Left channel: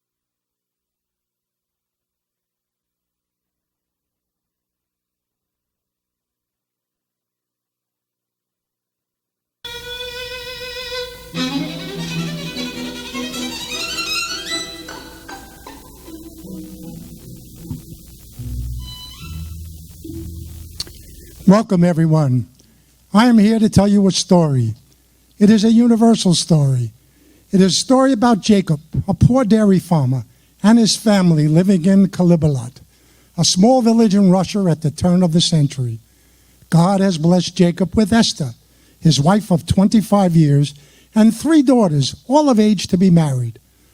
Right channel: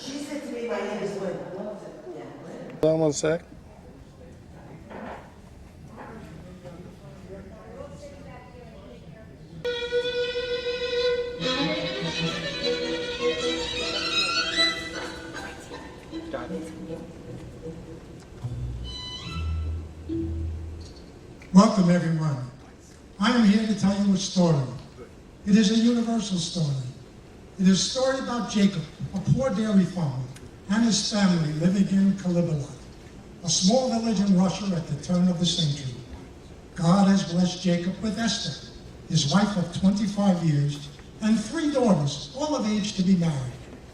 She said to me, my name is Lynn. Hold on one sec. Welcome, everyone. I am here to tell you a story. It is a universal story. It is a story about Jacob, a poor dairy farmer, and his family living in Kalibalat, a small village in Russia at the turn of the century. God has blessed Jacob with Ester, his wife of 25 years, and 3 daughters, all of age to be married.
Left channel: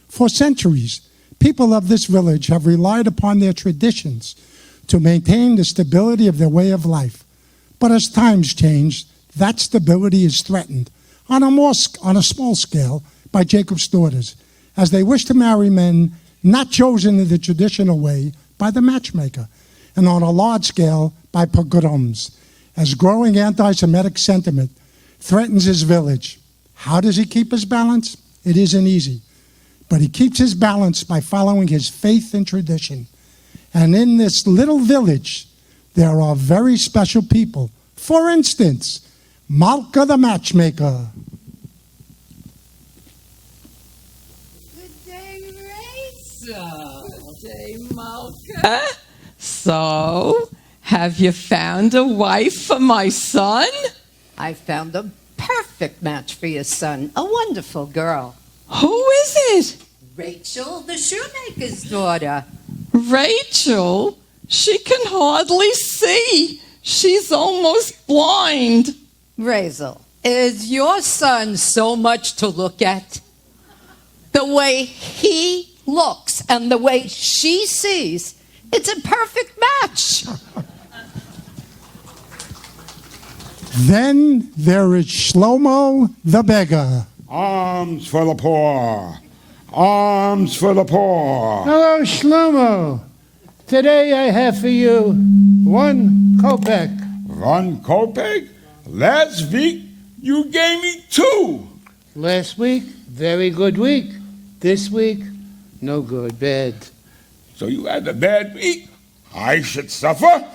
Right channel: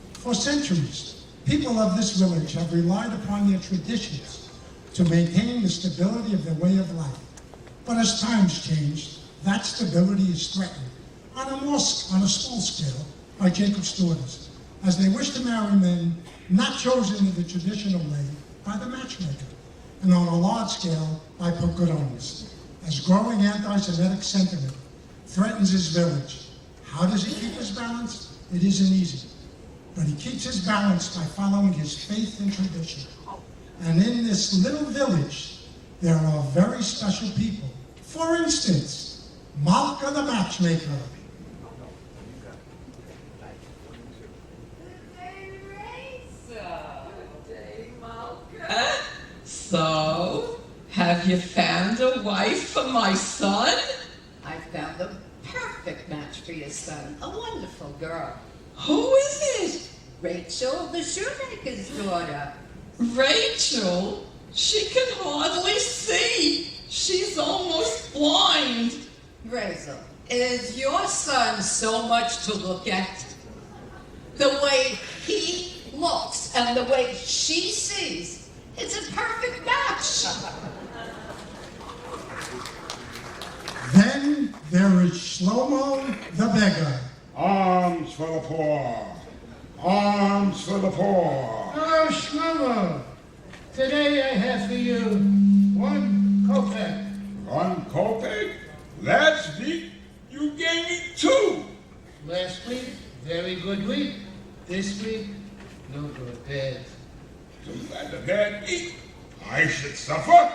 For centuries, people of this village have relied upon their traditions to maintain the stability of their way of life. But as times change, that stability is threatened on a small scale by Jacob's daughters, as they wish to marry men not chosen in the traditional way by the matchmaker, and on a large scale by pogroms, as growing anti-Semitic sentiment threatens his village. How does he keep his balance? It isn't easy, but he keeps his balance by following his faith and tradition. And in this little village, there are very special people. For instance, Malka the matchmaker. Good day, Raizel. Good day, Malka. So, have you found a wife for my son? I found a perfect match for your son, a wonderful girl. Who is it? Raizel, the shoemaker's daughter. Rachel? She can hardly see. She's almost blind. Raizel, is your son so much to look at? The way he looks and the way she sees, it's a perfect match. Then there is Schlomo the beggar. Arms for the poor. Arms for the poor. Hello, Schlomo. Today I have for you 1 kopeck. 1 kopeck? Last week you gave me 2. Last week, very good week. This week, no good, bad. So you had a bad week? I should suffer?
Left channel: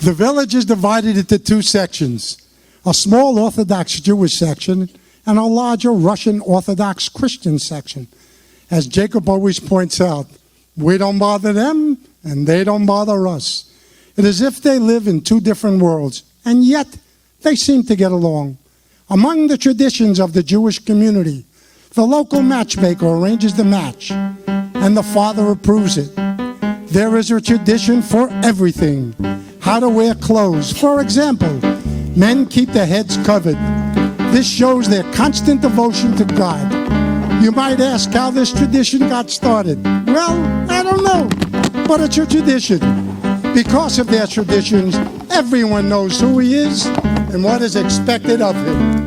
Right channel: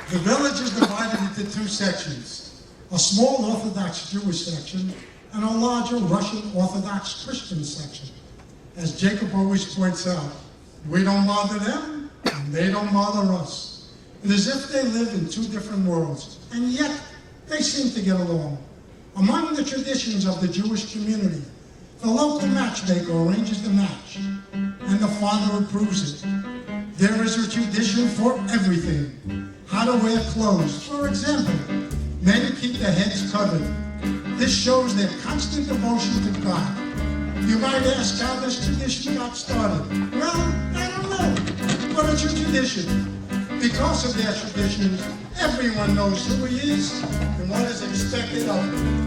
The village is divided into 2 sections, a small Orthodox Jewish section and a larger Russian Orthodox Christian section. As Jacob always points out, we don't bother them and they don't bother us. It is as if they live in 2 different worlds, and yet they seem to get along. Among the traditions of the Jewish community, the local matchmaker arranges the match, and the father approves it. There is a tradition for everything. How to wear clothes. For example, men keep their heads covered. This shows their constant devotion to God. You might ask how this tradition got started. Well, I don't know, but it's a tradition. Because of their traditions, everyone knows who he is and what is expected of him.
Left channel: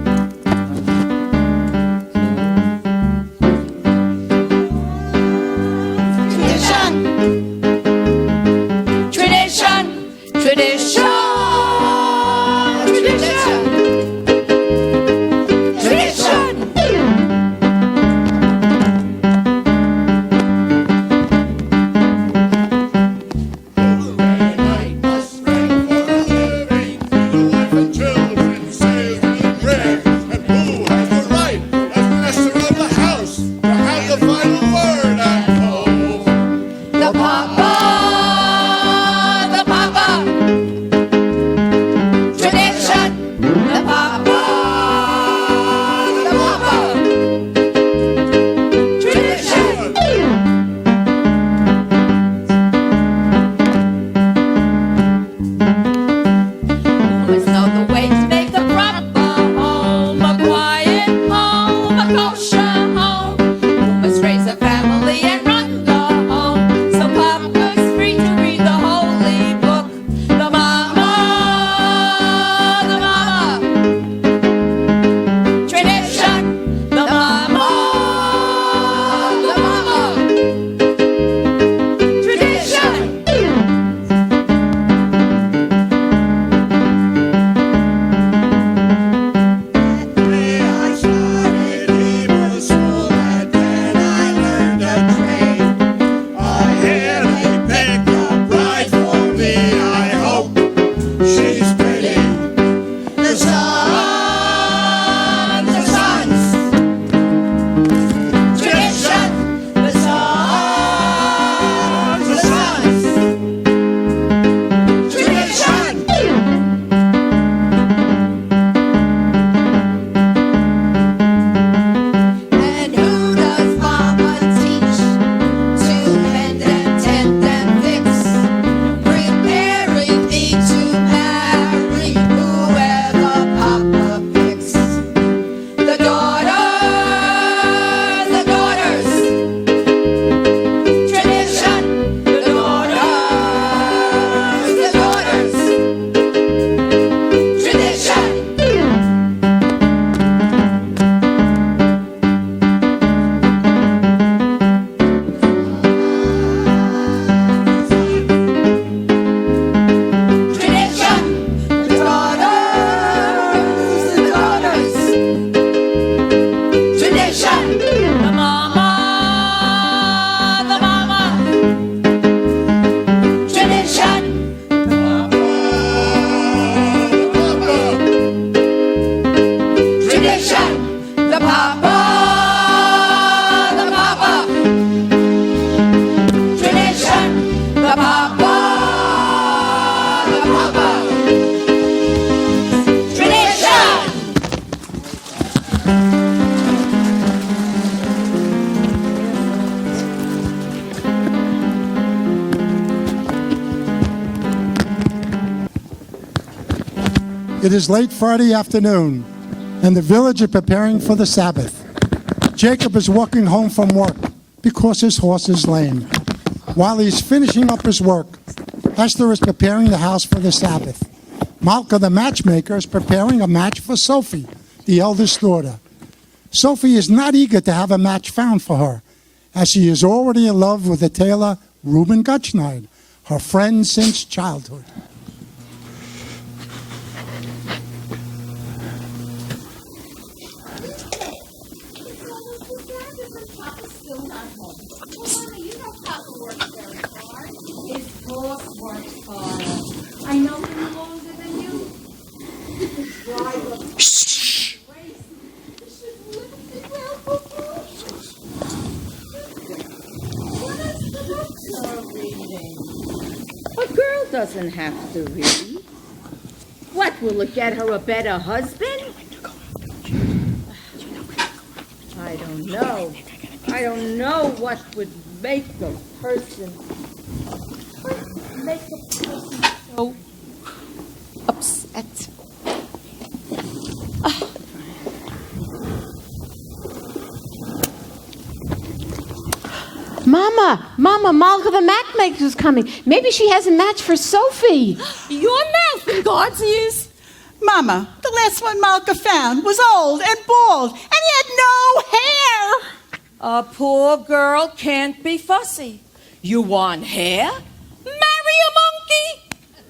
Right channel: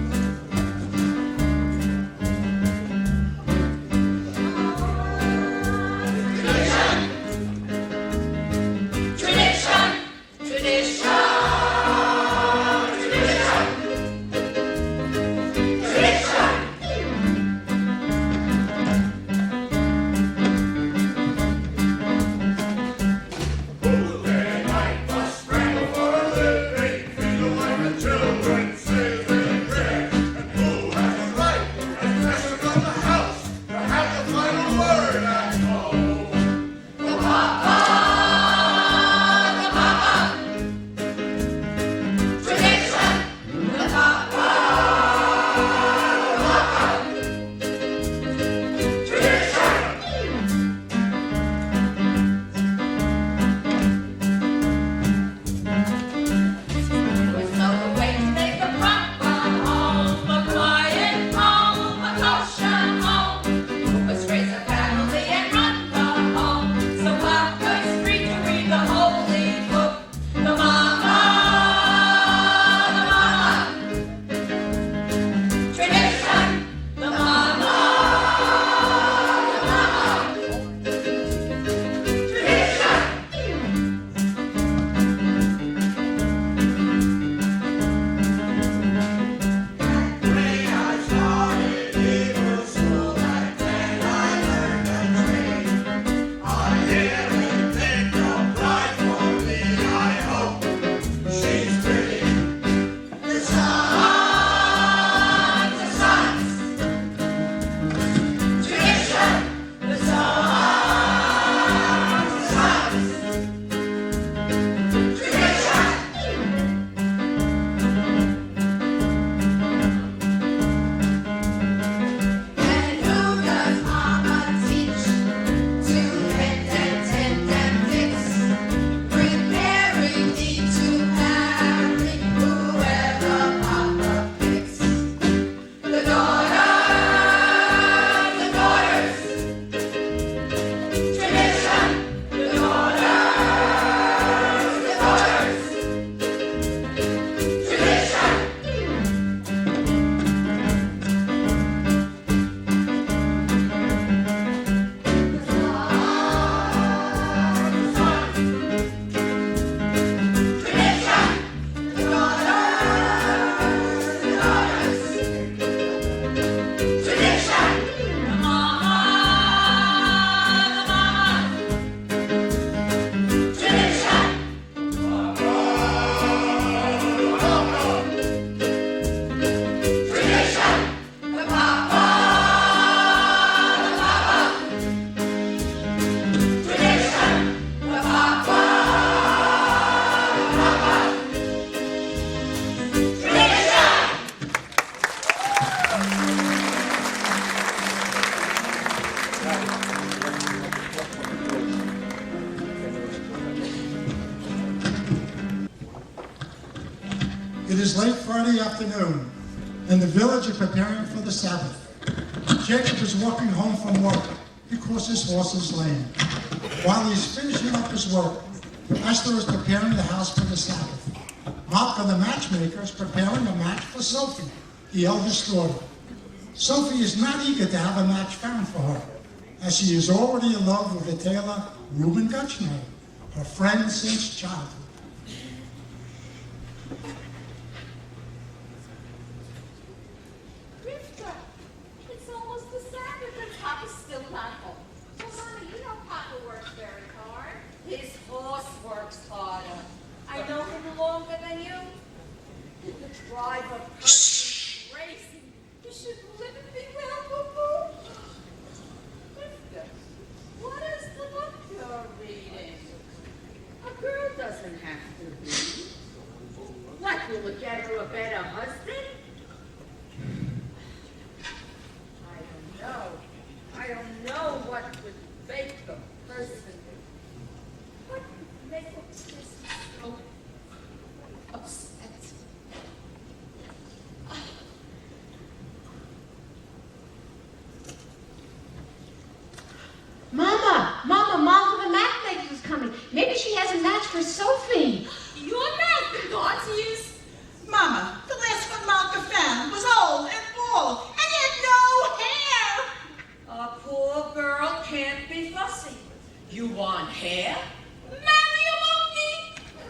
It is late Friday afternoon, and the village is preparing for the Sabbath. Jacob is walking home from work because his horse is lame. While he's finishing up his work, Ester is preparing the house for the Sabbath. Malka, the matchmaker, is preparing a match for Sophie, the eldest daughter. Sophie is not eager to have a match found for her, as she is already in love with the tailor Rubin, her friend since childhood. I know him longer than you. Shh. A girl doesn't have to read. What, will it get her a better husband? I don't know. I don't know what would make a person So upset. Mama, Malka the matchmaker's coming. Maybe she has a match for Sophie. Your mouth in God's ears. Mama, the last one Malka found was old and bald, and he had no hair. A poor girl can't be fussy. You want hair? Marry a monkey.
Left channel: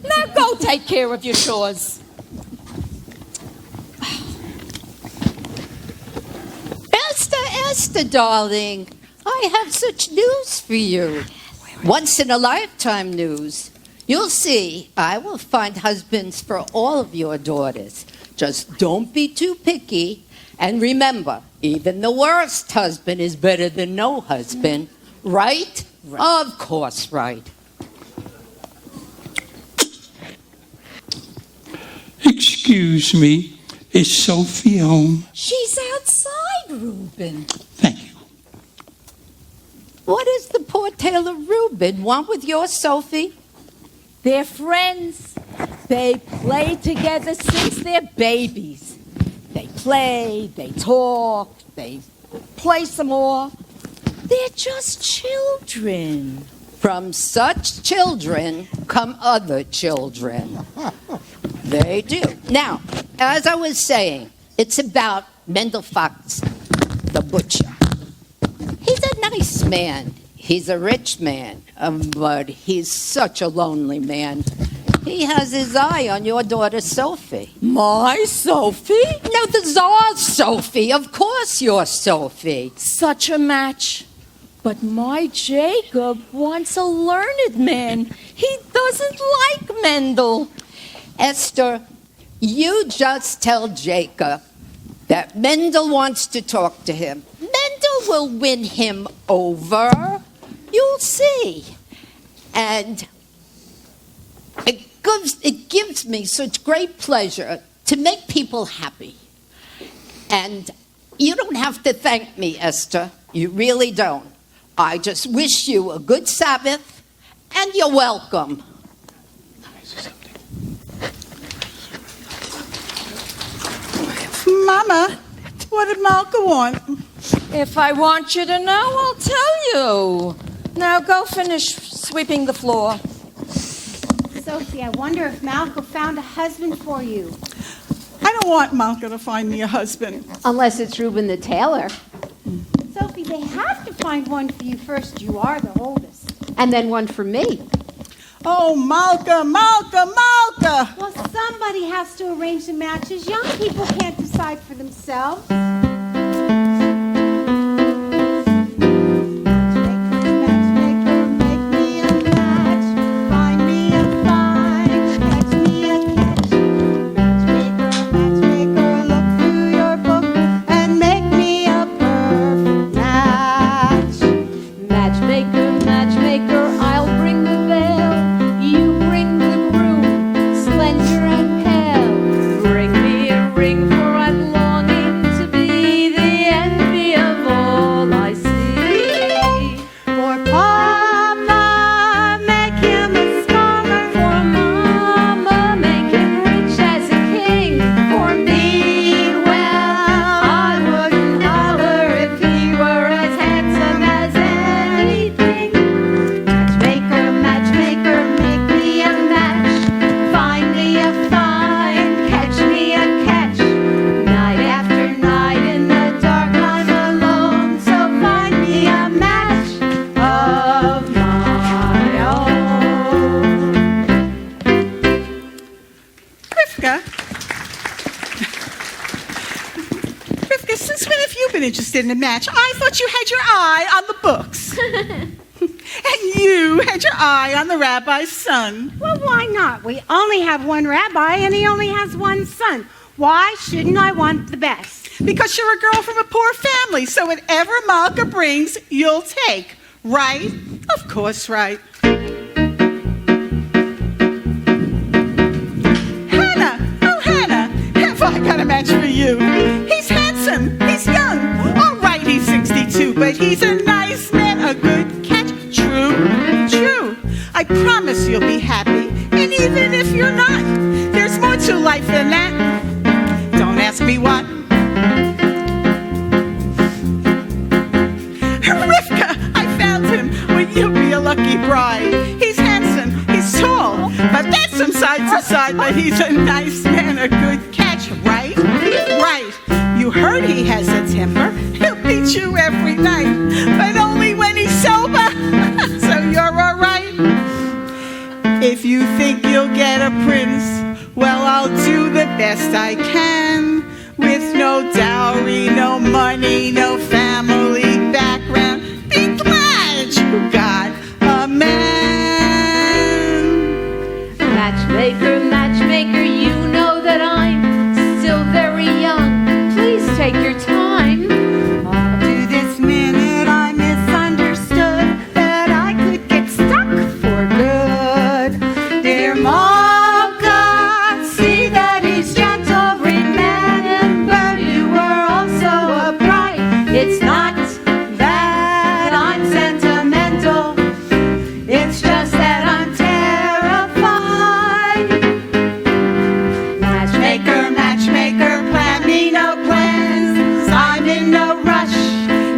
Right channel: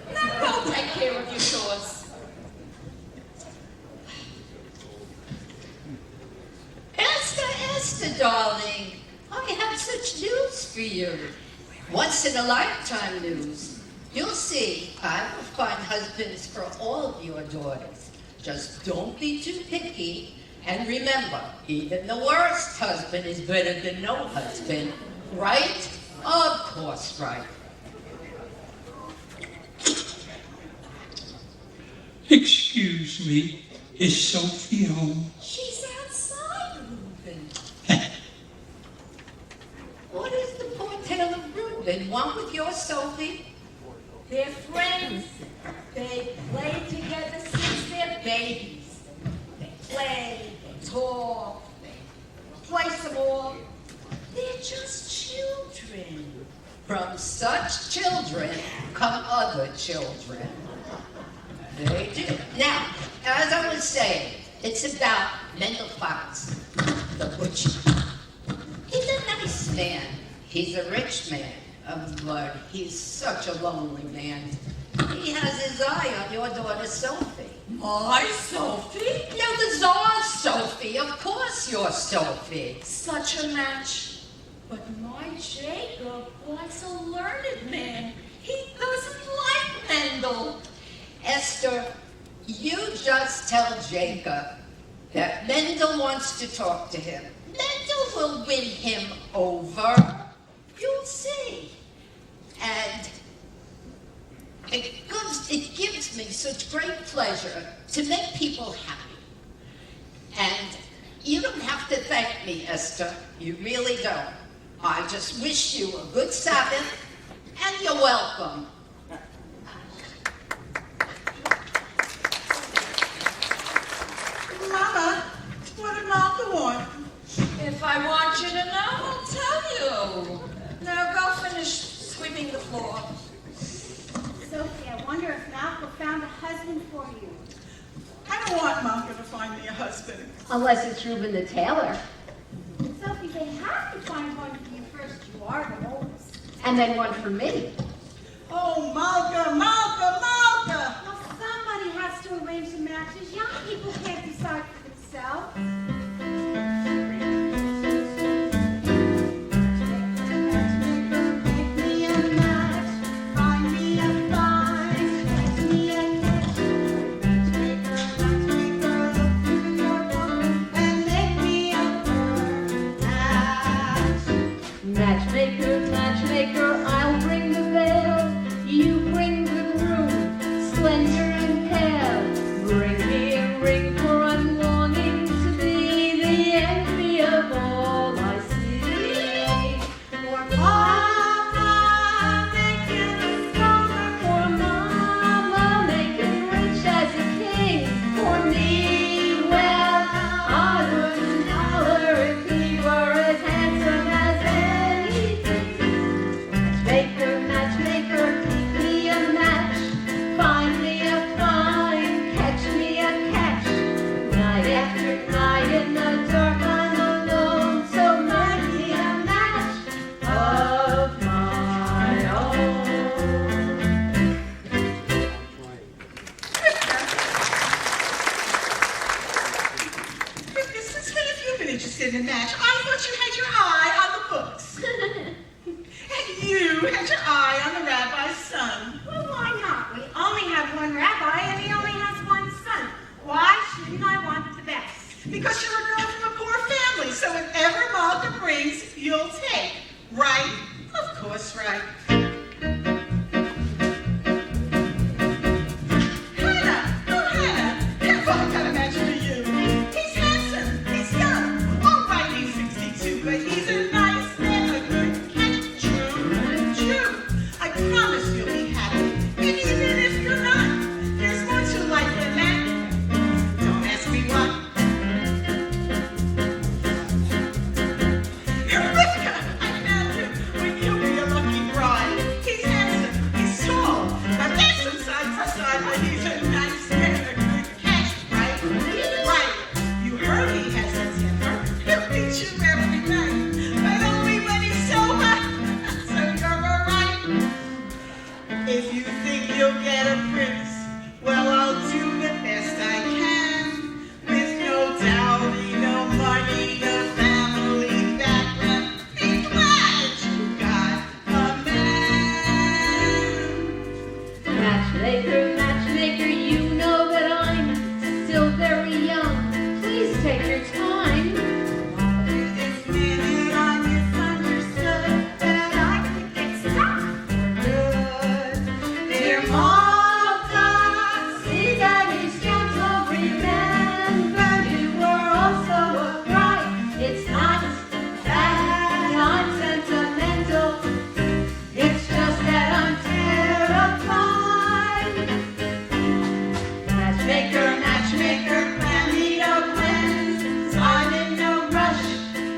Now go take care of your chores. Esther, darling, I have such news for you. Once in a lifetime news. You'll see, I will find husbands for all of your daughters. Just don't be too picky. And remember, even the worst husband is better than no husband. Right? Of course, right. Excuse me, is Sophie home? She's outside, Rubin. What does the poor tailor Rubin want with your Sophie? They're friends. They play together since they're babies. They play, they talk, they play some more. They're just children. From such children come other children. They do. Now, as I was saying, it's about Mendel Fox, the butcher. He's a nice man. He's a rich man, but he's such a lonely man. He has his eye on your daughter, Sophie. My Sophie? No, the Czar's Sophie. Of course you're Sophie. Such a match. But my Jacob wants a learned man. He doesn't like Mendel. Esther, you just tell Jacob that Mendel wants to talk to him. Mendel will win him over. You'll see. And it gives me such great pleasure to make people happy. And you don't have to thank me, Esther. You really don't. I just wish you a good Sabbath, and you're welcome. Mama, what did Malka want? If I want you to know, I'll tell you. Now go finish sweeping the floor. Sophie, I wonder if Malka found a husband for you. I don't want Malka to find me a husband. Unless it's Rubin the tailor. Sophie, they have to find one for you first. You are the oldest. And then one for me. Oh, Malka, Malka, Malka! Well, somebody has to arrange the matches. Young people can't decide for themselves. Slender and pale, bring me a ring, for I'm longing to be even interested in a match. I thought you had your eye on the books. And you had your eye on the rabbi's son. Well, why not? We only have one rabbi and he only has one son. Why shouldn't I want the best? Because you're a girl from a poor family, so whatever Malka brings, you'll take. Right? Of course, right. Hannah! Oh, Hannah! I've only got a match for you. He's handsome. He's young. All right, he's 62, but he's a nice man, a good catch. True. I promise you'll be happy. And even if you're not, there's more to life than that. Don't ask me why. Rifka, I found him. Will you be a lucky bride? He's handsome. He's tall. But that's from side to side. But he's a nice man, a good catch, right? Right. You heard he has a temper. He'll beat you every night. But only when he's sober. So you're all right. If you think you'll get a prince, well, I'll do the best I can. With no dowry, no money, no family background. Be glad you got a man. Matchmaker, matchmaker, you know that I'm still very young. Please take your time. Up to this minute I misunderstood that I could get stuck for good. Dear Malka, see that he's gentle. Remember you were also a bride. It's not that I'm sentimental. It's just that I'm terrified. Matchmaker, matchmaker, plan me no plans. I'm in no rush.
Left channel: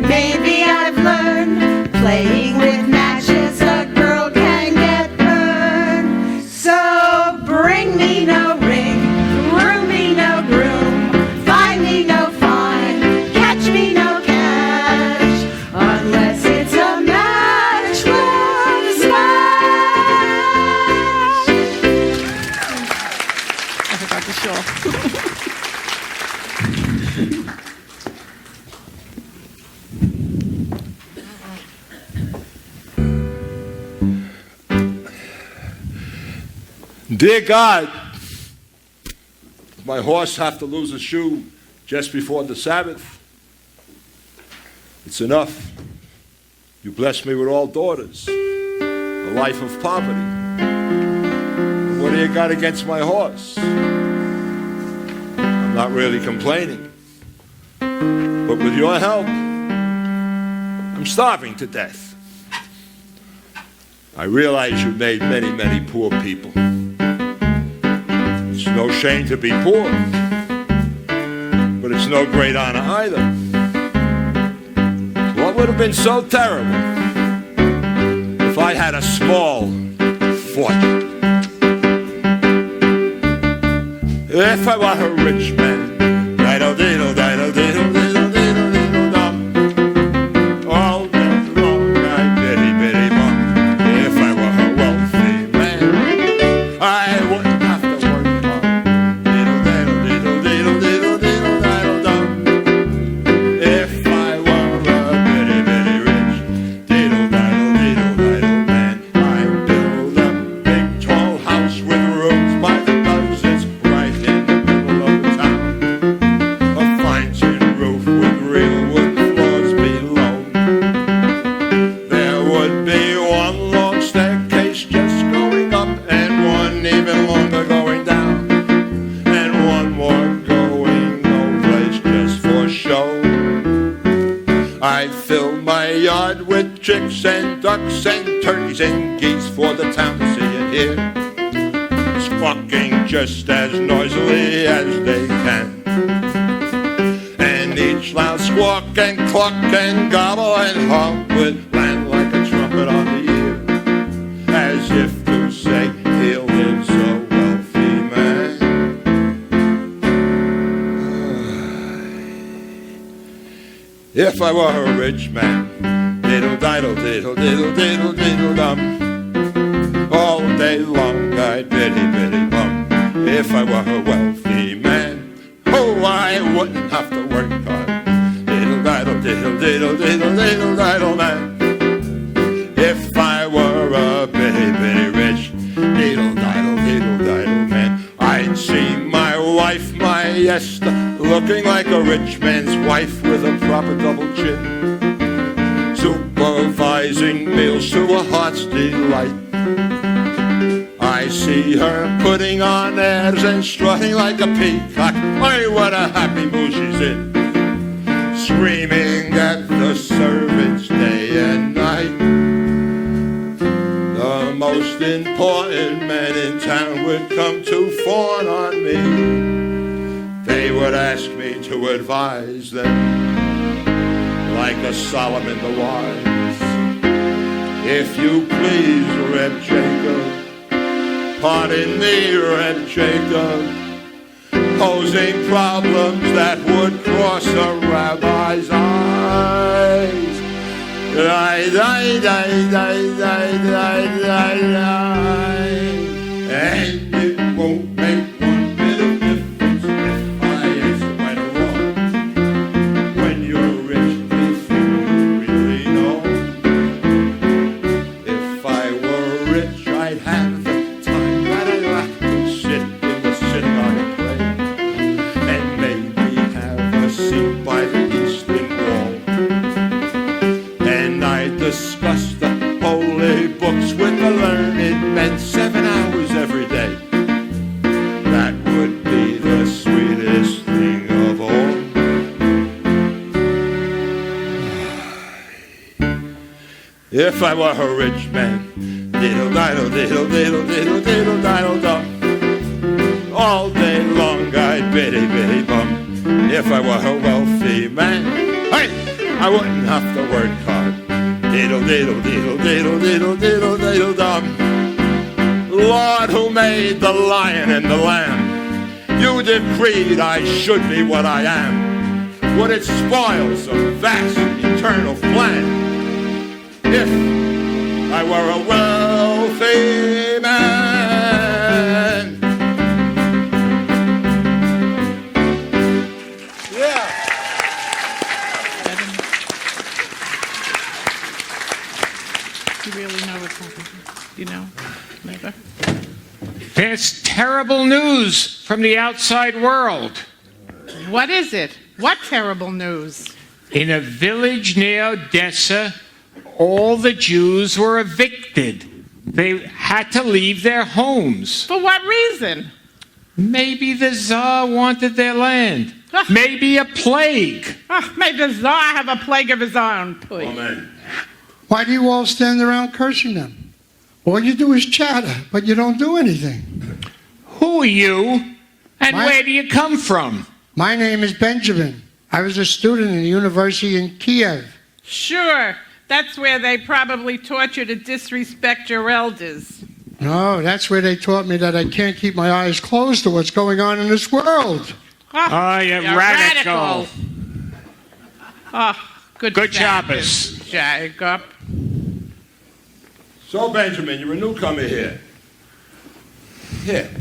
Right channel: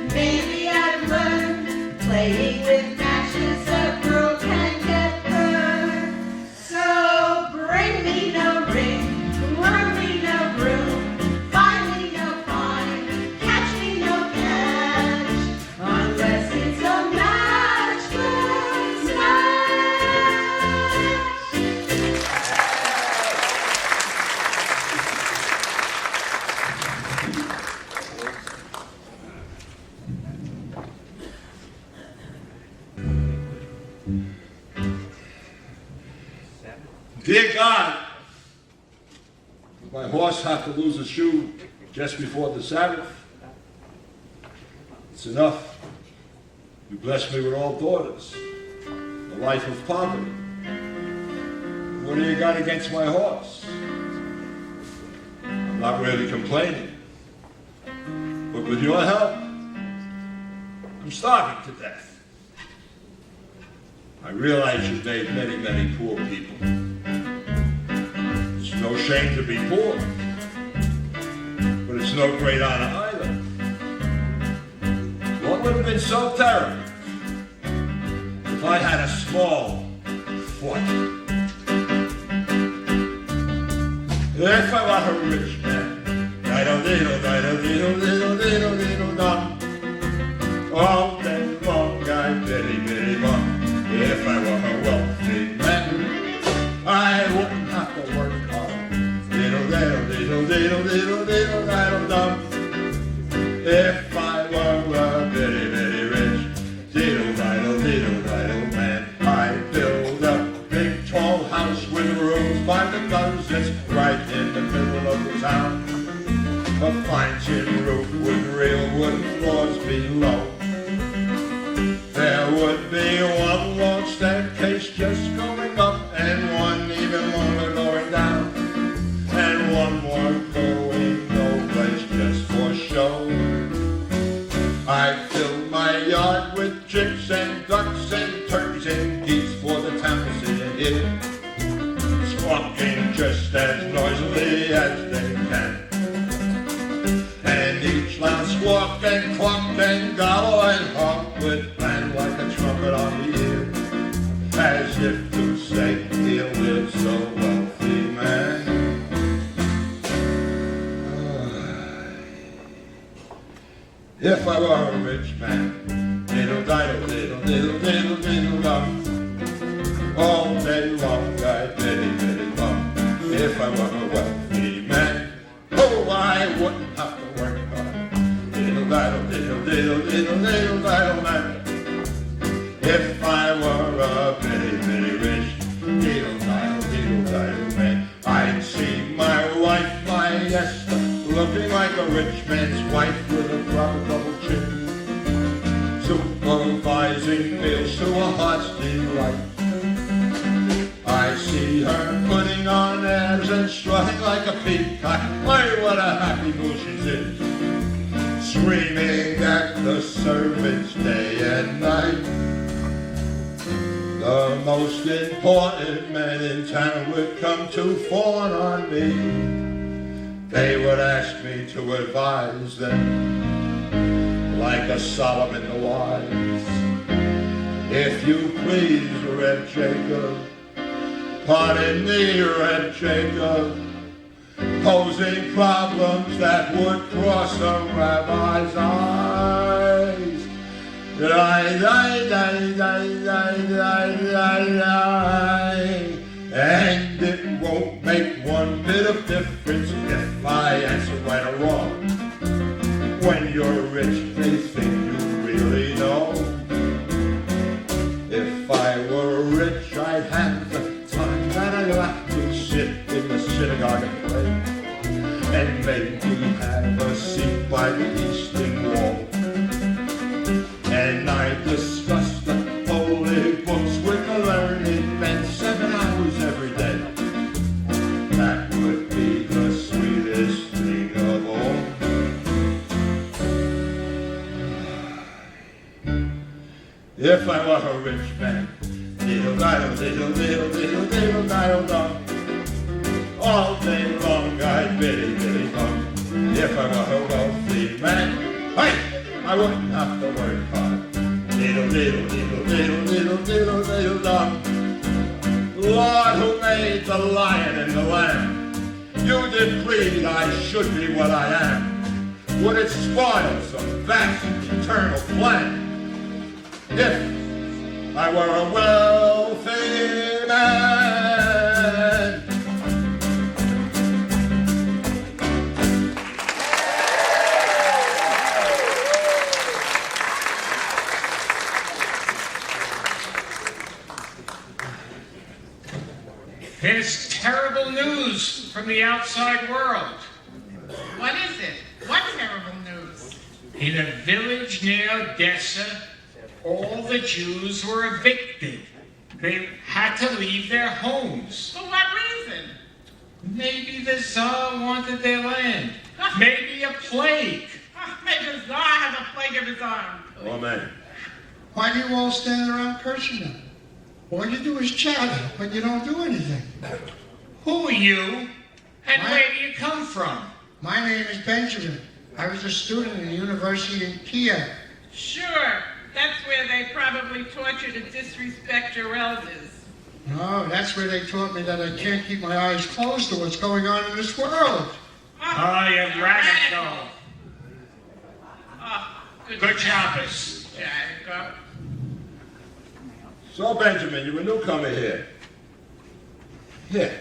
Maybe I've learned playing with matches, a girl can get burned. So bring me no ring, groom me no groom, find me no fine, catch me no cash, unless it's a matchless Dear God, does my horse have to lose a shoe just before the Sabbath? It's enough. You bless me with all daughters, a life of poverty. What do you got against my horse? I'm not really complaining. But with your help, I'm starving to death. I realize you made many, many poor people. It's no shame to be poor, but it's no great honor either. What would have been so terrible if I had a small fortune? If I were a rich man, all day long, I'd bitty, bitty mom. If I were a wealthy man, I wouldn't have to work hard. If I were a bitty, bitty rich, man, I'd build a big tall house with roof. My nose is right in the middle of the town. A fine tin roof with real wood floors below. There would be one long staircase just going up, and one even longer going down, and one more going no place just for show. I'd fill my yard with chicks and ducks and turkeys and geese for the town to see and hear, squawking just as noisily as they can. And each loud squawk and cluck and gobble and honk would land like a trumpet on the ear, as if to say, here lives a wealthy man. If I were a rich man, diddle diddle diddle diddle diddle diddle dum, all day long I'd bitty bitty bum. If I were a wealthy man, oh, I wouldn't have to work hard. Diddle diddle diddle, diddle, diddle, diddle, diddle, man. If I were a bitty, bitty rich, diddle, diddle, diddle, diddle, man, I'd see my wife, my Ester, looking like a rich man's wife with a proper double chin, supervising meals to a heart's delight. I see her putting on airs and strutting like a peacock. My, what a happy mood she's in, screaming at the servants day and night. The most important men in town would come to fawn on me. They would ask me to advise them like a Solomon the Wise. If you please, Red Jacob, pardon me, Red Jacob, posing problems that would cross a rabbi's eyes. Die, die, die, die, die, die, die, die. And it won't make one bit of difference if I answer my wrong. When you're rich, they think you really know. If I were rich, I'd have the time that I'd have to sit in the synagogue plane and make me have a seat by the eastern wall. And I'd discuss the holy books with the learned men 7 hours every day. That would be the sweetest thing of all. If I were a rich man, diddle diddle diddle diddle diddle diddle diddle dum, all day long I'd biddy biddy bum. If I were a wealthy man, hey, I wouldn't have to work hard. Diddle diddle diddle diddle diddle diddle diddle dum. Lord, who made the lion and the lamb, you decreed I should be what I am. Would it spoil some vast eternal plan if I were a wealthy man? You really know what's happening, you know, Nava? There's terrible news from the outside world. What is it? What terrible news? In a village near Odessa, all the Jews were evicted. They had to leave their homes. For what reason? Maybe the Tsar wanted their land. Maybe a plague. May the Tsar have a plague of his own, please. Amen. Why do you all stand around cursing them? All you do is chatter, but you don't do anything. Who are you? And where do you come from? My name is Benjamin. I was a student in the university in Kiev. Sure, that's where they probably taught you to disrespect your elders. No, that's where they taught me that I can't keep my eyes closed to what's going on in this world. Oh, you're radical. Oh, good Shabbos. Jacob. So, Benjamin, you're a newcomer here. Here,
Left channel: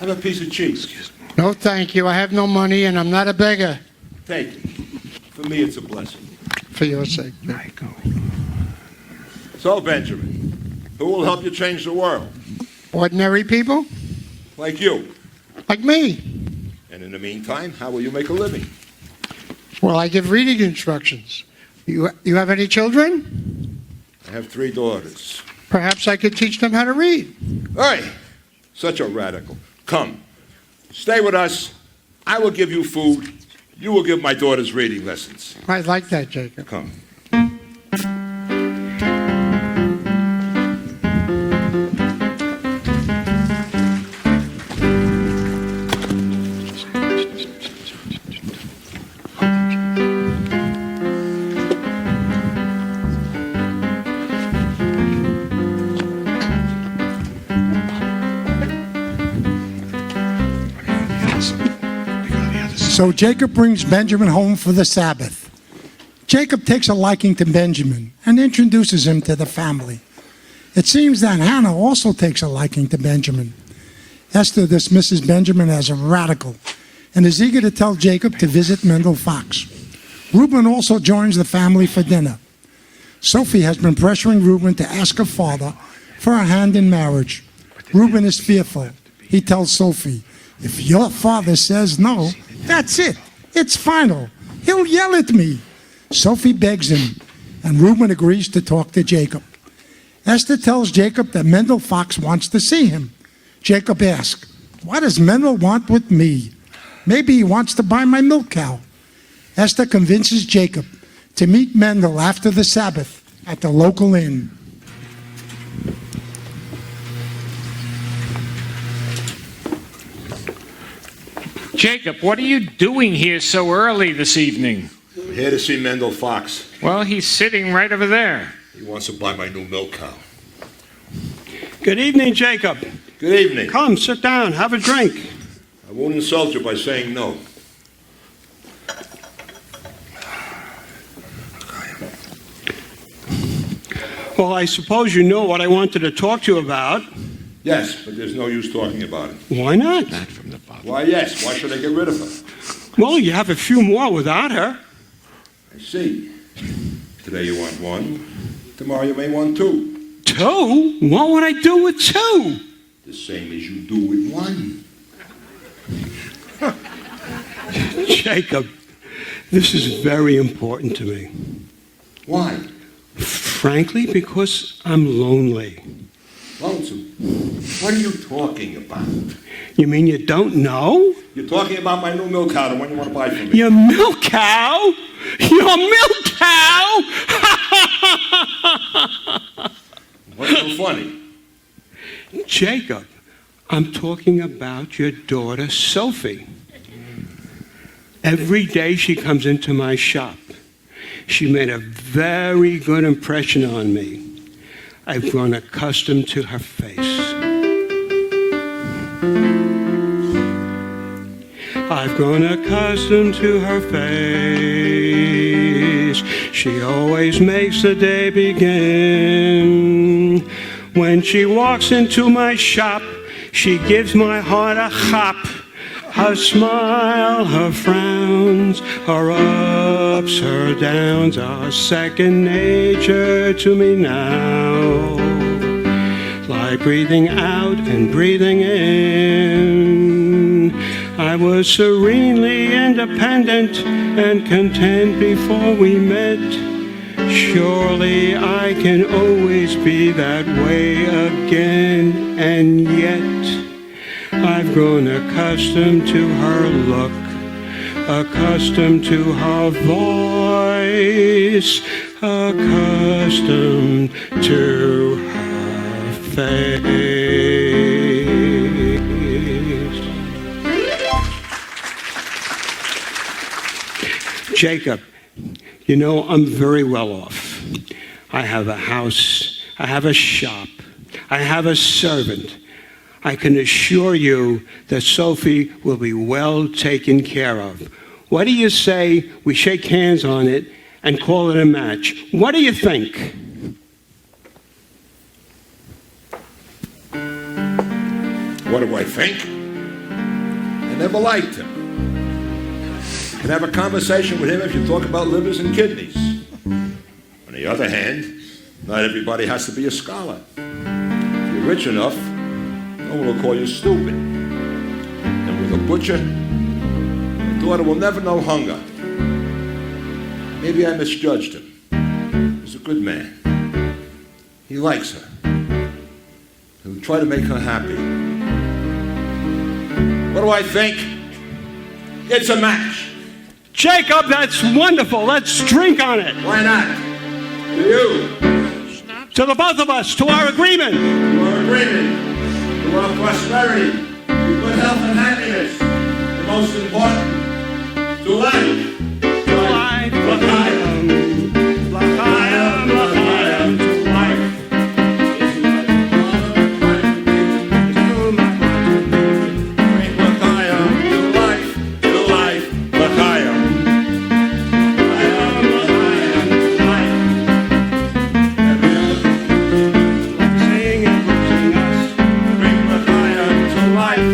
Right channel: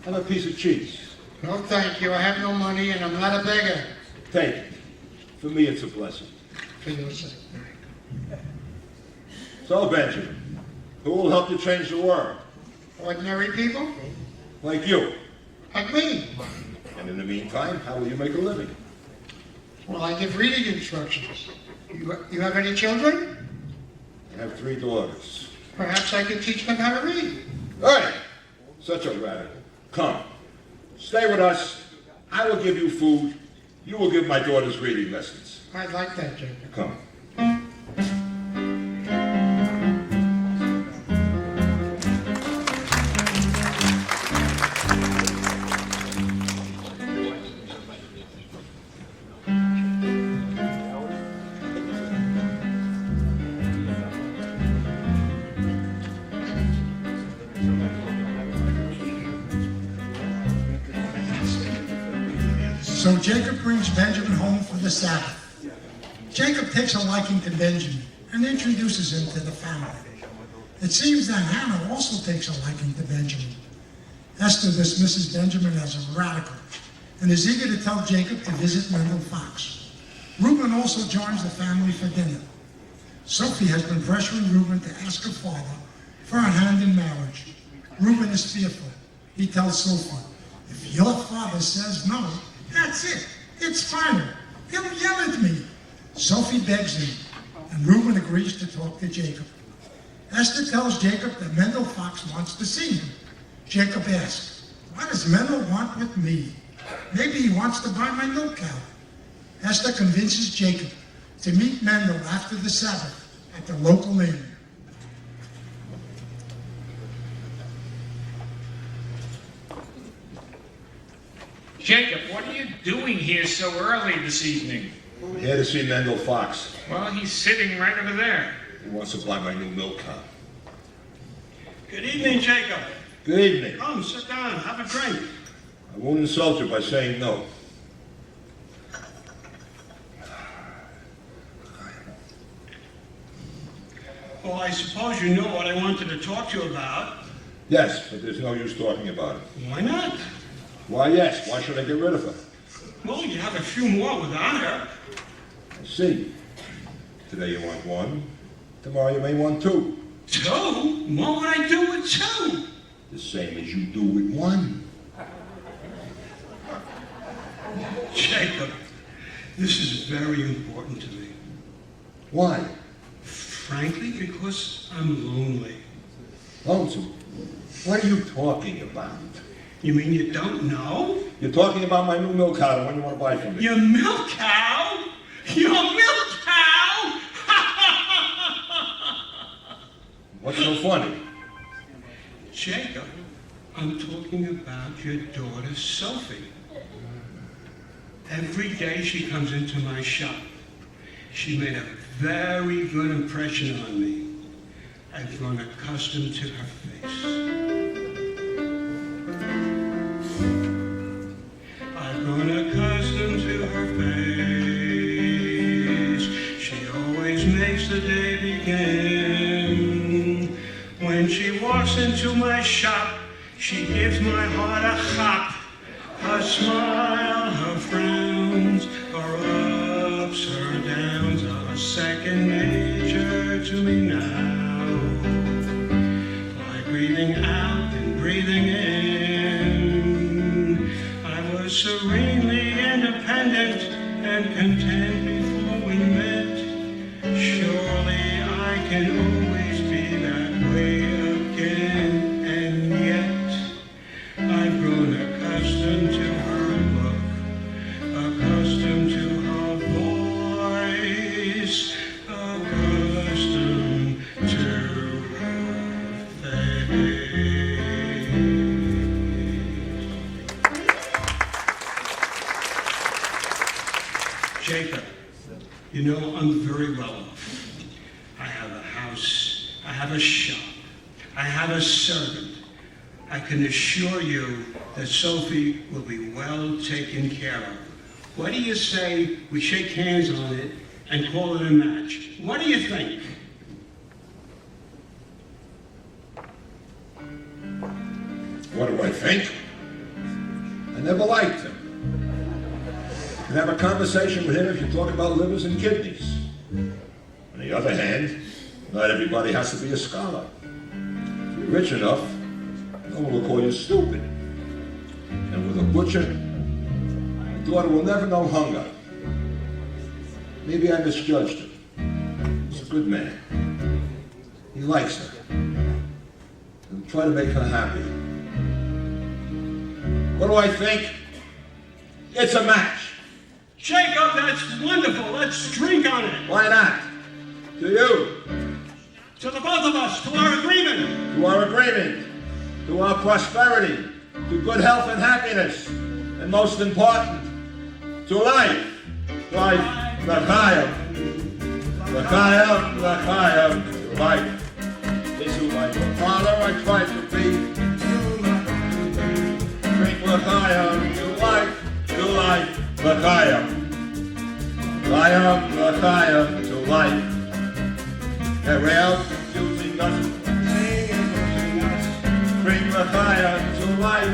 have a piece of cheese. No, thank you. I have no money, and I'm not a beggar. Take it. For me, it's a blessing. For your sake. So, Benjamin, who will help you change the world? Ordinary people? Like you. Like me. And in the meantime, how will you make a living? Well, I give reading instructions. You have any children? I have 3 daughters. Perhaps I could teach them how to read. Hey, such a radical. Come, stay with us. I will give you food. You will give my daughters reading lessons. I like that, Jacob. Come. So Jacob brings Benjamin home for the Sabbath. Jacob takes a liking to Benjamin and introduces him to the family. It seems that Hannah also takes a liking to Benjamin. Esther dismisses Benjamin as a radical and is eager to tell Jacob to visit Mendel Fox. Rubin also joins the family for dinner. Sophie has been pressuring Rubin to ask her father for a hand in marriage. Rubin is fearful. He tells Sophie, "If your father says no, that's it. It's final. He'll yell at me." Sophie begs him, and Rubin agrees to talk to Jacob. Esther tells Jacob that Mendel Fox wants to see him. Jacob asks, "What does Mendel want with me? Maybe he wants to buy my milk cow." Esther convinces Jacob to meet Mendel after the Sabbath at the local inn. Jacob, what are you doing here so early this evening? I'm here to see Mendel Fox. Well, he's sitting right over there. He wants to buy my new milk cow. Good evening, Jacob. Good evening. Come, sit down, have a drink. I won't insult you by saying no. Well, I suppose you know what I wanted to talk to you about. Yes, but there's no use talking about it. Why not? Why, yes. Why should I get rid of her? Well, you have a few more without her. I see. Today you want one. Tomorrow you may want two. Two? What would I do with two? The same as you do with one. Jacob, this is very important to me. Why? Frankly, because I'm lonely. Lonesome? What are you talking about? You mean you don't know? You're talking about my new milk cow, the one you want to buy from me. Your milk cow? Your milk cow? What's so funny? Jacob, I'm talking about your daughter, Sophie. Every day she comes into my shop. She made a very good impression on me. I've grown accustomed to her face. I've grown accustomed to her face. She always makes the day begin. When she walks into my shop, she gives my heart a hop. Her smile, her frowns, her ups, her downs are second nature to me now. Like breathing out and breathing in. I was serenely independent and content before we met. Surely I can always be that way again, and yet I've grown accustomed to her look, accustomed to her voice, accustomed to her face. Jacob, you know, I'm very well off. I have a house, I have a shop, I have a servant. I can assure you that Sophie will be well taken care of. What do you say we shake hands on it and call it a match? What do you think? What do I think? I never liked him. You can have a conversation with him if you talk about livers and kidneys. On the other hand, not everybody has to be a scholar. If you're rich enough, no one will call you stupid. And with a butcher, your daughter will never know hunger. Maybe I misjudged him. He's a good man. He likes her. He'll try to make her happy. What do I think? It's a match. Jacob, that's wonderful. Let's drink on it. Why not? To you. To the both of us, to our agreement. To our agreement. To our prosperity. To good health and happiness. And most important, to life. Life. L'chaim. L'chaim. L'chaim. To life. Isn't life a father and life to be? To L'chaim. To life. To life. L'chaim. L'chaim. L'chaim. To life. Every hour. Sing and sing us. Bring L'chaim to life.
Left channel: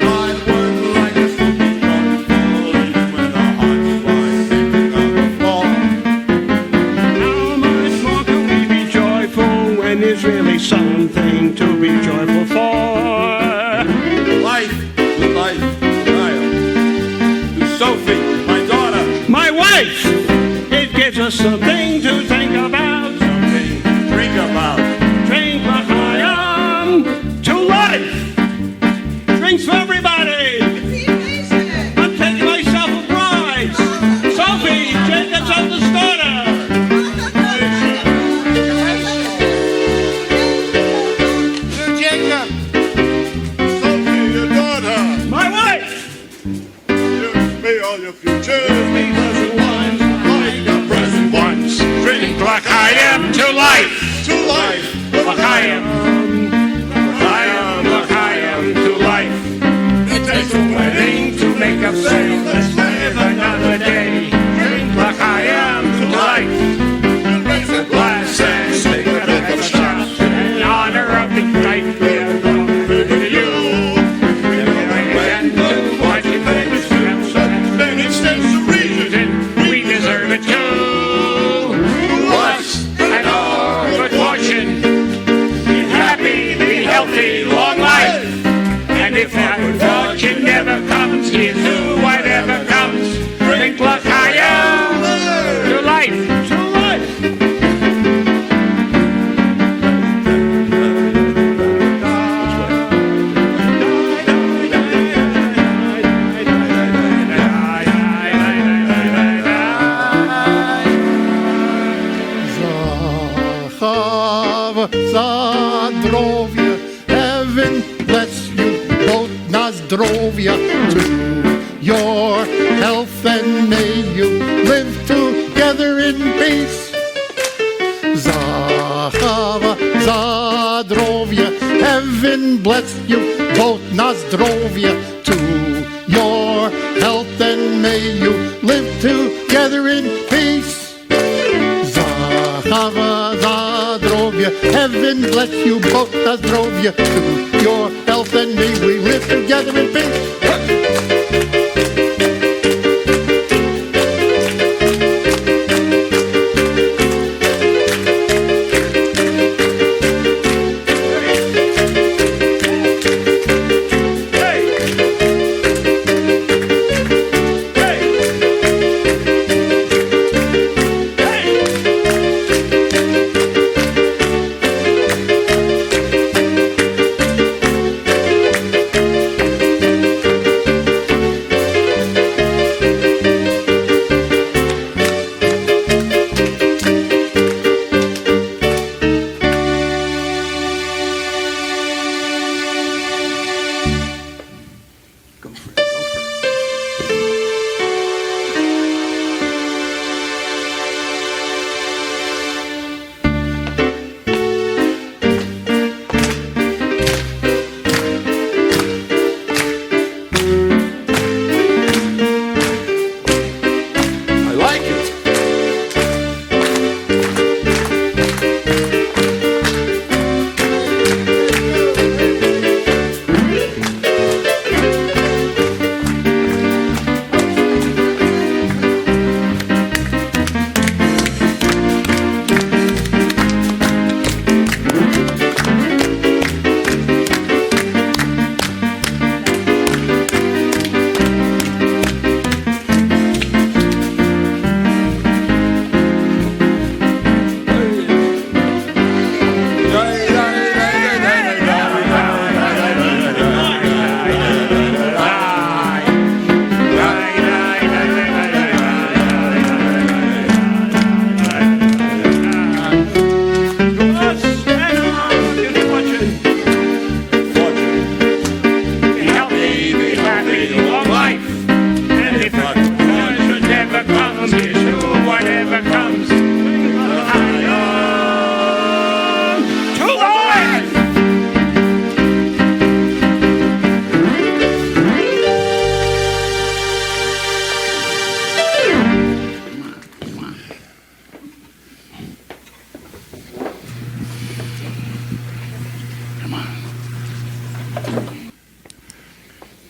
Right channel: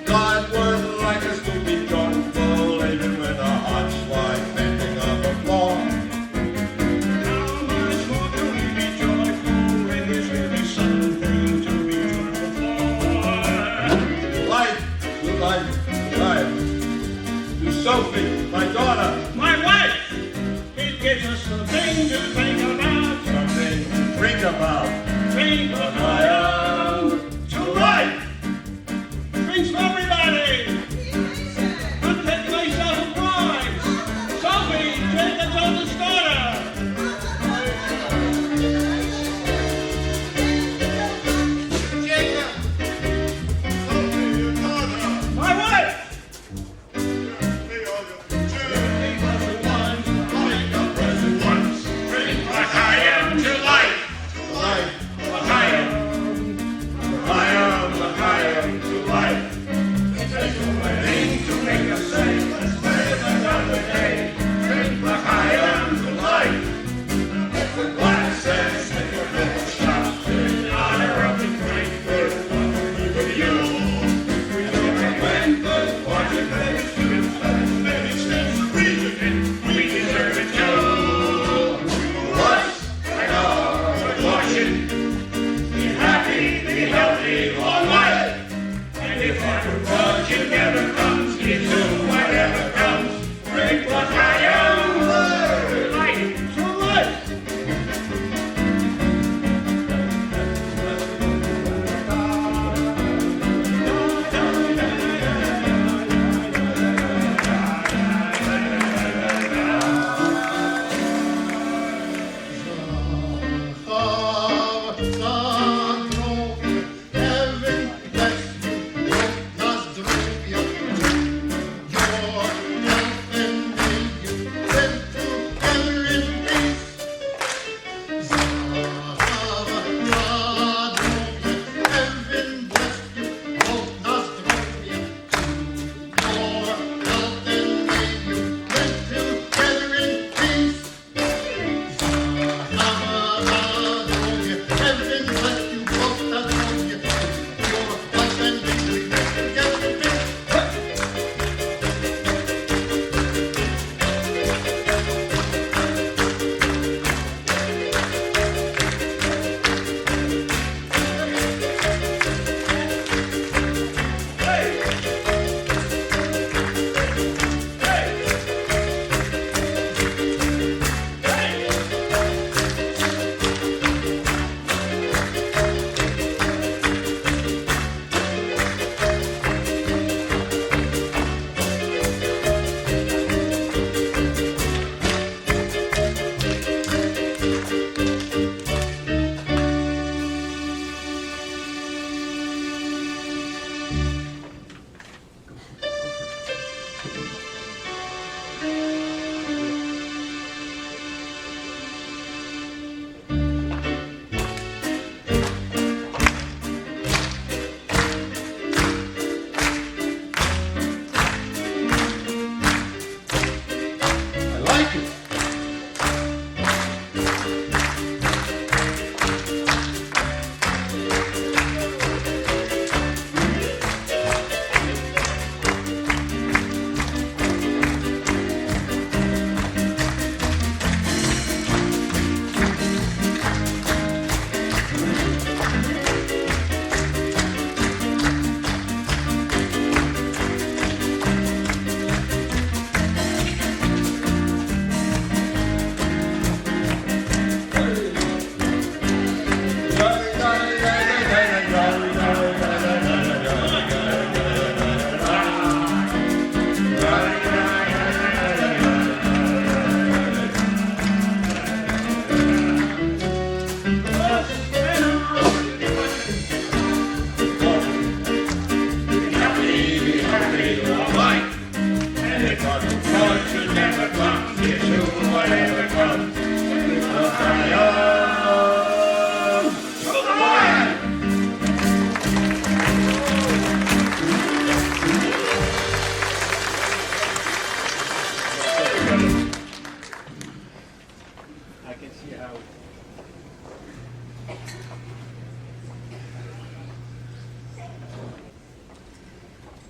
God was like a super falling with just something to think about. Something to drink about. Drink L'chaim to life. Drinks for everybody. I'm taking myself a prize. Sophie, Jacob's on the starter. Jacob. Sophie, your daughter. My wife. Give me all your future. Because it was like the present ones. Drink L'chaim to life. To life. L'chaim. L'chaim to life. It takes a Wedding to make up say, let's live another day. Drink L'chaim to life. raise a Glass and sing a little shout in honor of the life we have come to you. Then it stands to reason. We deserve it too. Us and all good fortune. Be happy, be healthy, long life. And if that fortune never comes, here's to whatever comes. Drink L'chaim to life. To life. Zachav, Zadrovia, heaven bless you, both Nazdrovia, to your health and may you live together in peace. Zachav, Zadrovia, heaven bless you, both Nazdrovia, to your health and may you live together in peace. Zahava, Zadrovia, heaven bless you both, Zadrovia, to your health and may we live together in peace.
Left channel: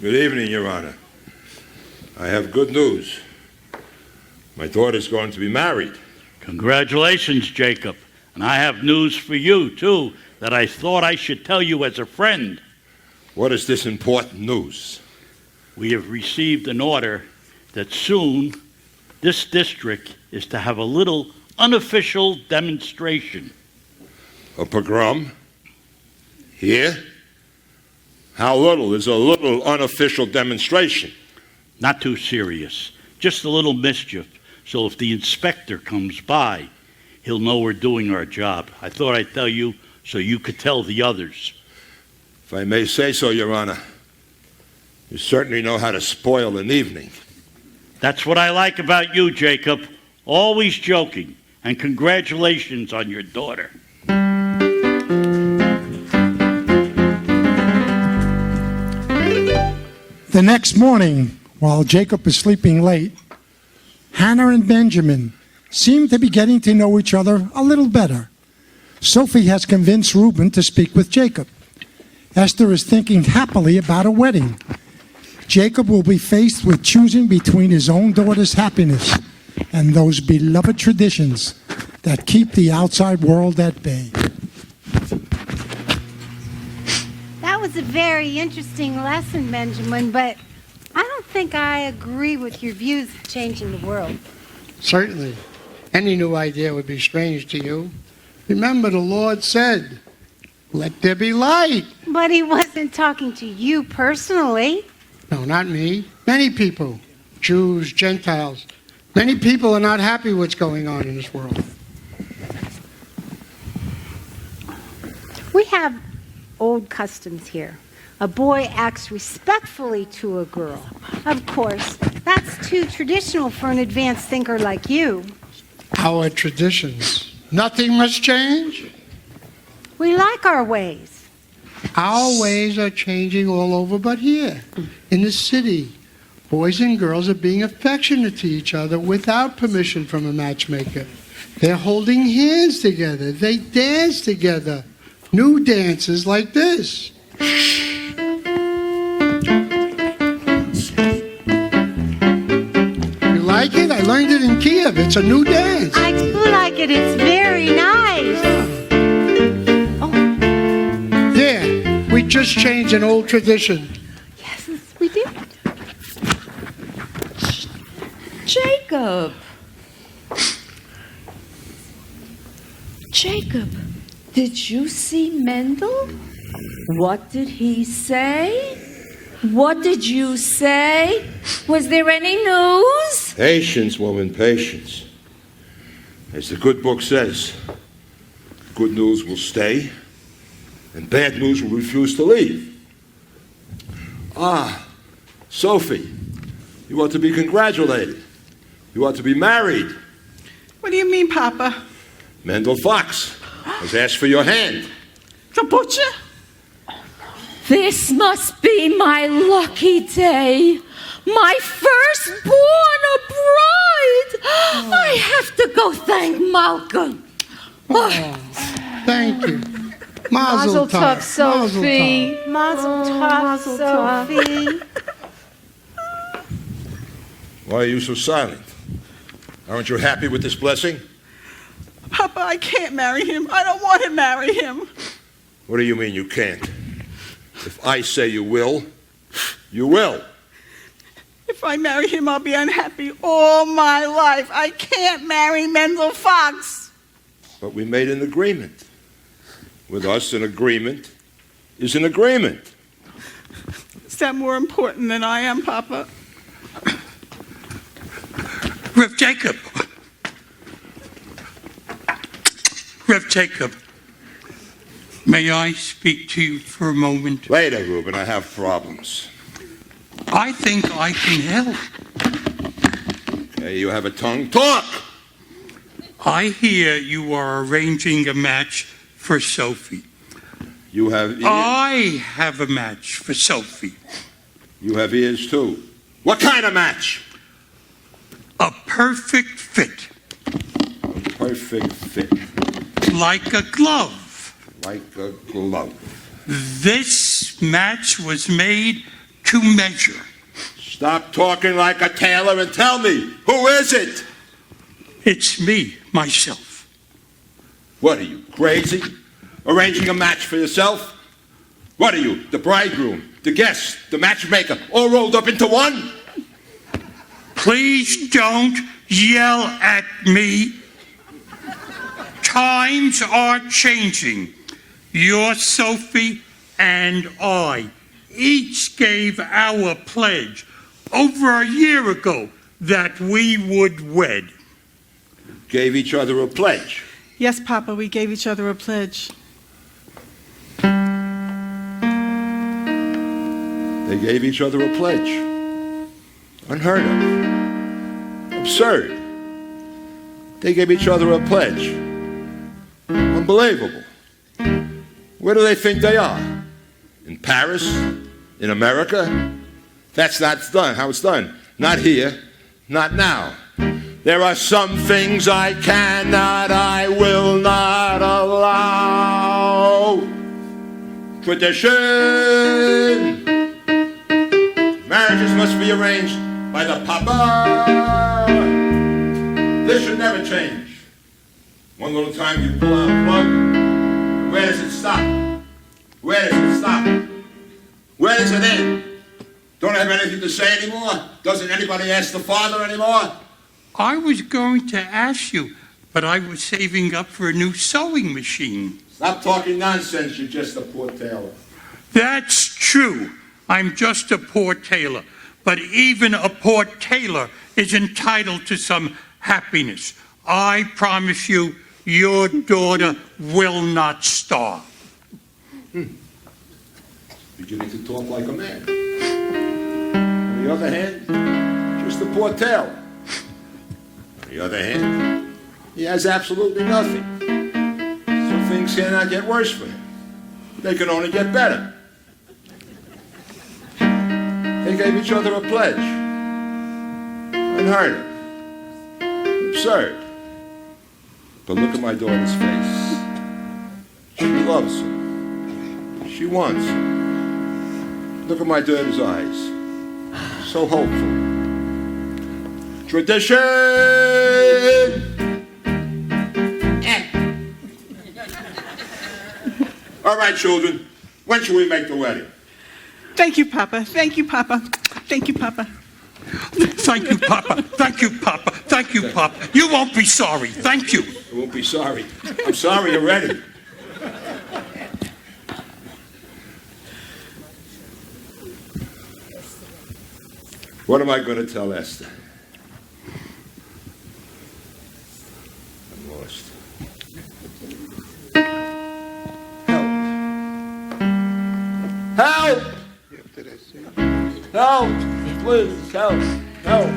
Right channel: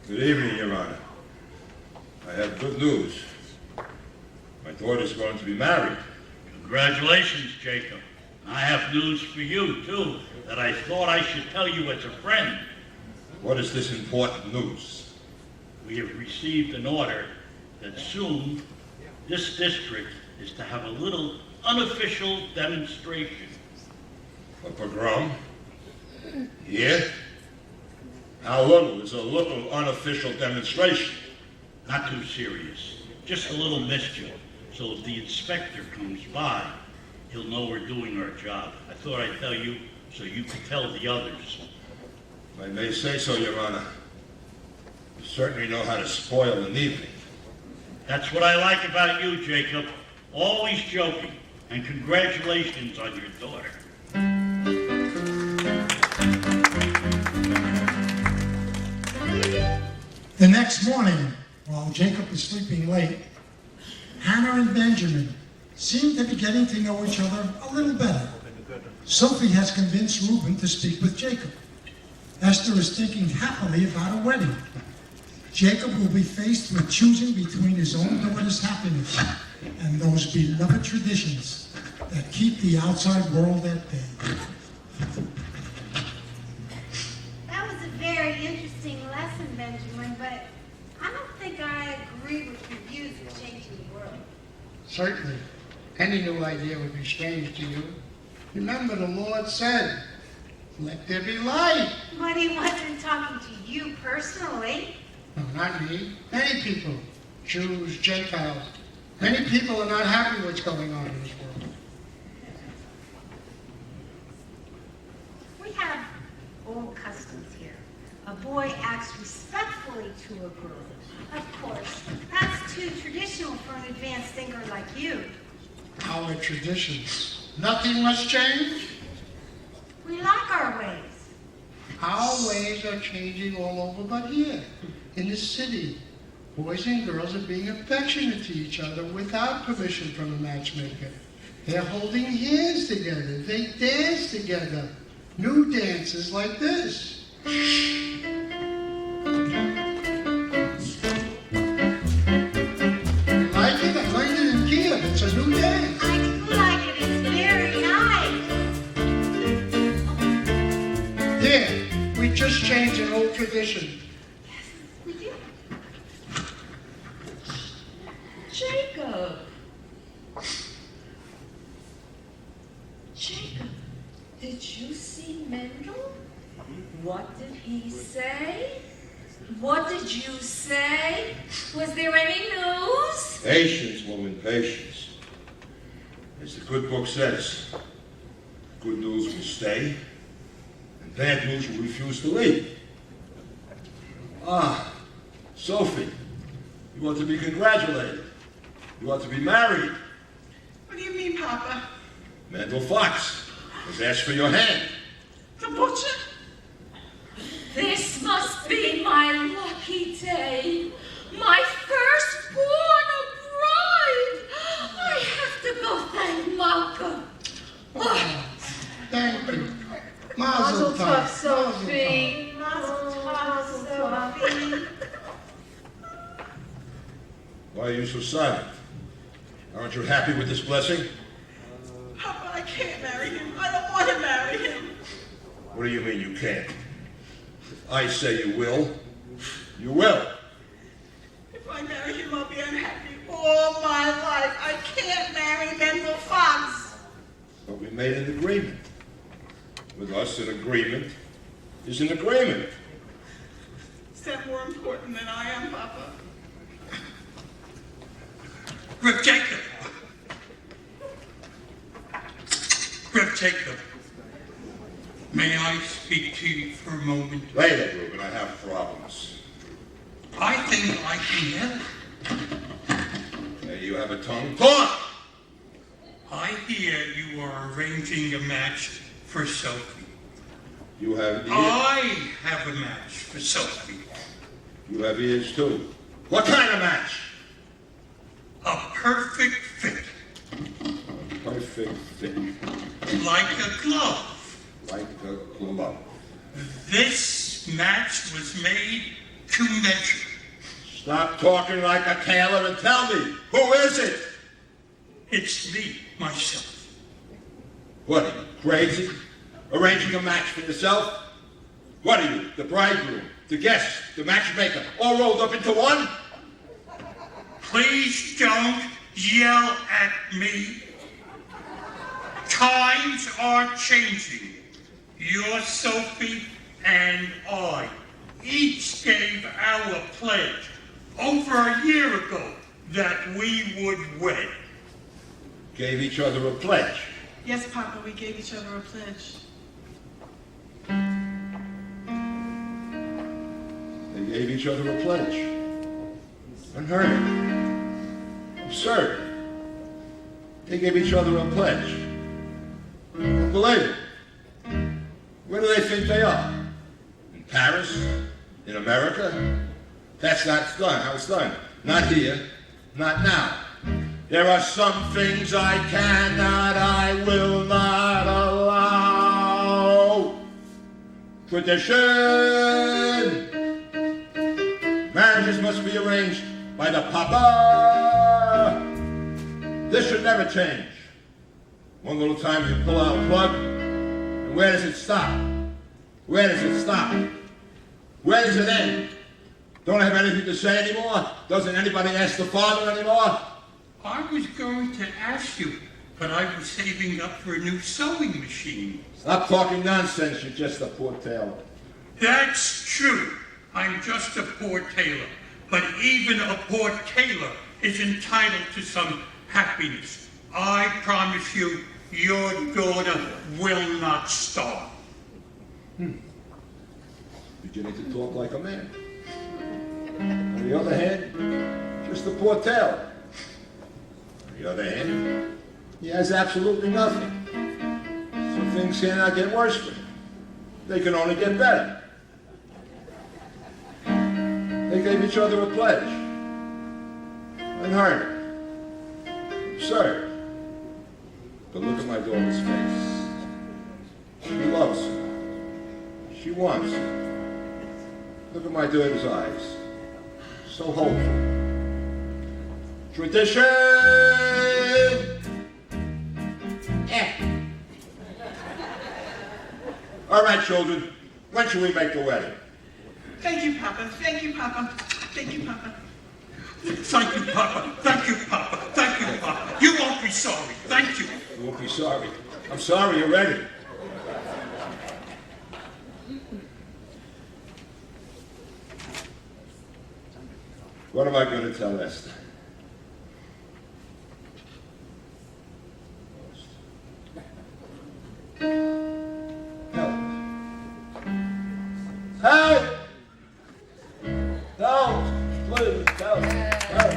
Good evening, Your Honor. I have good news. My daughter's going to be married. Congratulations, Jacob. And I have news for you, too, that I thought I should tell you as a friend. What is this important news? We have received an order that soon this district is to have a little unofficial demonstration. A pogrom? Here? How little is a little unofficial demonstration? Not too serious. Just a little mischief. So if the inspector comes by, he'll know we're doing our job. I thought I'd tell you so you could tell the others. If I may say so, Your Honor, you certainly know how to spoil an evening. That's what I like about you, Jacob. Always joking. And congratulations on your daughter. The next morning, while Jacob is sleeping late, Hannah and Benjamin seem to be getting to know each other a little better. Sophie has convinced Rubin to speak with Jacob. Esther is thinking happily about a wedding. Jacob will be faced with choosing between his own daughter's happiness and those beloved traditions that keep the outside world at bay. That was a very interesting lesson, Benjamin, but I don't think I agree with your views of changing the world. Certainly. Any new idea would be strange to you. Remember, the Lord said, "Let there be light." But he wasn't talking to you personally. No, not me. Many people, Jews, Gentiles, many people are not happy with what's going on in this world. We have old customs here. A boy acts respectfully to a girl. Of course, that's too traditional for an advanced thinker like you. Our traditions. Nothing must change. We like our ways. Our ways are changing all over but here, in the city. Boys and girls are being affectionate to each other without permission from a matchmaker. They're holding hands together. They dance together. New dances like this. You like it? I learned it in Kiev. It's a new dance. I do like it. It's very nice. There, we just changed an old tradition. Yes, we did. Jacob. Jacob, did you see Mendel? What did he say? What did you say? Was there any news? Patience, woman, patience. As the good book says, good news will stay, and bad news will refuse to leave. Ah, Sophie, you ought to be congratulated. You ought to be married. What do you mean, Papa? Mendel Fox has asked for your hand. The butcher? This must be my lucky day. My firstborn, a bride. I have to go thank Malka. Thank you. Mazel Mazel tov, tov, Sophie. Mazel tov, Sophie. Why are you so silent? Aren't you happy with this blessing? Papa, I can't marry him. I don't want to marry him. What do you mean you can't? If I say you will, you will. If I marry him, I'll be unhappy all my life. I can't marry Mendel Fox. But we made an agreement. With us, an agreement is an agreement. Is that more important than I am, Papa? Rev Jacob. Rev Jacob, may I speak to you for a moment? Later, Rubin, I have problems. I think I can help. Okay, you have a tongue? Talk! I hear you are arranging a match for Sophie. You have ears? I have a match for Sophie. You have ears, too. What kind of match? A perfect fit. Perfect fit. Like a glove. Like a glove. This match was made to measure. Stop talking like a tailor and tell me, who is it? It's me, myself. What are you, crazy? Arranging a match for yourself? What are you, the bridegroom, the guest, the matchmaker, all rolled up into one? Please don't yell at me. Times are changing. Your Sophie and I each gave our pledge over a year ago that we would wed. Gave each other a pledge. Yes, Papa, we gave each other a pledge. They gave each other a pledge. Unheard of. Absurd. They gave each other a pledge. Unbelievable. Where do they think they are? In Paris? In America? That's not done. How it's done. Not here. Not now. There are some things I cannot, I will not allow. Tradition. Marriages must be arranged by the Papa. This should never change. One little time you pull out a plug, where does it stop? Where does it stop? Where does it end? Don't have anything to say anymore? Doesn't anybody ask the father anymore? I was going to ask you, but I was saving up for a new sewing machine. Stop talking nonsense, you're just a poor tailor. That's true. I'm just a poor tailor. But even a poor tailor is entitled to some happiness. I promise you, your daughter will not starve. Beginning to talk like a man. On the other hand, just a poor tailor. On the other hand, he has absolutely nothing. So things cannot get worse for him. They can only get better. They gave each other a pledge. Unheard of. Absurd. But look at my daughter's face. She loves him. She wants him. Look at my daughter's eyes. So hopeful. Tradition! All right, children. When shall we make the wedding? Thank you, Papa. Thank you, Papa. Thank you, Papa. Thank you, Papa. Thank you, Papa. Thank you, Papa. You won't be sorry. Thank you. I won't be sorry. I'm sorry already. What am I going to tell Esther? I'm lost. Help! Help! Help! Please, help! Help!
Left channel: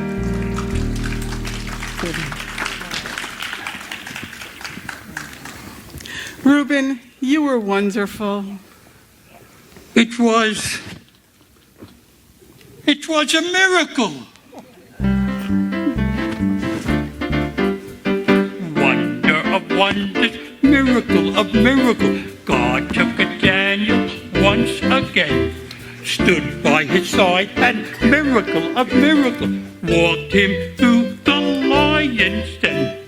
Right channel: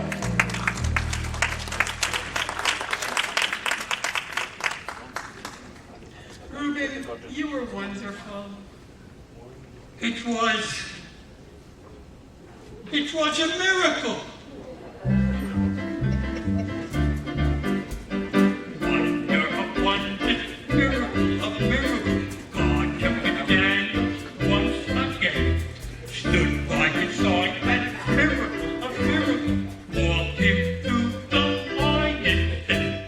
Rubin, you were wonderful. It was a miracle. Wonder of wonders, miracle of miracle. God took a Daniel once again, stood by his side, and miracle of miracle, walked him through the lion's den.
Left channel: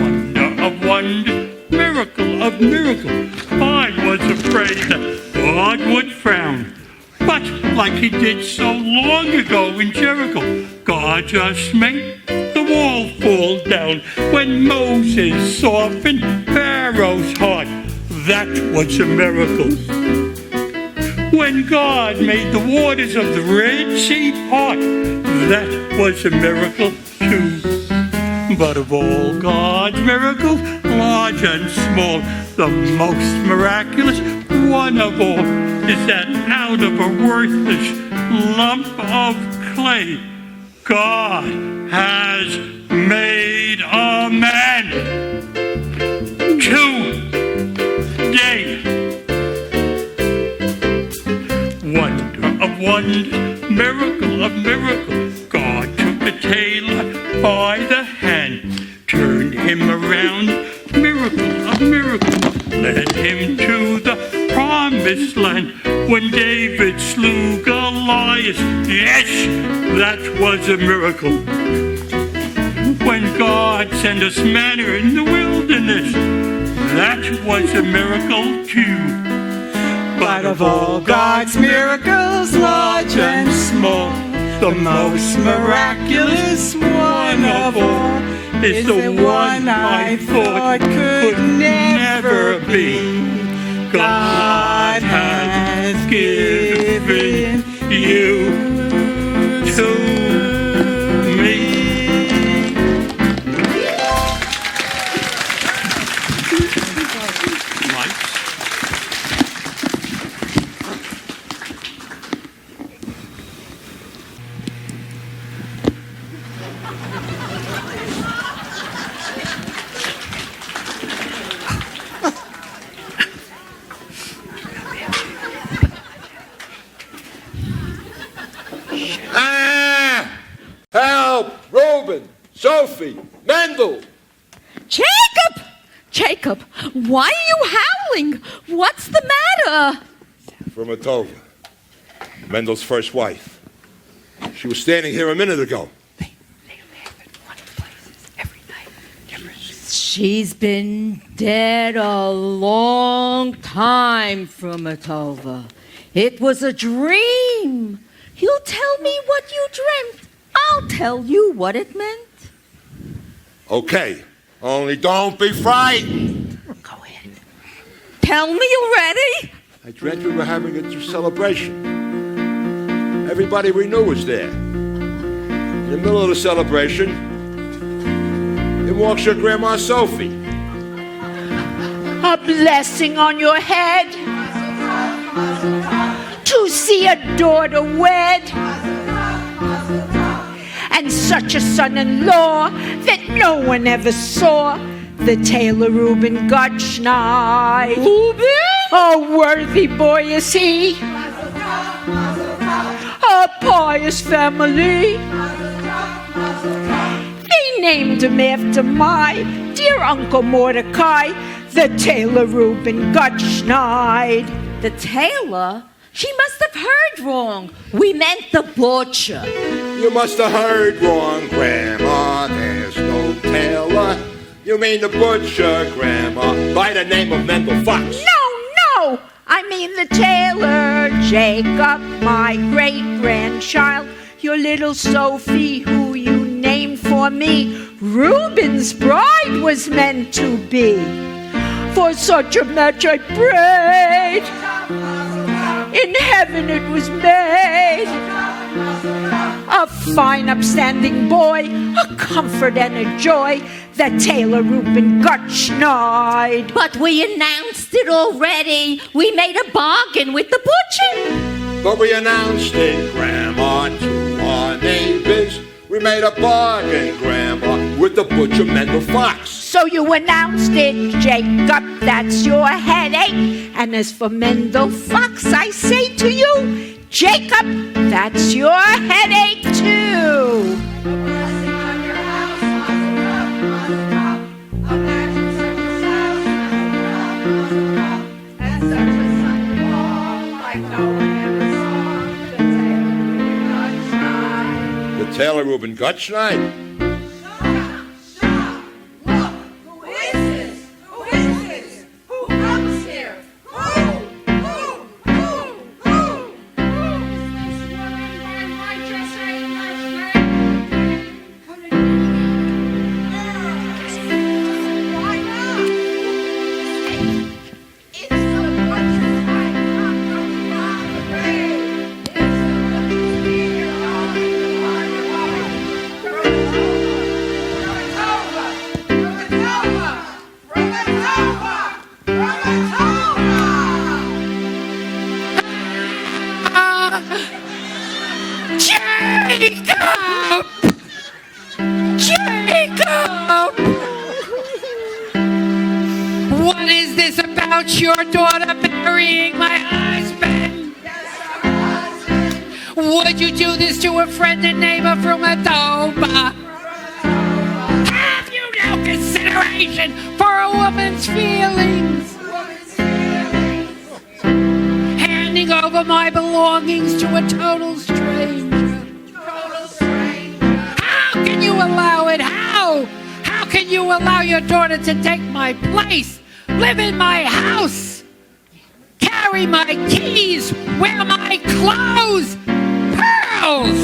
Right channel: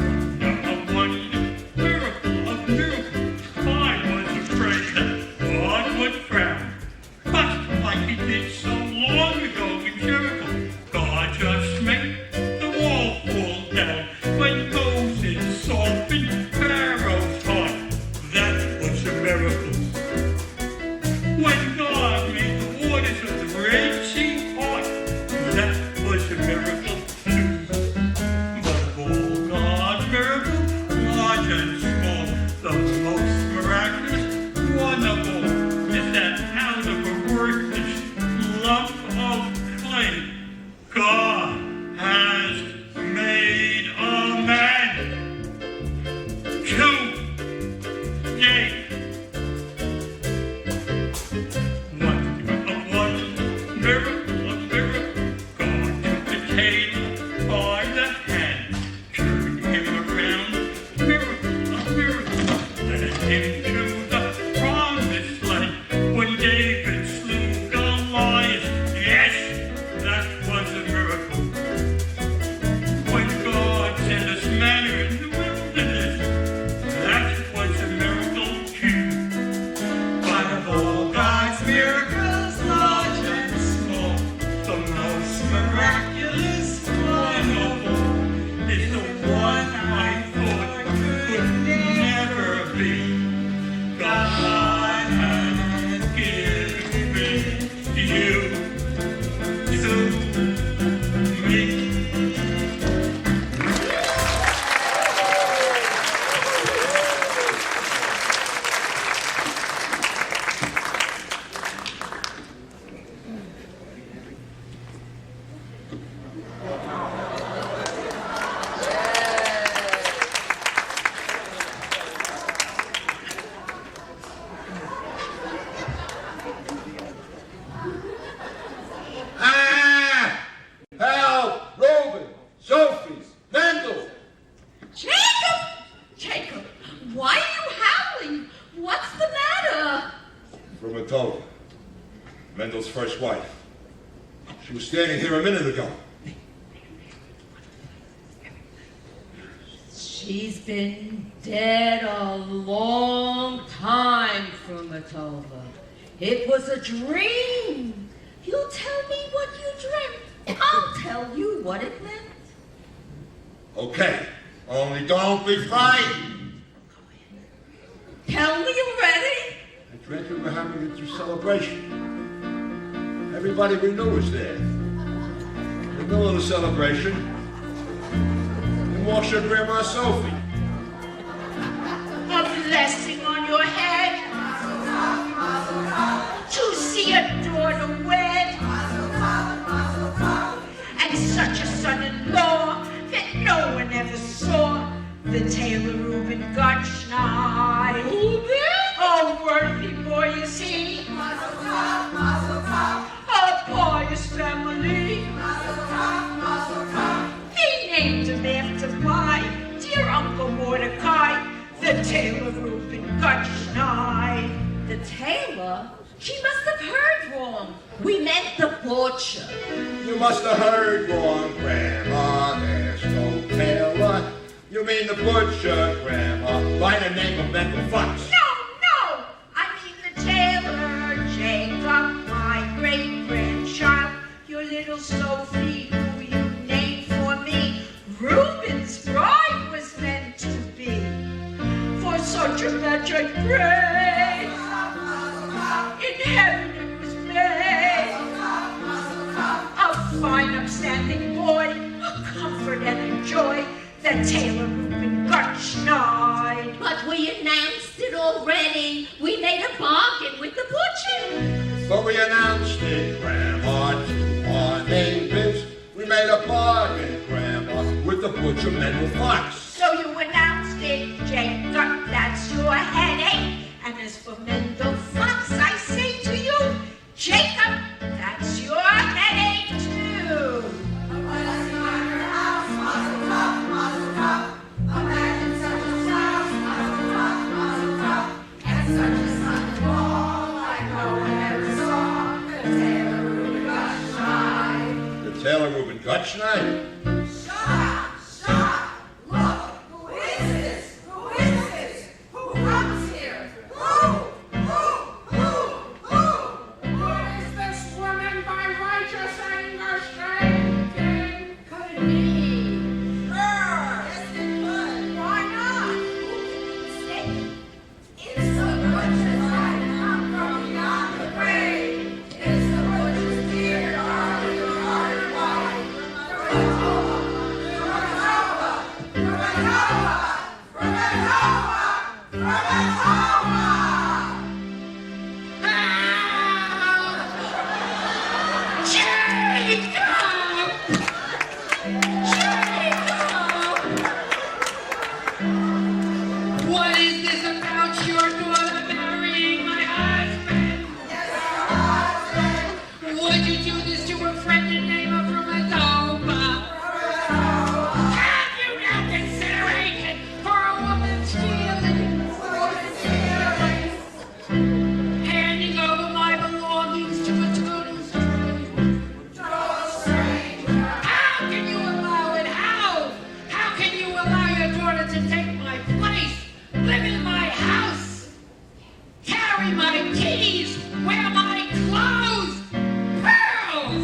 Wonder of wonders, miracle of miracle. I was afraid that God would frown. But like he did so long ago in Jericho, God just made the wall fall down. When Moses softened Pharaoh's heart, that was a miracle. When God made the waters of the Red Sea part, that was a miracle too. But of all God's miracles, large and small, the most miraculous one of all is that out of a worthless lump of clay, God has made a man. Today, wonder of wonders, miracle of miracles, God took the tailor by the hand, turned him around, miracle of miracles, led him to the promised land. When David slew Goliath, yes, that was a miracle. When God sent us manna in the wilderness, that was a miracle too. But of all God's miracles, large and small, The most miraculous one of all is the one I thought could never be. God has given you to me. Help! Rubin! Sophie! Mendel! Jacob, why are you howling? What's the matter? From Atova, Mendel's first wife. She was standing here a minute ago. She's been dead a long time, Frumatova. It was a dream. You tell me what you dreamt. I'll tell you what it meant. Okay, only don't be frightened. Go ahead. Tell me already. I dreamt we were having a celebration. Everybody we knew was there. In the middle of the celebration, in walks your grandma Sophie. A blessing on your head to see a daughter wed, and such a son-in-law that no one ever saw. The tailor Rubin Gottschneid. Rubin? A worthy boy is he. A pious family. They named him after my dear Uncle Mordecai, the tailor Rubin Gottschneid. The tailor? She must have heard wrong. We meant the butcher. You must have heard wrong, Grandma. There's no tailor. You mean the butcher, Grandma, by the name of Mendel Fox. No, I mean the tailor, Jacob, my great-grandchild, your little Sophie, who you named for me. Rubin's bride was meant to be. For such a match I prayed. In heaven it was made. A fine, upstanding boy, a comfort and a joy, the tailor Rubin Gottschneid. But we announced it already. We made a bargain with the butcher. But we announced it, Grandma, to our neighbors. We made a bargain, Grandma, with the butcher Mendel Fox. So you announced it, Jacob, that's your headache. And as for Mendel Fox, I say to you, Jacob, that's your headache too. The tailor Rubin Gottschneid. What is this about your daughter marrying my husband? Would you do this to a friend and neighbor from Adoba? Have you no consideration for a woman's feelings? Handing over my belongings to a total stranger. How can you allow it? How can you allow your daughter to take my place, live in my house, carry my keys, wear my clothes, pearls?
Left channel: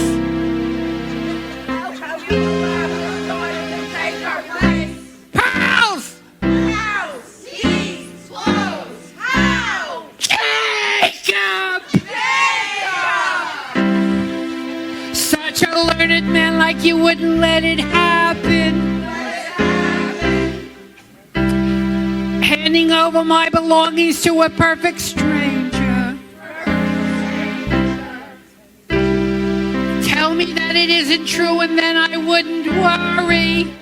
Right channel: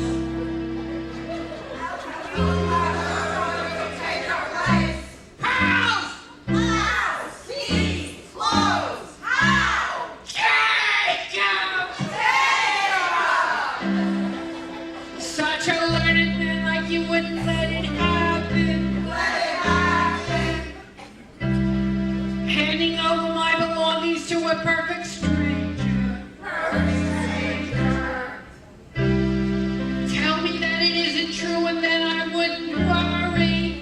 belongings to a perfect stranger. Tell me that it isn't true and then I wouldn't worry.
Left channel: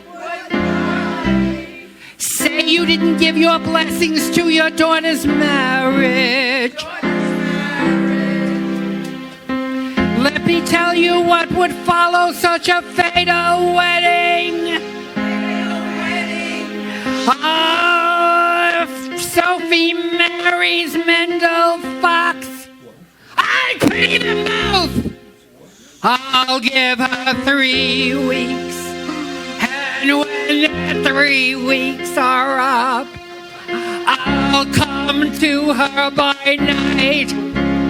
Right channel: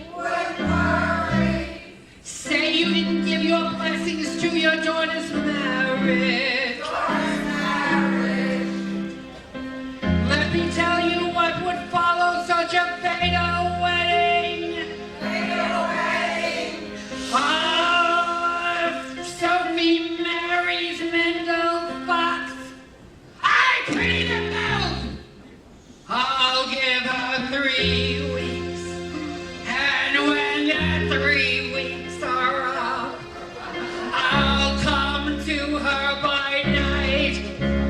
Say you didn't give your blessings to your daughter's marriage. Let me tell you what would follow such a fatal wedding. If Sophie marries Mendel Fox, I pity them both. I'll give her 3 weeks, and when the 3 weeks are up, I'll come to her by night.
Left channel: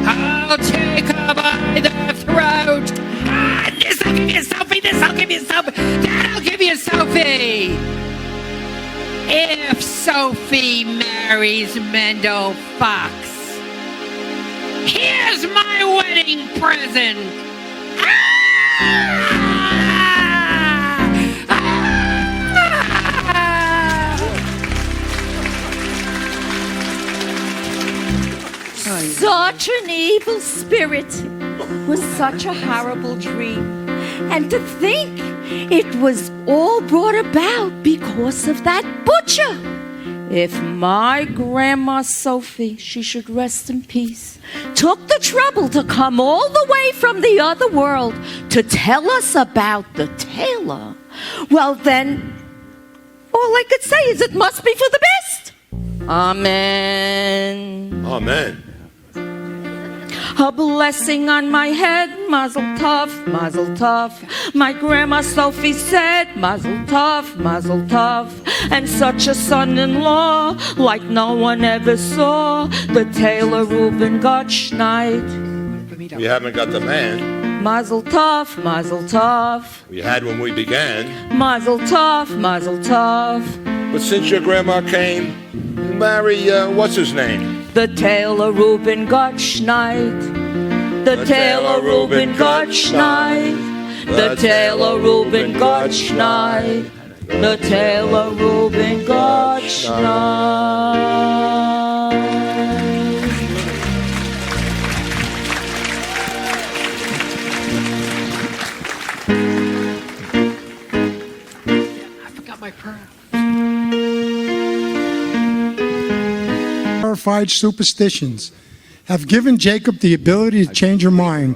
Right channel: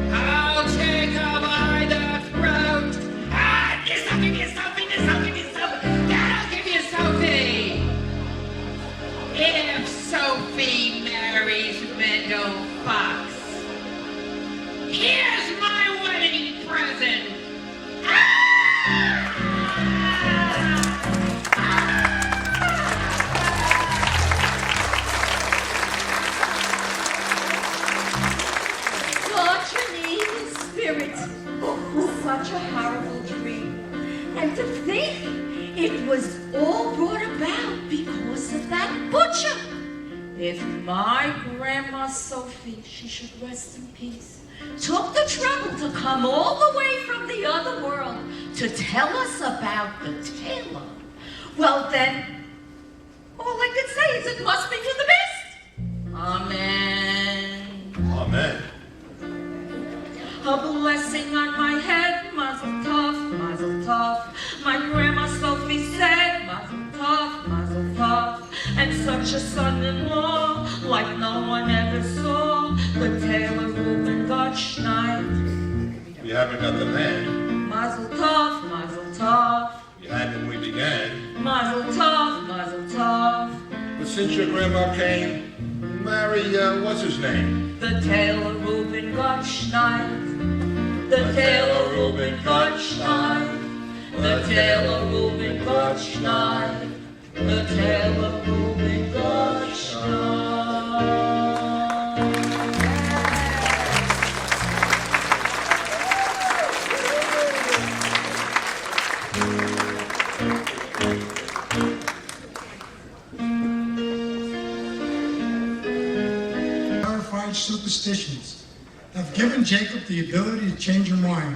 I'll take her by the throat. This'll give you Sophie, this'll give you Sophie, that'll give you Sophie. If Sophie marries Mendel Fox, here's my wedding present. Such an evil spirit was such a horrible dream. And to think it was all brought about because of that butcher. If my grandma Sophie, she should rest in peace, took the trouble to come all the way from the other world to tell us about the tailor, well then, all I could say is it must be for the best. Amen. Amen. A blessing on my head, mazel tov, mazel tov. My grandma Sophie said, mazel tov, mazel tov. And such a son-in-law, like no one ever saw. The tailor Rubin got schneid. We haven't got the man. Mazel tov, mazel tov. We had when we began. Mazel tov, mazel tov. But since your grandma came, you marry, what's his name? The tailor Rubin got schneid. The tailor Rubin got schneid. The tailor Rubin got schneid. The tailor Rubin got schneid. Got my purse. Verified superstitions have given Jacob the ability to change her mind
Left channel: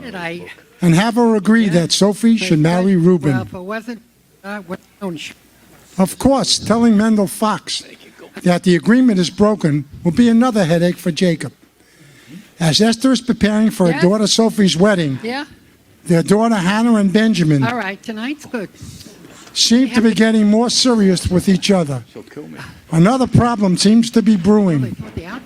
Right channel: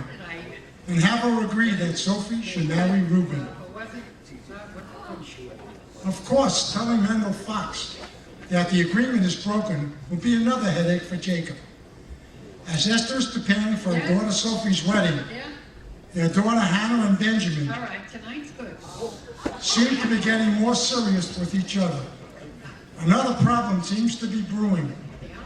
and have her agree that Sophie should marry Rubin. Well, if it wasn't, don't you? Of course, telling Mendel Fox that the agreement is broken will be another headache for Jacob. As Esther is preparing for her daughter Sophie's wedding, their daughter Hannah and Benjamin All right, tonight's good. seem to be getting more serious with each other. Another problem seems to be brewing.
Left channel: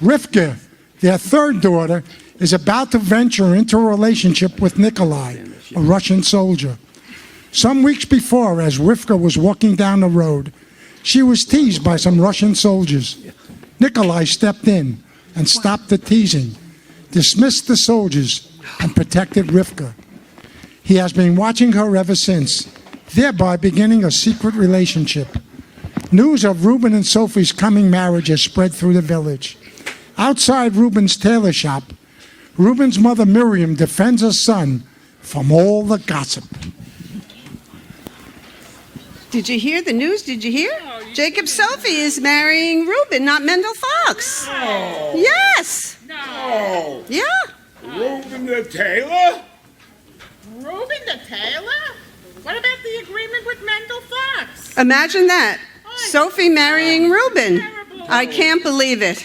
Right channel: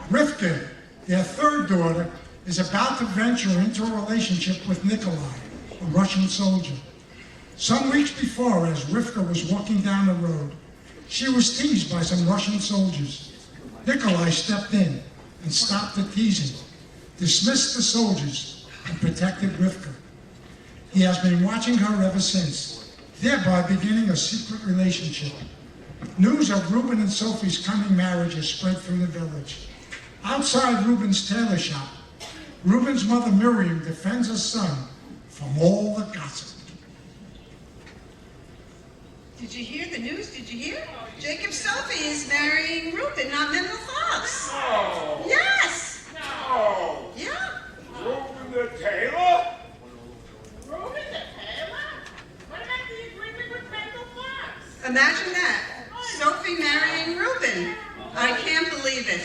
Rifka, their third daughter, is about to venture into a relationship with Nikolai, a Russian soldier. Some weeks before, as Rifka was walking down the road, she was teased by some Russian soldiers. Nikolai stepped in and stopped the teasing, dismissed the soldiers, and protected Rifka. He has been watching her ever since, thereby beginning a secret relationship. News of Rubin and Sophie's coming marriage has spread through the village. Outside Rubin's tailor shop, Rubin's mother Miriam defends her son from all the gossip. Did you hear the news? Did you hear? Jacob Sophie is marrying Rubin, not Mendel Fox. No. Yes. No. Yeah. Rubin the tailor? Rubin the tailor? What about the agreement with Mendel Fox? Imagine that. Sophie marrying Rubin. I can't believe it.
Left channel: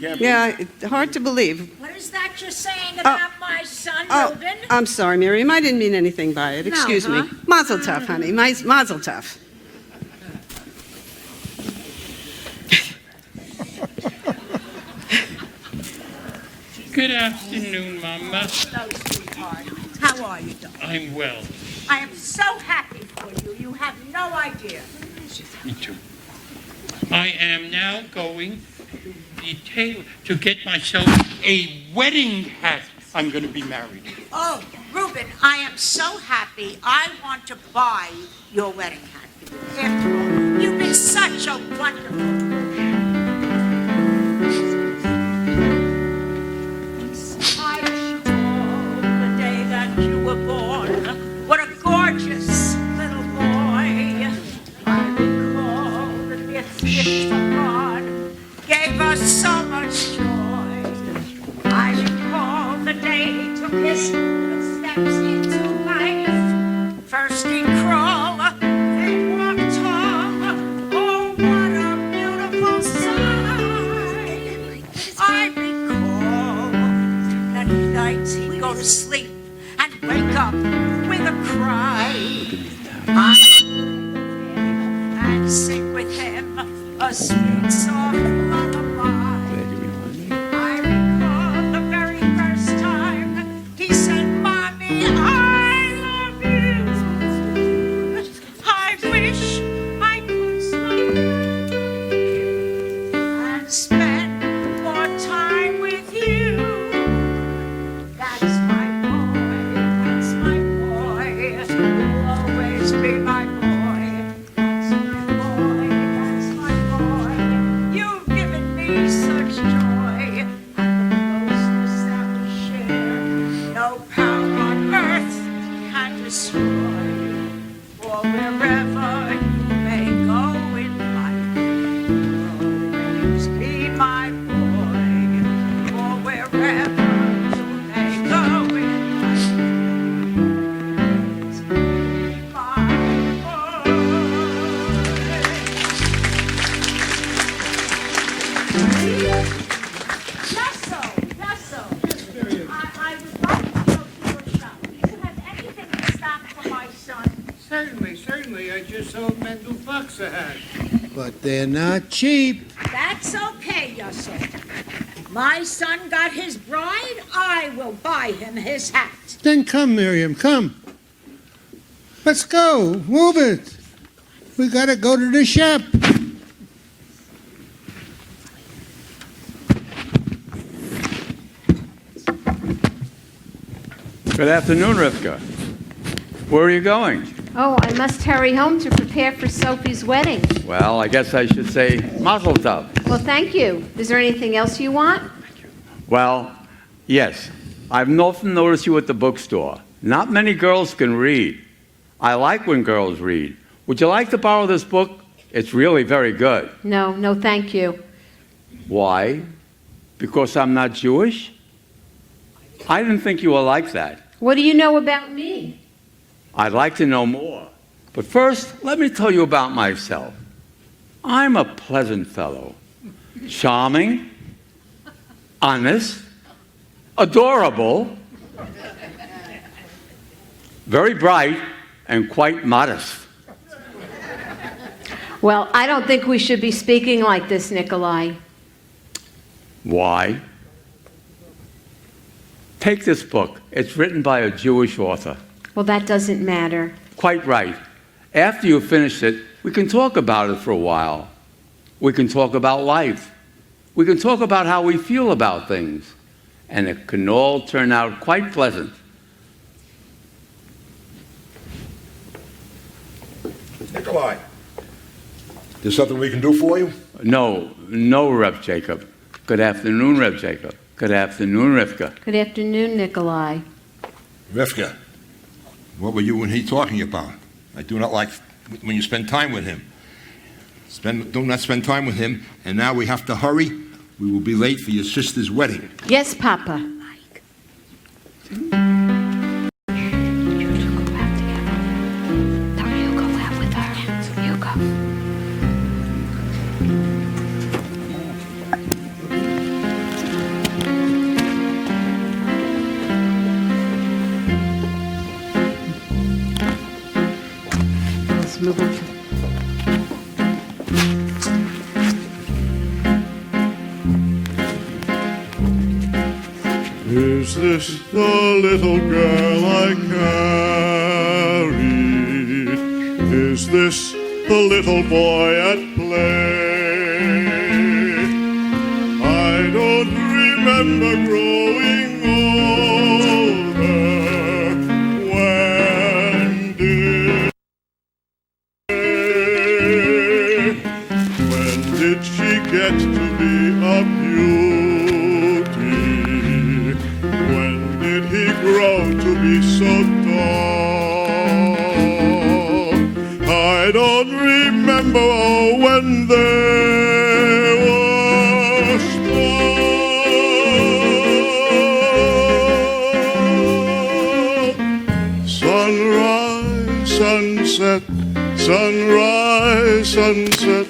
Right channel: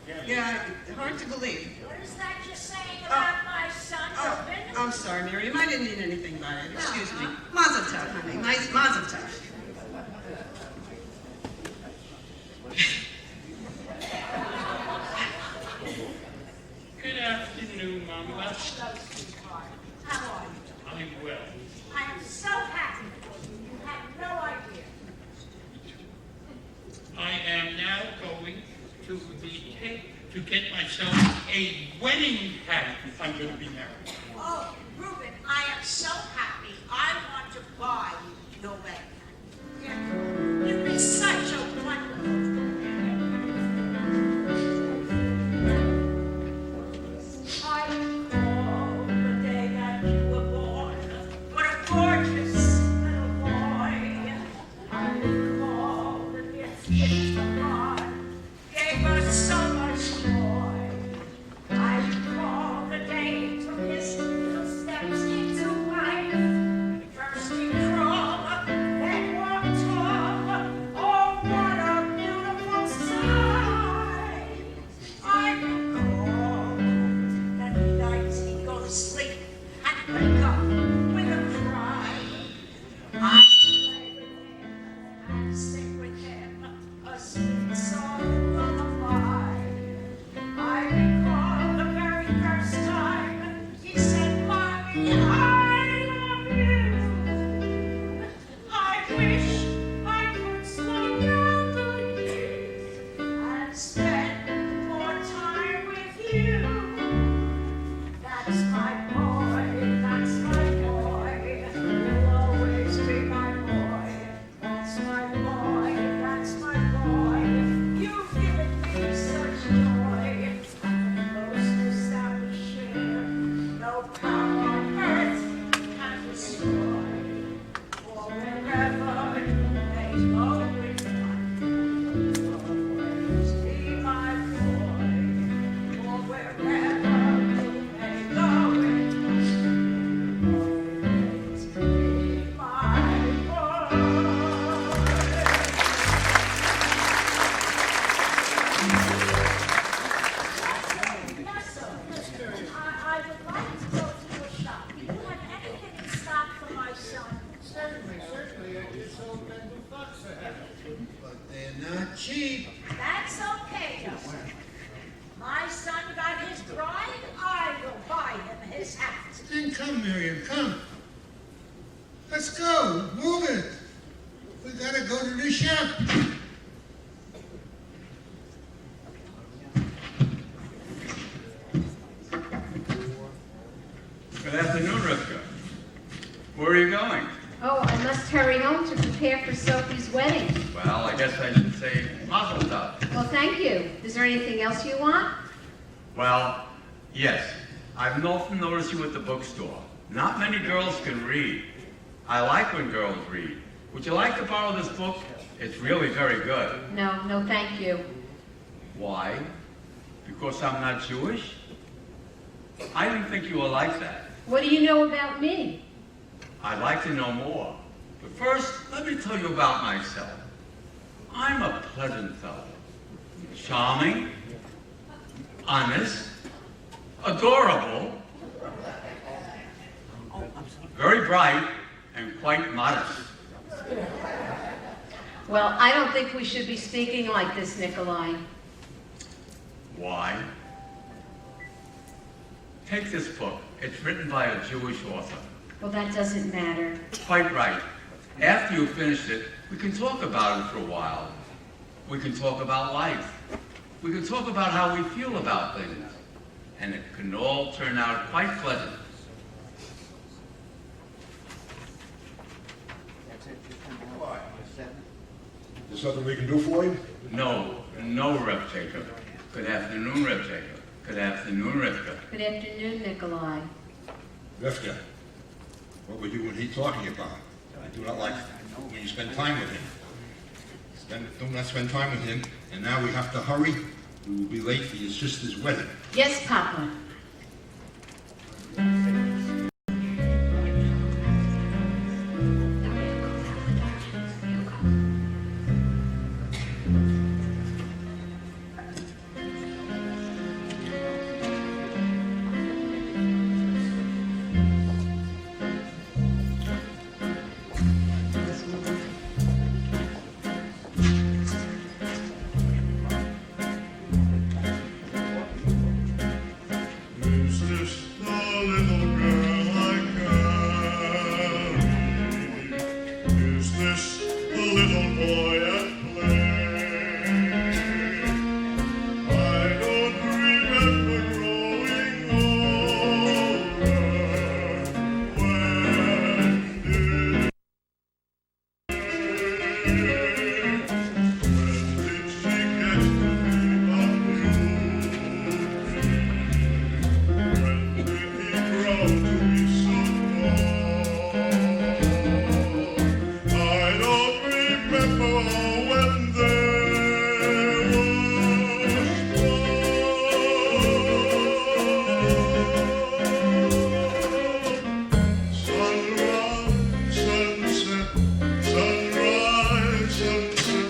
Yeah, hard to believe. What is that you're saying about my son, Rubin? I'm sorry, Miriam. I didn't mean anything by it. Excuse me. Mazel tov, honey. Mazel tov. Good afternoon, Mama. Hello, sweetheart. How are you, darling? I'm well. I am so happy for you. You have no idea. Me too. I am now going to the tailor to get myself a wedding hat. I'm going to be married. Oh, Rubin, I am so happy. I want to buy your wedding hat. After all, you've been such a wonderful. a sweet, soft lullaby. I recall the very first time he said, Mommy, I love you. I wish I could slow down and spend more time with you. That's my boy, that's my boy. You'll always be my boy. That's my boy, that's my boy. You've given me such joy. And the closeness that we share, no power on earth can destroy. For wherever you may go in life, you'll always be my boy. For wherever you may go in life, you'll always be my Certainly. I just sold Mendel bucks a hat. But they're not cheap. That's okay, Yussel. My son got his bride, I will buy him his hat. Then come, Miriam, come. Let's go. Move it. We gotta go to the shop. Good afternoon, Rifka. Where are you going? Oh, I must hurry home to prepare for Sophie's wedding. Well, I guess I should say mazel tov. Well, thank you. Is there anything else you want? Well, yes. I've often noticed you at the bookstore. Not many girls can read. I like when girls read. Would you like to borrow this book? It's really very good. No, thank you. Why? Because I'm not Jewish? I didn't think you were like that. What do you know about me? I'd like to know more. But first, let me tell you about myself. I'm a pleasant fellow. Charming, honest, adorable, very bright, and quite modest. Well, I don't think we should be speaking like this, Nikolai. Why? Take this book. It's written by a Jewish author. Well, that doesn't matter. Quite right. After you finish it, we can talk about it for a while. We can talk about life. We can talk about how we feel about things. And it can all turn out quite pleasant. Nikolai, there's something we can do for you? No, Rev Jacob. Good afternoon, Rev Jacob. Good afternoon, Rifka. Good afternoon, Nikolai. Rifka, what were you and he talking about? I do not like when you spend time with him. Do not spend time with him, and now we have to hurry. We will be late for your sister's wedding. Yes, Papa. Is this the little girl I carried? Is this the little boy at play? I don't remember growing older. When did she get to be a beauty? When did he grow to be so tall? I don't remember when there was fall. Sunrise, sunset, sunrise, sunset,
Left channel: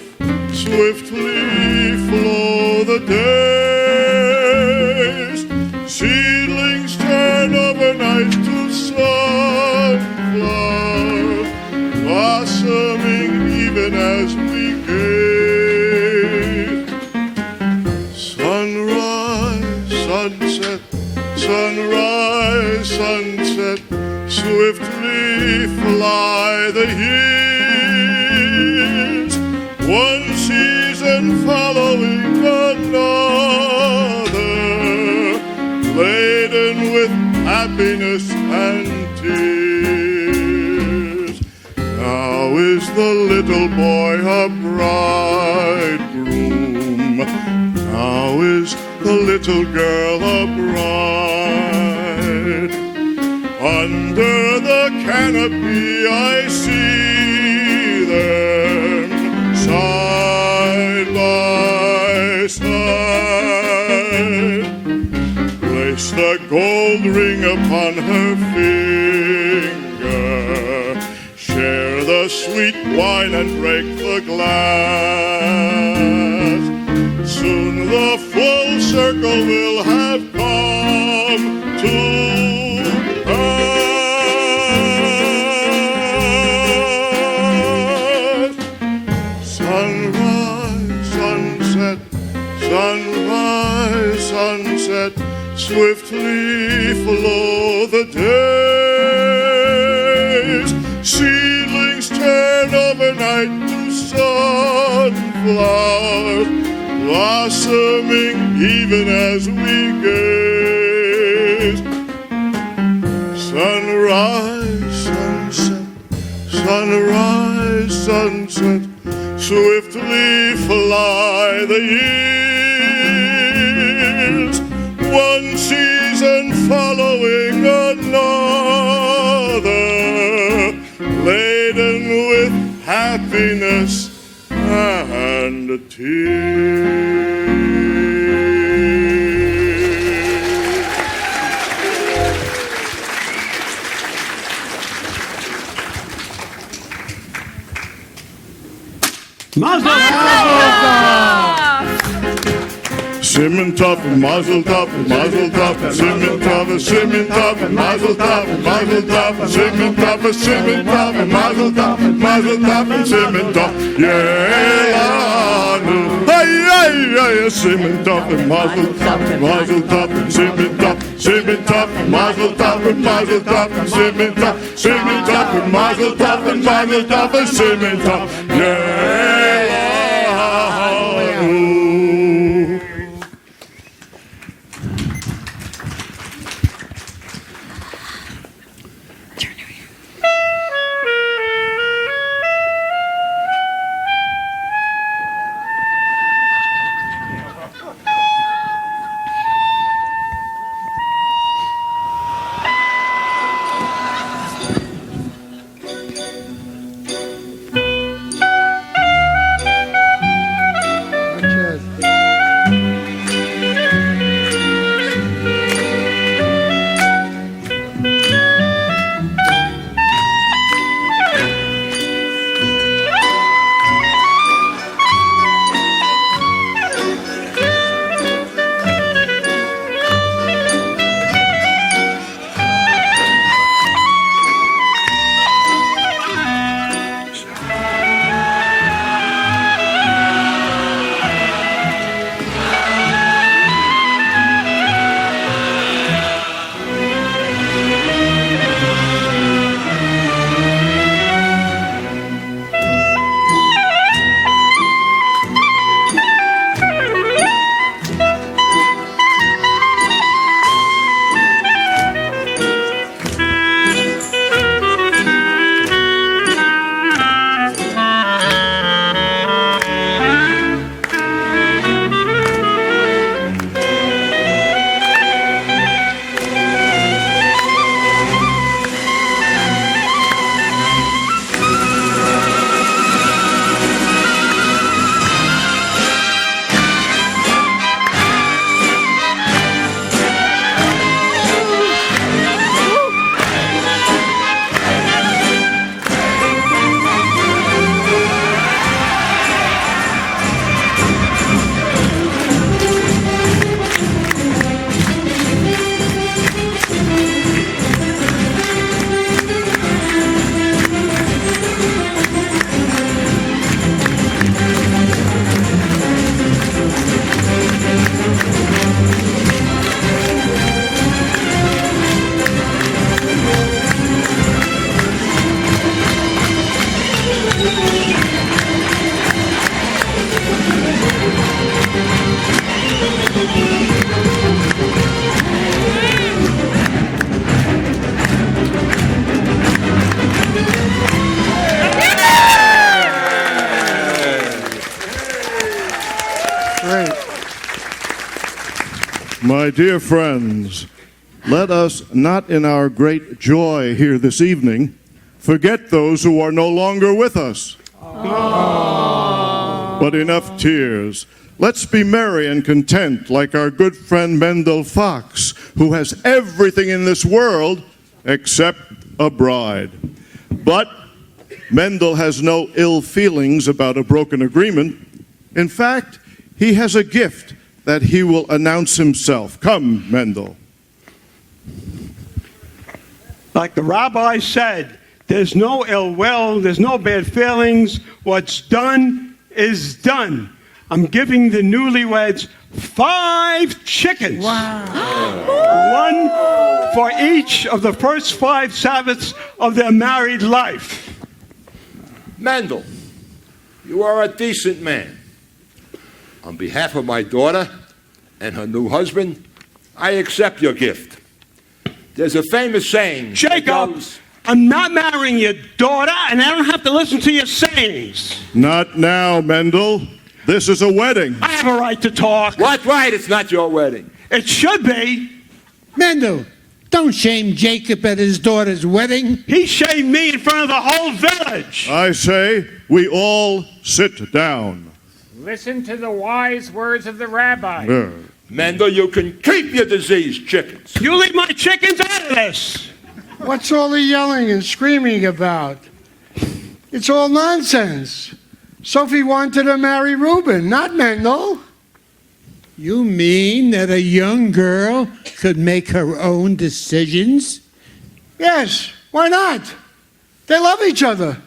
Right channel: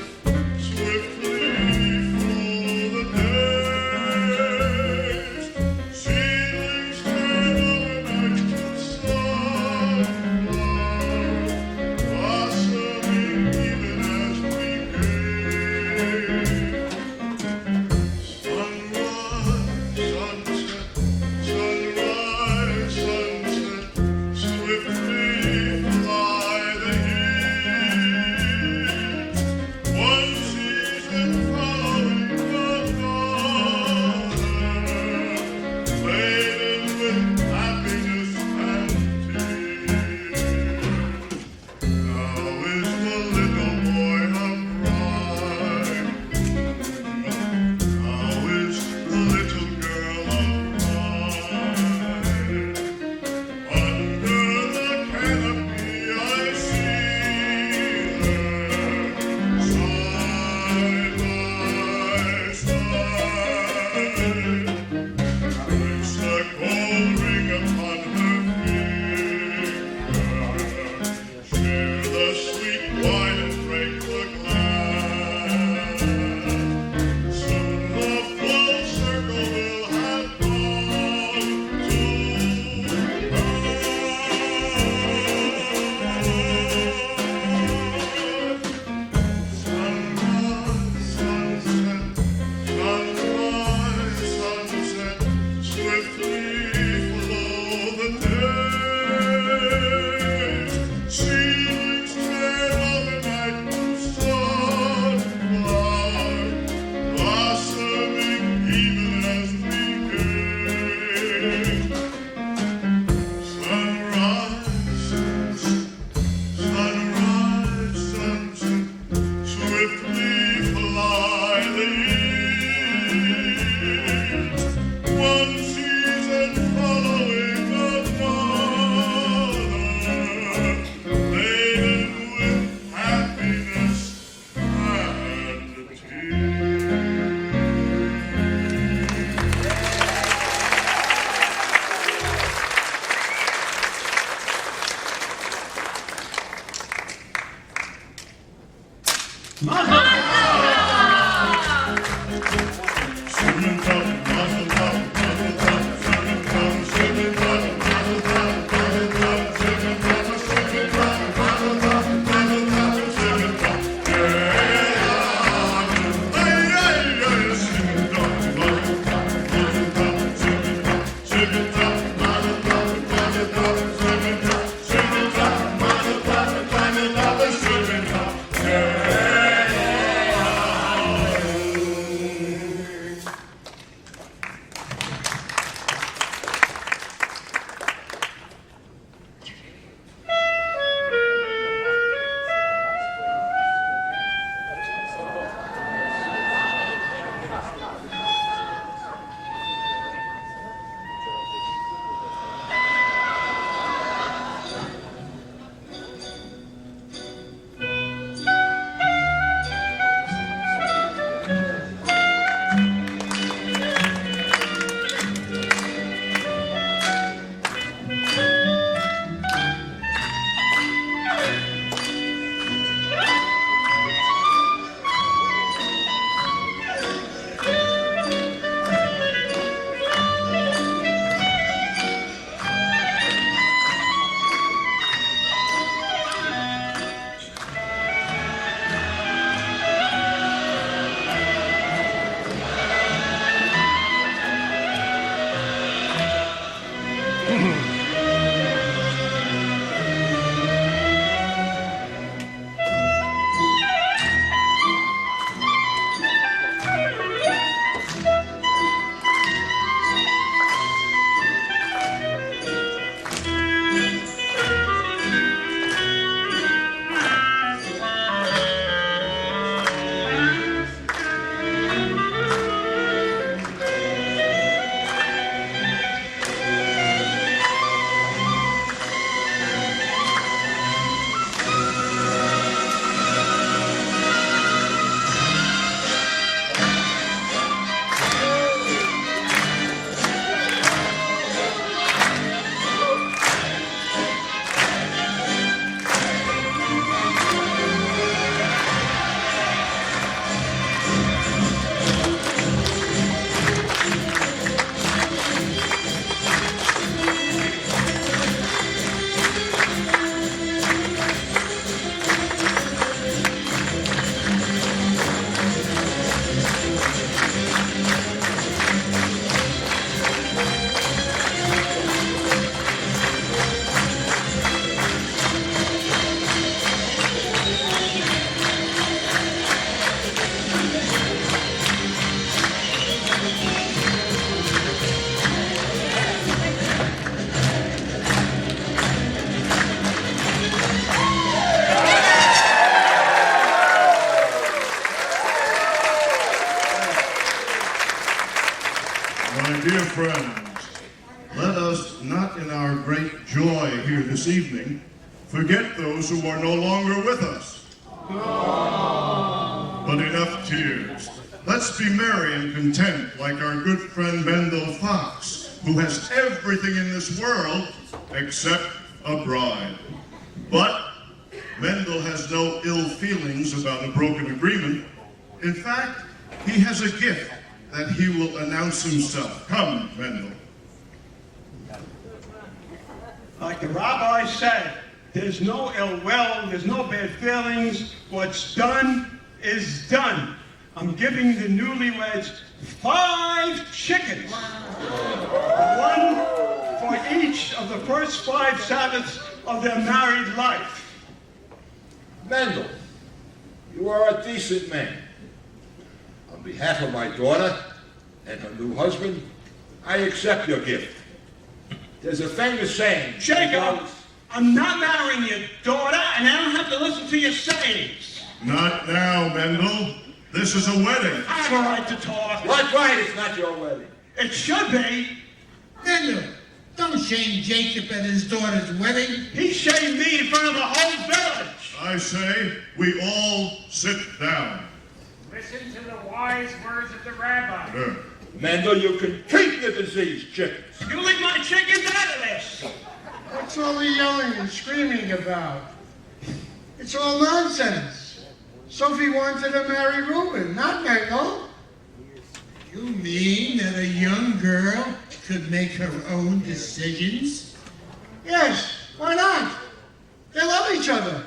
swiftly flow the days. Seedlings turn overnight to sunflowers, blossoming even as we gaze. bridegroom. Now is the little girl a bride. Under the canopy I see them side by side. Place the gold ring upon her finger. Share the sweet wine and break the glass. Soon the full circle will have come to pass. Sunrise, sunset, sunrise, sunset, swiftly flow the days. Seedlings turn overnight to sunflowers, blossoming even as we gaze. Sunrise, sunset, sunrise, sunset, swiftly fly the years. One season following another, laden with happiness and tears. Simmen top and mazel top and mazel top and simmen top and mazel top and mazel top and simmen top and mazel top and simmen top. Yeah, hey, simmen top and mazel top and simmen top and mazel top and simmen top and mazel top and simmen top. Yeah. My dear friends, let us not in our great joy here this evening forget those who are no longer with us. But enough tears. Let's be merry and content like our good friend Mendel Fox, who has everything in this world except a bride. But Mendel has no ill feelings about a broken agreement. In fact, he has a gift that he will announce himself. Come, Mendel. Like the rabbi said, there's no ill will, there's no bad feelings. What's done is done. I'm giving the newlyweds 5 chickens. Wow. One for each of the first 5 Sabbaths of their married life. Mendel, you are a decent man. On behalf of my daughter and her new husband, I accept your gift. There's a famous saying. Jacob, I'm not marrying your daughter, and I don't have to listen to your sayings. Not now, Mendel. This is a wedding. I have a right to talk. What right? It's not your wedding. It should be. Mendel, don't shame Jacob at his daughter's wedding. He shamed me in front of the whole village. I say we all sit down. Listen to the wise words of the rabbi. Mendel, you can keep your diseased chickens. You leave my chickens out of this. What's all the yelling and screaming about? It's all nonsense. Sophie wanted to marry Rubin, not Mendel. You mean that a young girl could make her own decisions? Yes, why not? They love each other.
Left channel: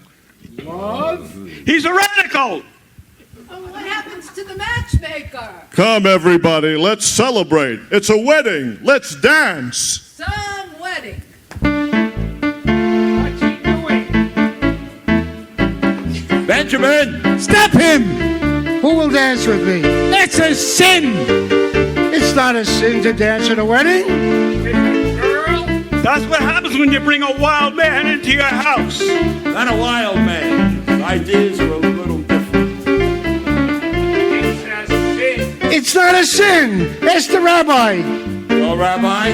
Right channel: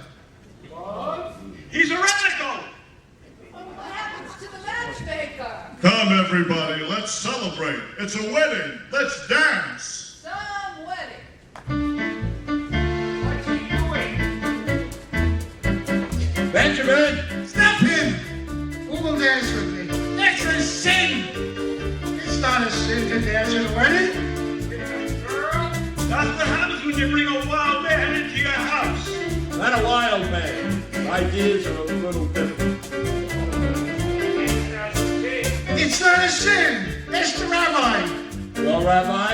Love? He's a radical. What happens to the matchmaker? Come, everybody, let's celebrate. It's a wedding. Let's dance. Some wedding. Benjamin! Stop him! Who will dance with me? That's a sin! It's not a sin to dance at a wedding. That's what happens when you bring a wild man into your house. Not a wild man. Ideas are a little different. It's not a sin. Ask the rabbi. Oh, Rabbi?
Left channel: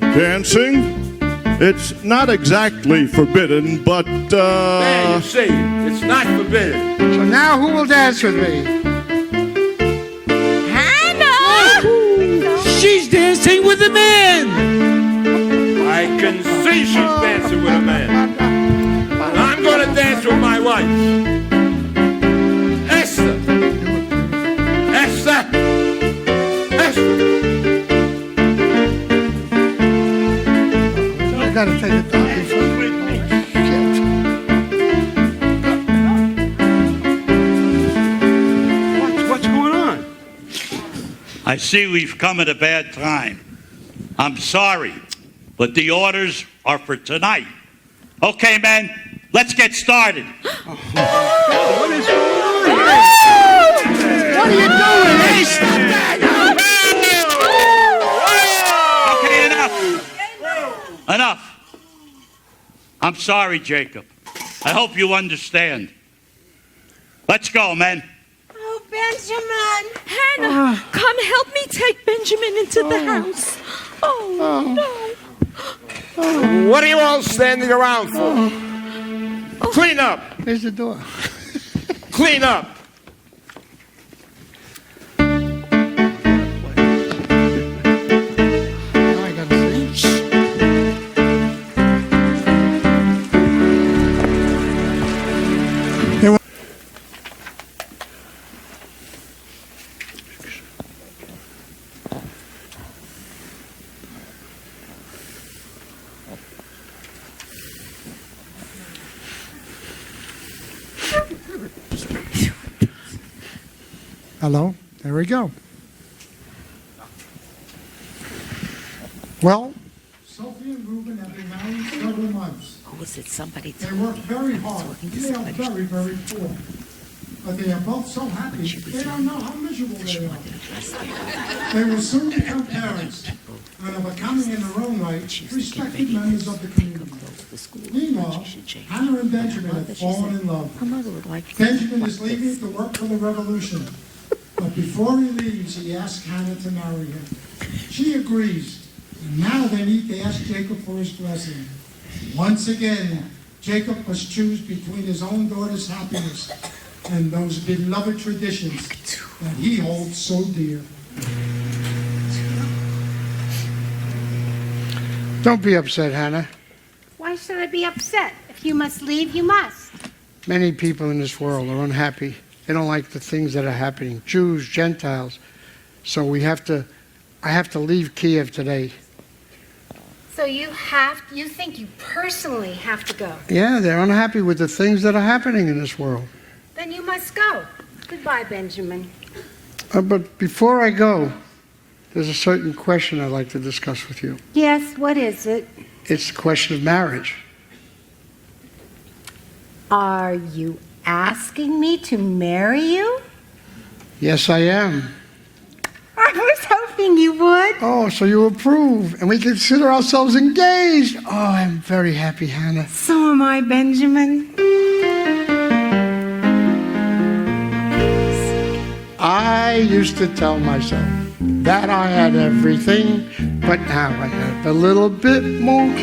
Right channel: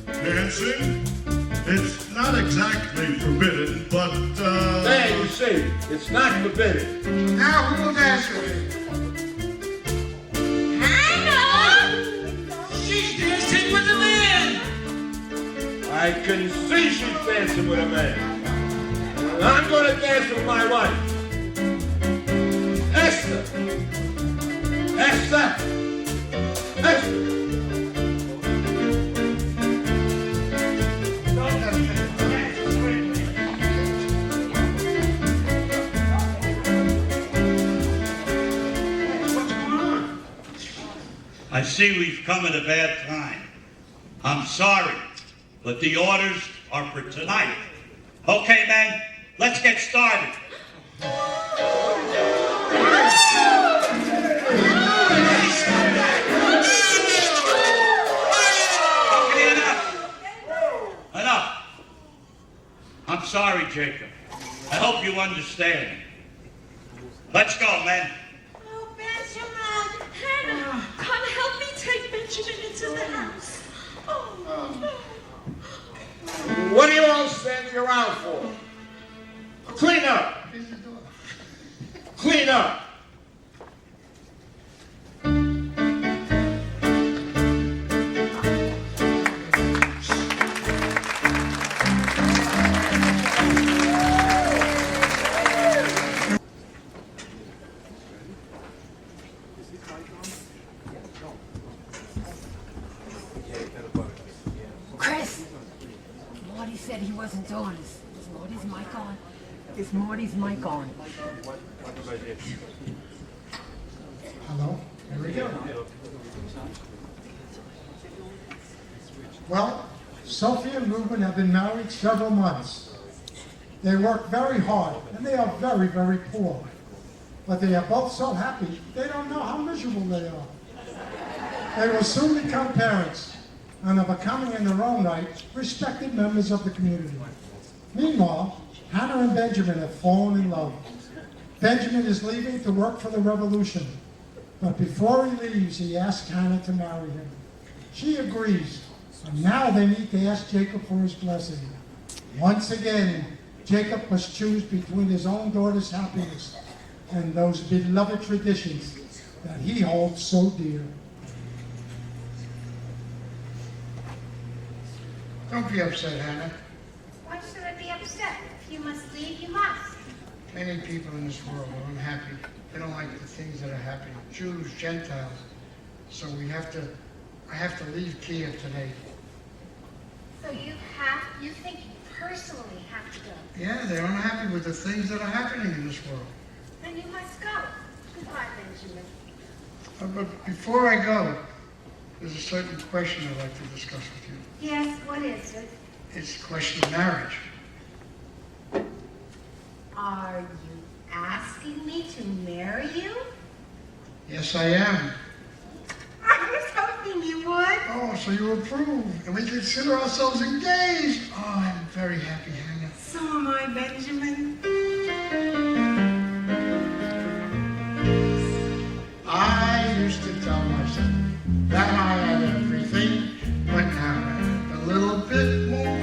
Dancing? It's not exactly forbidden, but, Hey, you see, it's not forbidden. So now who will dance with me? Hannah! She's dancing with a man! I can see she's dancing with a man. I'm going to dance with my wife. Esther! Esther! Esther! I gotta take it down. What's going on? I see we've come at a bad time. I'm sorry, but the orders are for tonight. Okay, men, let's get started. What are you doing, Ace? Okay, enough. Enough. I'm sorry, Jacob. I hope you understand. Let's go, men. Oh, Benjamin! Hannah, come help me take Benjamin into the house. Oh, no. What are you all standing around for? Clean up! There's the door. Clean up! Hello, there we go. Well, Sophie and Rubin have been married several months. Was it somebody? They work very hard, and they are very, very poor. But they are both so happy, they don't know how miserable they are. They will soon become parents, and are becoming in their own right respected members of the community. Meanwhile, Hannah and Benjamin have fallen in love. Benjamin is leaving to work for the revolution. But before he leaves, he asks Hannah to marry him. She agrees. And now they need to ask Jacob for his blessing. Once again, Jacob must choose between his own daughter's happiness and those beloved traditions that he holds so dear. Don't be upset, Hannah. Why should I be upset? If you must leave, you must. Many people in this world are unhappy. They don't like the things that are happening. Jews, Gentiles. So I have to leave Kiev today. So you think you personally have to go? Yeah, they're unhappy with the things that are happening in this world. Then you must go. Goodbye, Benjamin. But before I go, there's a certain question I'd like to discuss with you. Yes, what is it? It's the question of marriage. Are you asking me to marry you? Yes, I am. I was hoping you would. Oh, so you approve, and we consider ourselves engaged. Oh, I'm very happy, Hannah. So am I, Benjamin. I used to tell myself that I had everything, but now I have a little bit more.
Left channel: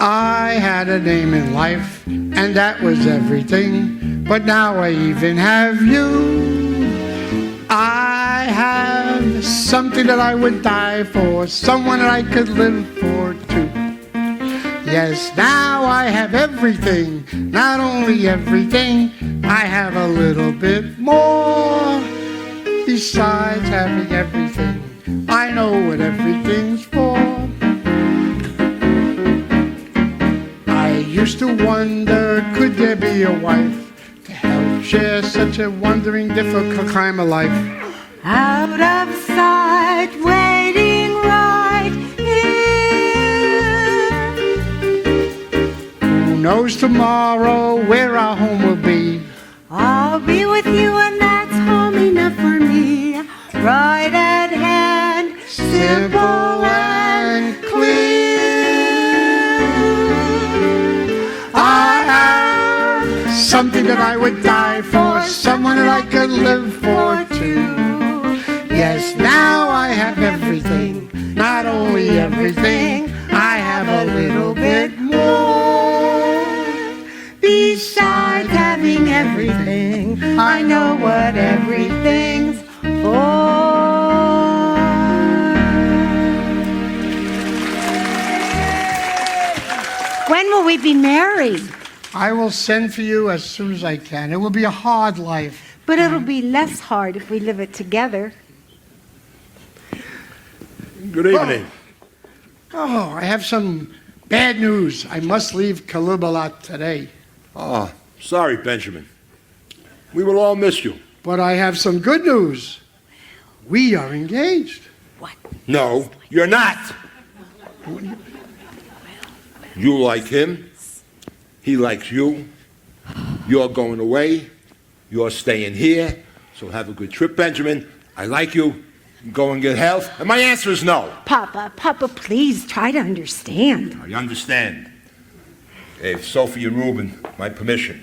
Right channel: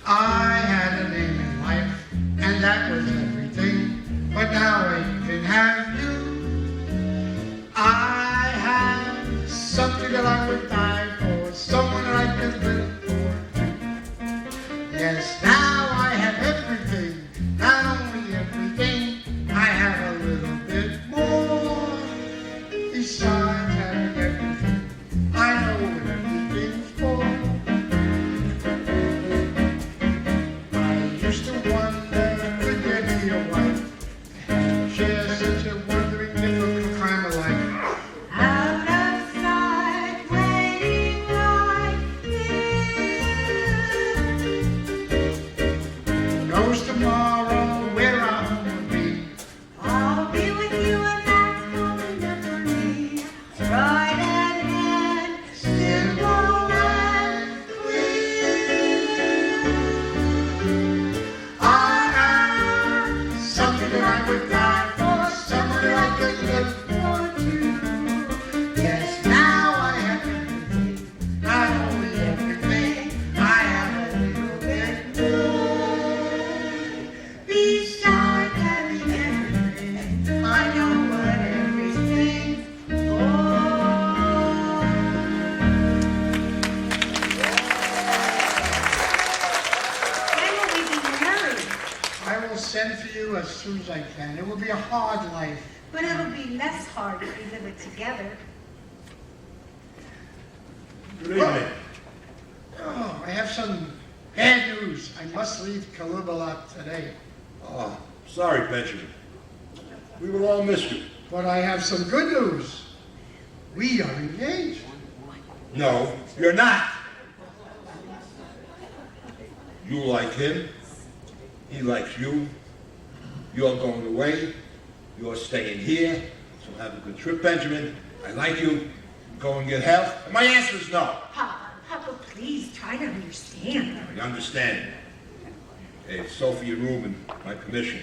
I had a name in life, and that was everything, but now I even have you. I have something that I would die for, someone that I could live for too. Yes, now I have everything, not only everything, I have a little bit more. Besides having everything, I know what everything's for. I used to wonder, could there be a wife to help share such a wondering, difficult time of life? Out of sight, waiting right here. Who knows tomorrow where our home will be? I'll be with you, and that's home enough for me. Right at hand, simple and clear. I have something that I would die for, someone that I could live for too. Yes, now I have everything, not only everything, I have a little bit more. Besides having everything, I know what everything's for. When will we be married? I will send for you as soon as I can. It will be a hard life. But it'll be less hard if we live it together. Good evening. Oh, I have some bad news. I must leave Kalibalat today. Oh, sorry, Benjamin. We will all miss you. But I have some good news. We are engaged. No, you're not. You like him. He likes you. You're going away. You're staying here. So have a good trip, Benjamin. I like you. Go and get health. And my answer is no. Papa, please try to understand. I understand. Gave Sophie and Rubin my permission.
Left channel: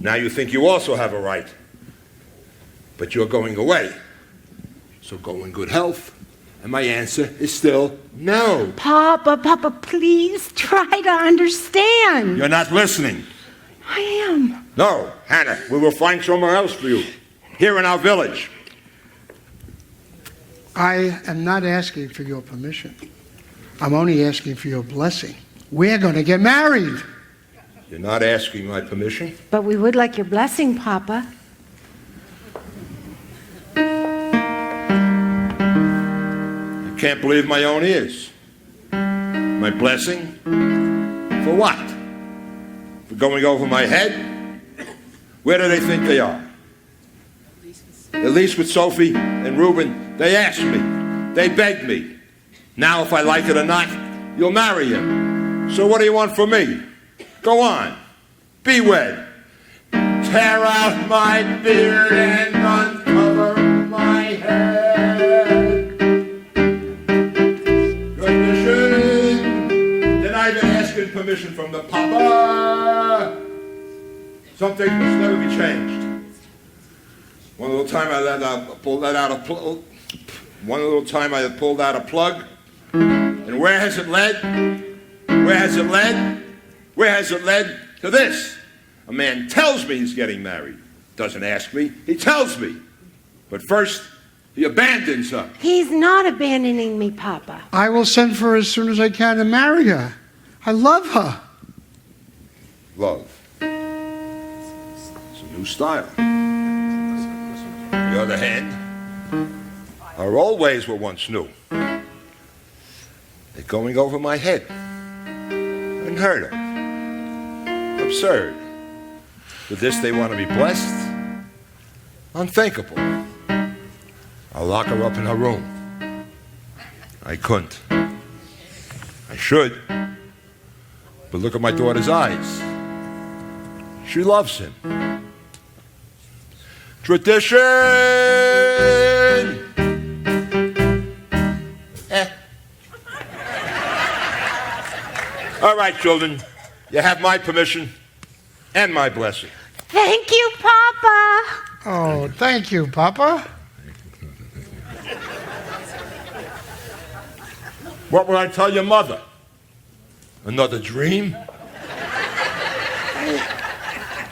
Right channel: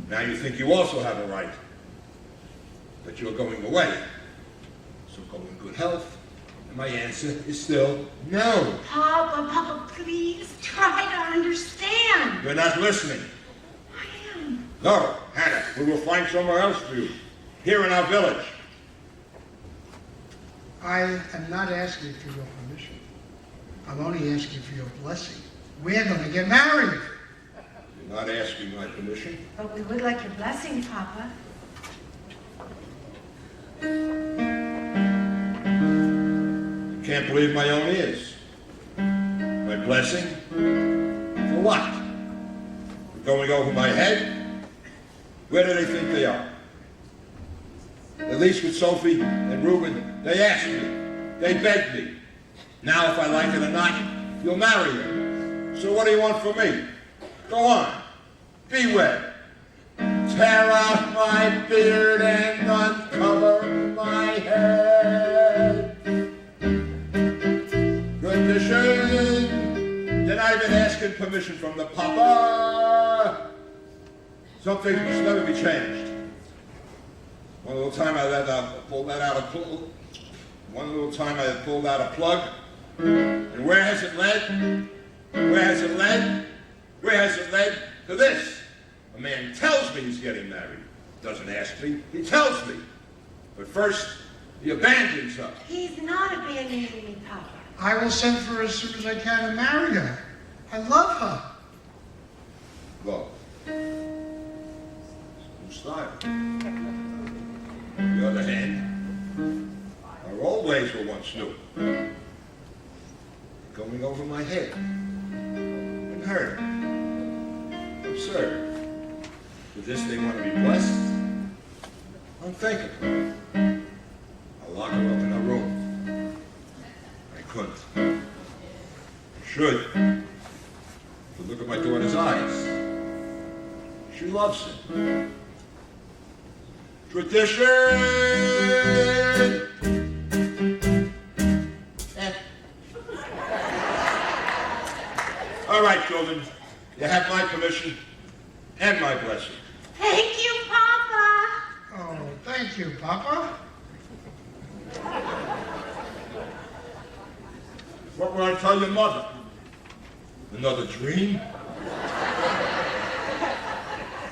Now you think you also have a right. But you're going away. So go in good health. And my answer is still no. Papa, please try to understand. You're not listening. I am. No, Hannah, we will find somewhere else for you. Here in our village. I am not asking for your permission. I'm only asking for your blessing. We're going to get married. You're not asking my permission? But we would like your blessing, Papa. I can't believe my own ears. My blessing? For what? For going over my head? Where do they think they are? At least with Sophie and Rubin, they asked me. They begged me. Now, if I like it or not, you'll marry him. So what do you want from me? Go on. Be wed. Tear off my beard and uncover my head. Condition. Then I've been asking permission from the Papa. Something that's never be changed. One little time I let out a One little time I have pulled out a plug, and where has it led? Where has it led? Where has it led? To this. A man tells me he's getting married. Doesn't ask me, he tells me. But first, he abandons her. He's not abandoning me, Papa. I will send for her as soon as I can and marry her. I love her. Love. It's a new style. On the other hand, our old ways were once new. They're going over my head. Unheard of. Absurd. With this they want to be blessed? Unthinkable. I'll lock her up in her room. I couldn't. I should. But look at my daughter's eyes. She loves him. Tradition! All right, children. You have my permission and my blessing. Thank you, Papa. Oh, thank you, Papa. What would I tell your mother? Another dream?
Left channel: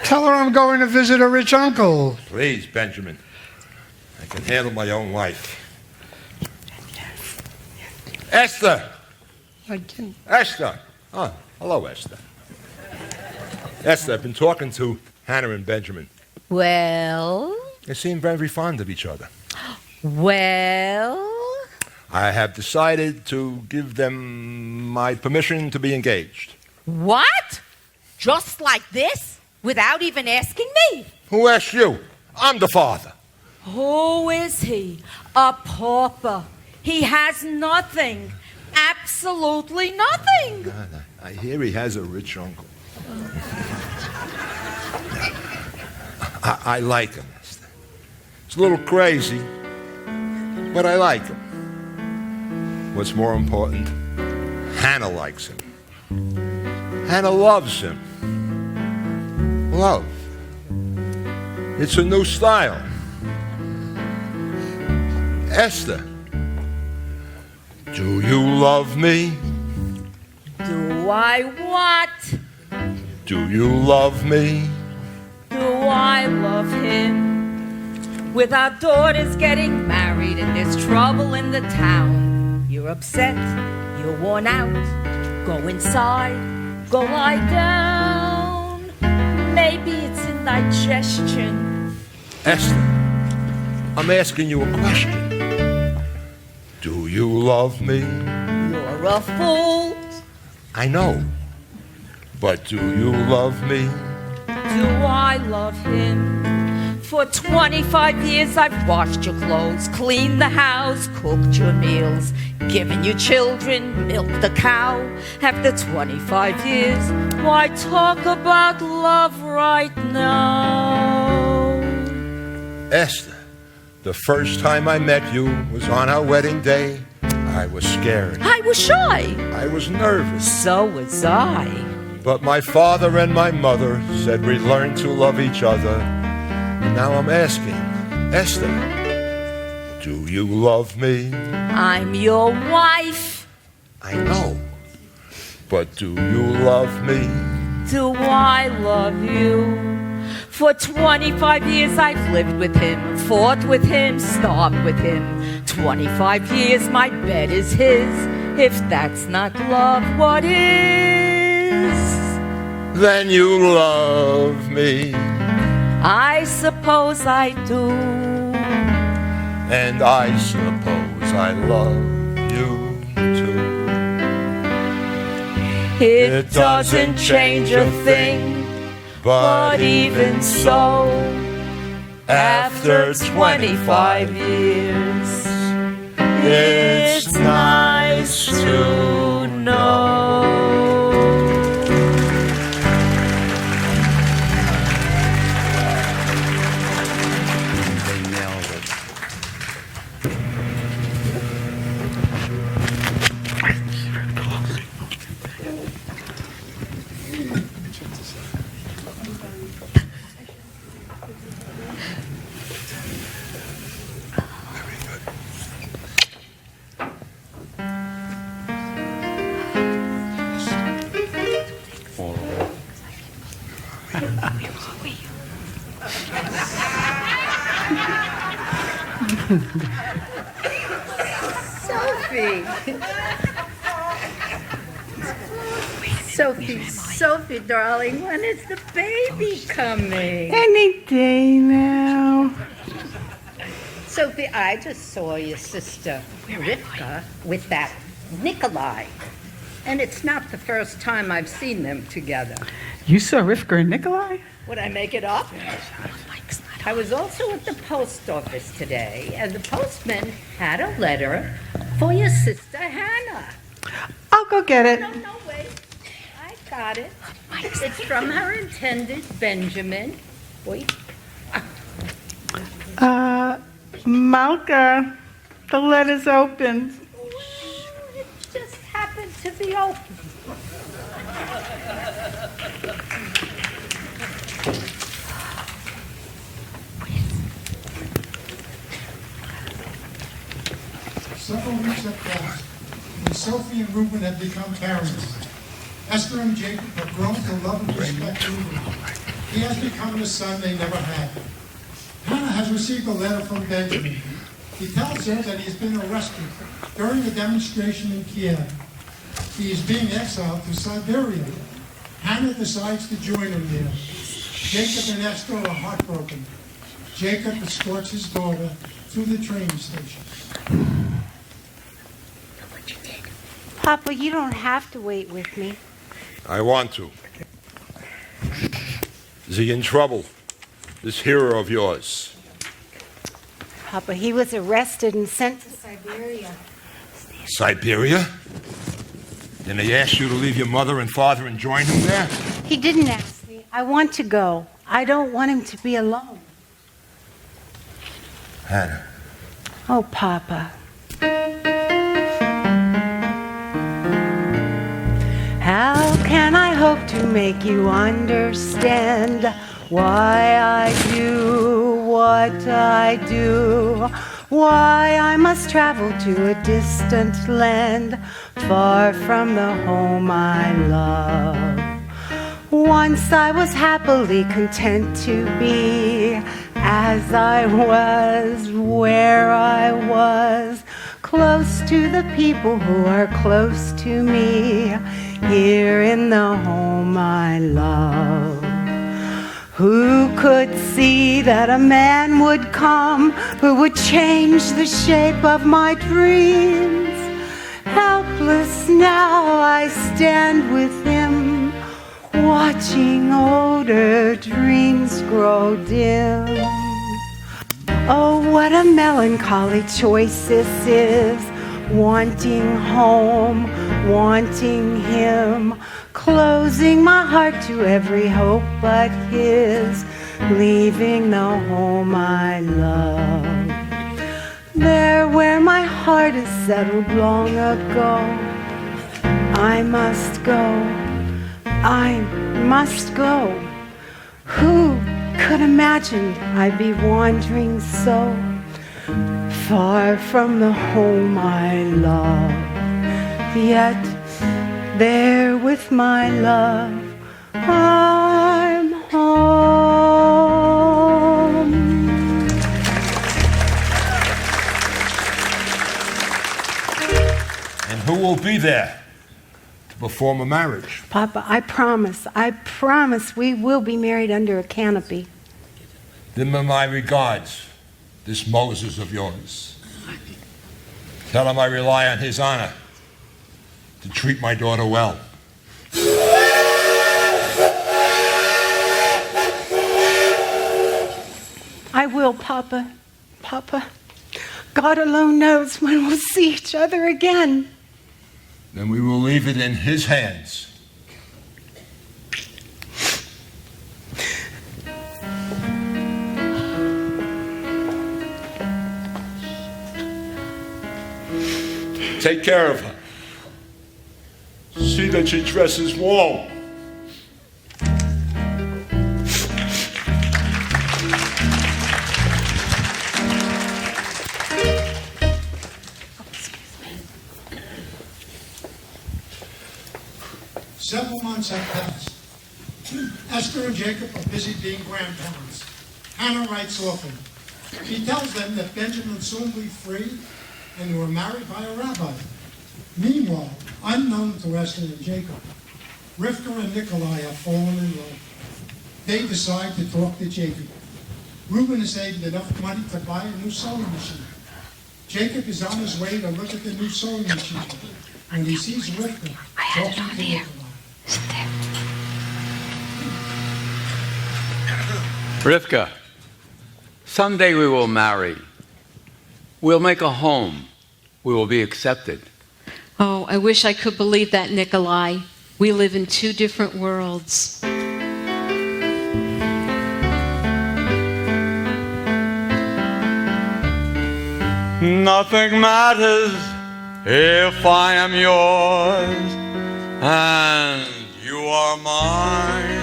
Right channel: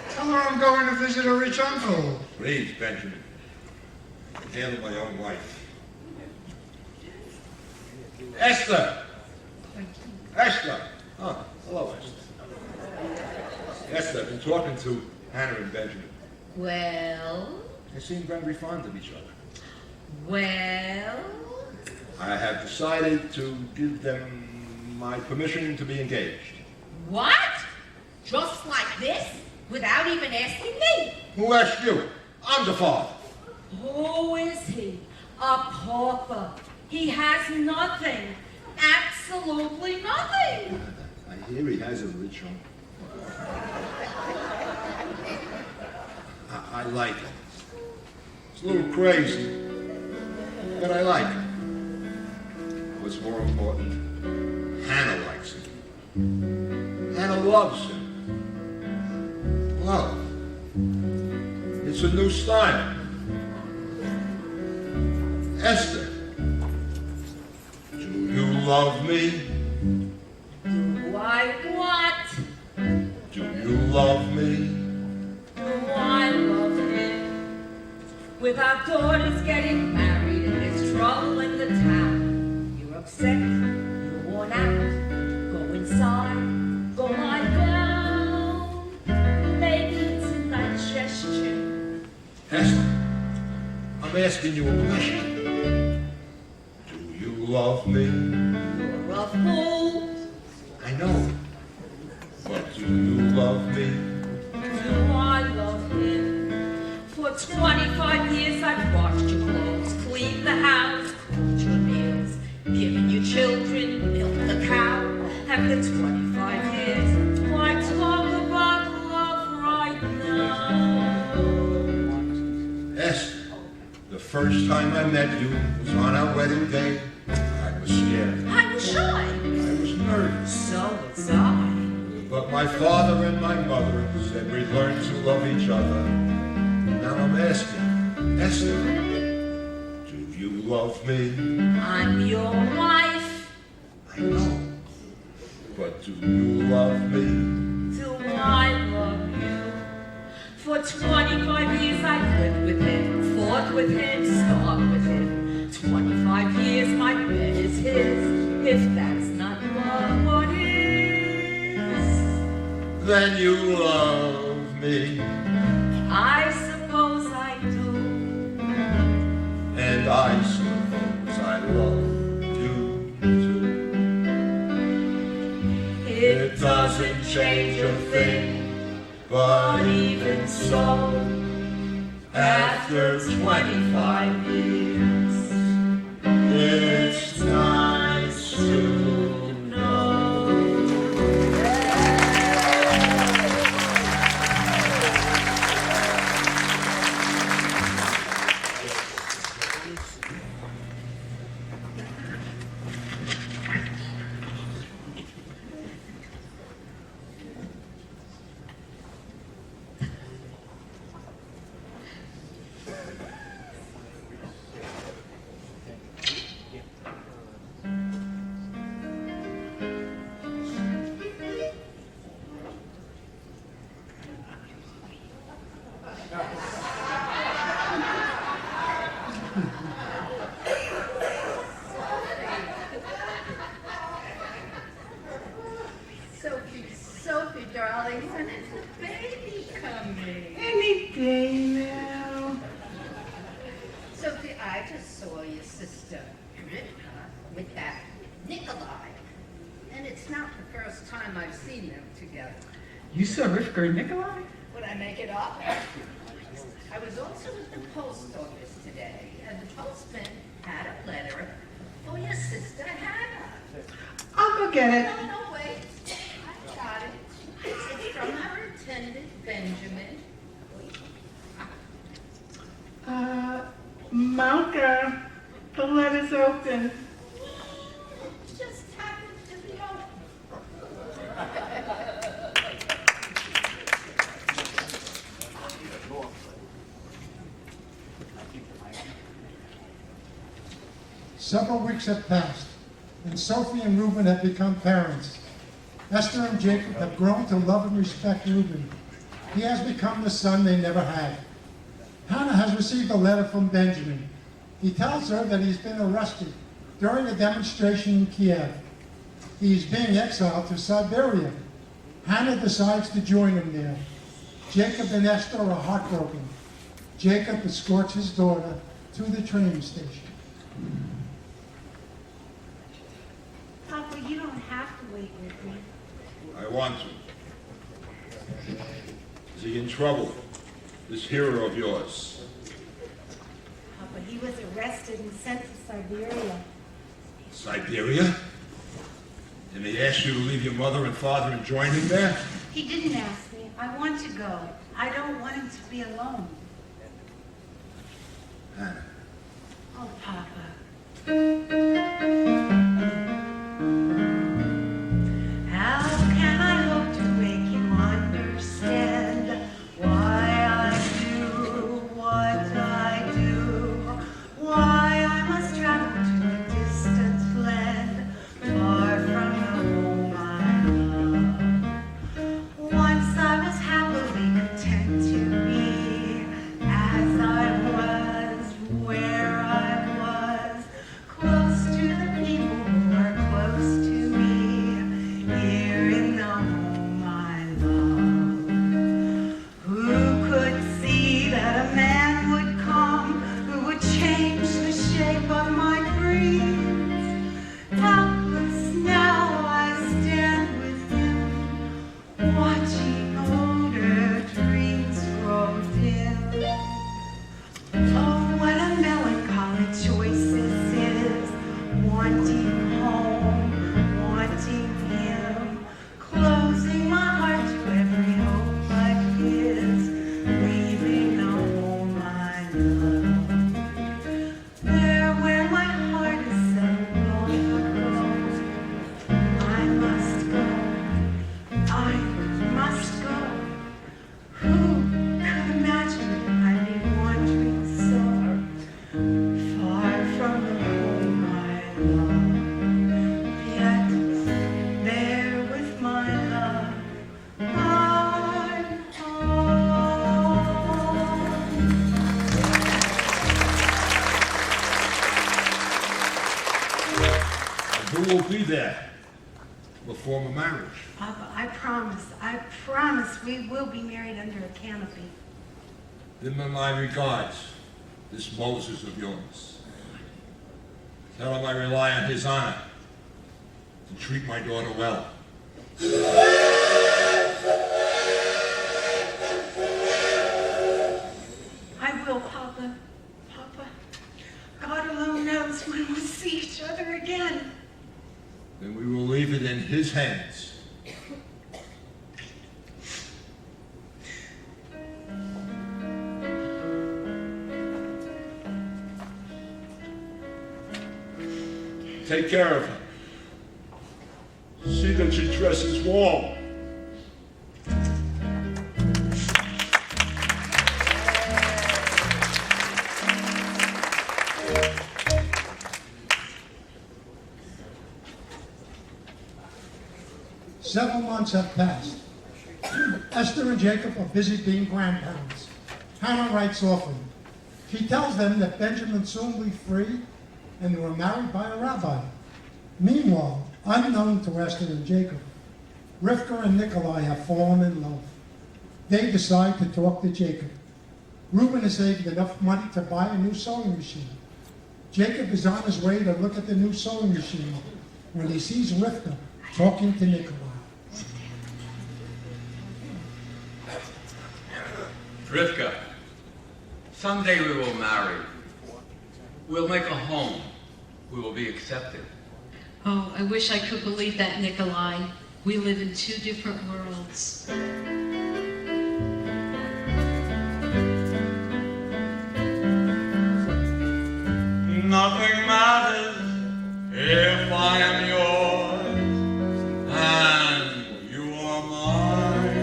Tell her I'm going to visit a rich uncle. Please, Benjamin. I can handle my own life. Esther! Esther! Oh, hello, Esther. Esther, I've been talking to Hannah and Benjamin. Well? They seem very fond of each other. Well? I have decided to give them my permission to be engaged. What? Just like this? Without even asking me? Who asked you? I'm the father. Who is he? A pauper. He has nothing. Absolutely nothing. I hear he has a rich uncle. I like him. It's a little crazy, but I like him. What's more important, Hannah likes him. Hannah loves him. Love. It's a new style. Esther, do you love me? Do I what? Do you love me? Do I love him? With our daughters getting married and there's trouble in the town. You're upset, you're worn out. Go inside, go lie down. Maybe it's indigestion. Esther, I'm asking you a question. Do you love me? You're a fool. I know. But do you love me? Do I love him? For 25 years I've washed your clothes, cleaned the house, cooked your meals, given you children, milked the cow. After 25 years, why talk about love right now? Esther, the first time I met you was on our wedding day. I was scared. I was shy. I was nervous. So was I. But my father and my mother said we'd learn to love each other. And now I'm asking, Esther, do you love me? I'm your wife. I know. But do you love me? Do I love you? For 25 years I've lived with him, fought with him, starved with him. 25 years my bed is his. If that's not love, what is? Then you love me. I suppose I do. And I suppose I love you too. It doesn't change a thing, but even so, after 25 years, it's nice to know. Sophie, darling, when is the baby coming? Any day now. Sophie, I just saw your sister, Rifka, with that Nikolai. And it's not the first time I've seen them together. You saw Rifka and Nikolai? Would I make it up? I was also at the post office today, and the postman had a letter for your sister Hannah. I'll go get it. No, wait. I got it. It's from her intended, Benjamin. Wait. Malka, the letter's open. It just happened to be open. Several weeks had passed, and Sophie and Rubin had become parents. Esther and Jacob have grown to love and respect Rubin. He has become the son they never had. Hannah has received a letter from Benjamin. He tells her that he's been arrested during a demonstration in Kiev. He is being exiled to Siberia. Hannah decides to join him there. Jacob and Esther are heartbroken. Jacob escorts his daughter to the train station. Papa, you don't have to wait with me. I want to. Is he in trouble? This hero of yours? Papa, he was arrested and sent to Siberia. Siberia? Then they asked you to leave your mother and father and join him there? He didn't ask me. I want to go. I don't want him to be alone. Hannah. Oh, Papa. How can I hope to make you understand why I do what I do? Why I must travel to a distant land, far from the home I love. Once I was happily content to be as I was, where I was, close to the people who are close to me, here in the home I love. Who could see that a man would come who would change the shape of my dreams? Helpless now I stand with him, watching older dreams grow dim. Oh, what a melancholy choice this is, wanting home, wanting him, closing my heart to every hope but his, leaving the home I love. There where my heart is settled long ago, I must go, I must go. Who could imagine I'd be wandering so far from the home I love? Yet there with my love, I'm home. And who will be there to perform a marriage? Papa, I promise we will be married under a canopy. Give him my regards, this Moses of yours. Tell him I rely on his honor to treat my daughter well. I will, Papa. Papa, God alone knows when we'll see each other again. Then we will leave it in his hands. Take care of her. See that your dress is warm. Several months have passed. Esther and Jacob are busy being grandparents. Hannah writes often. She tells them that Benjamin will soon be free and were married by a rabbi. Meanwhile, unknown to Esther and Jacob, Rifka and Nikolai have fallen in love. They decide to talk to Jacob. Rubin has saved enough money to buy a new sewing machine. Jacob is on his way to look at the new sewing machine when he sees Rifka talking to Nikolai. Rifka, someday we will marry. We'll make a home. We will be accepted. Oh, I wish I could believe that, Nikolai. We live in two different worlds. Nothing matters if I am yours and you are mine.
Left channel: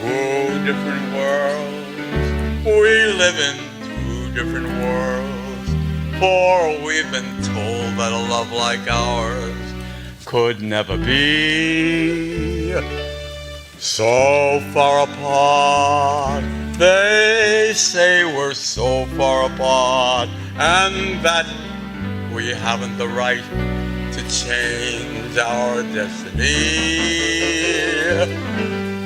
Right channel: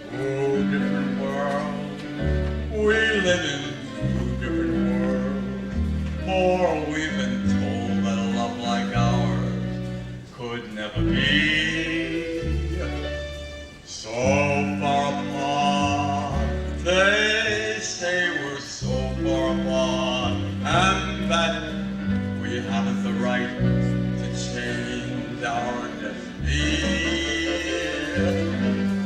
Two different worlds, we live in two different worlds, for we've been told that a love like ours could never be. So far apart, they say we're so far apart, and that we haven't the right to change our destiny.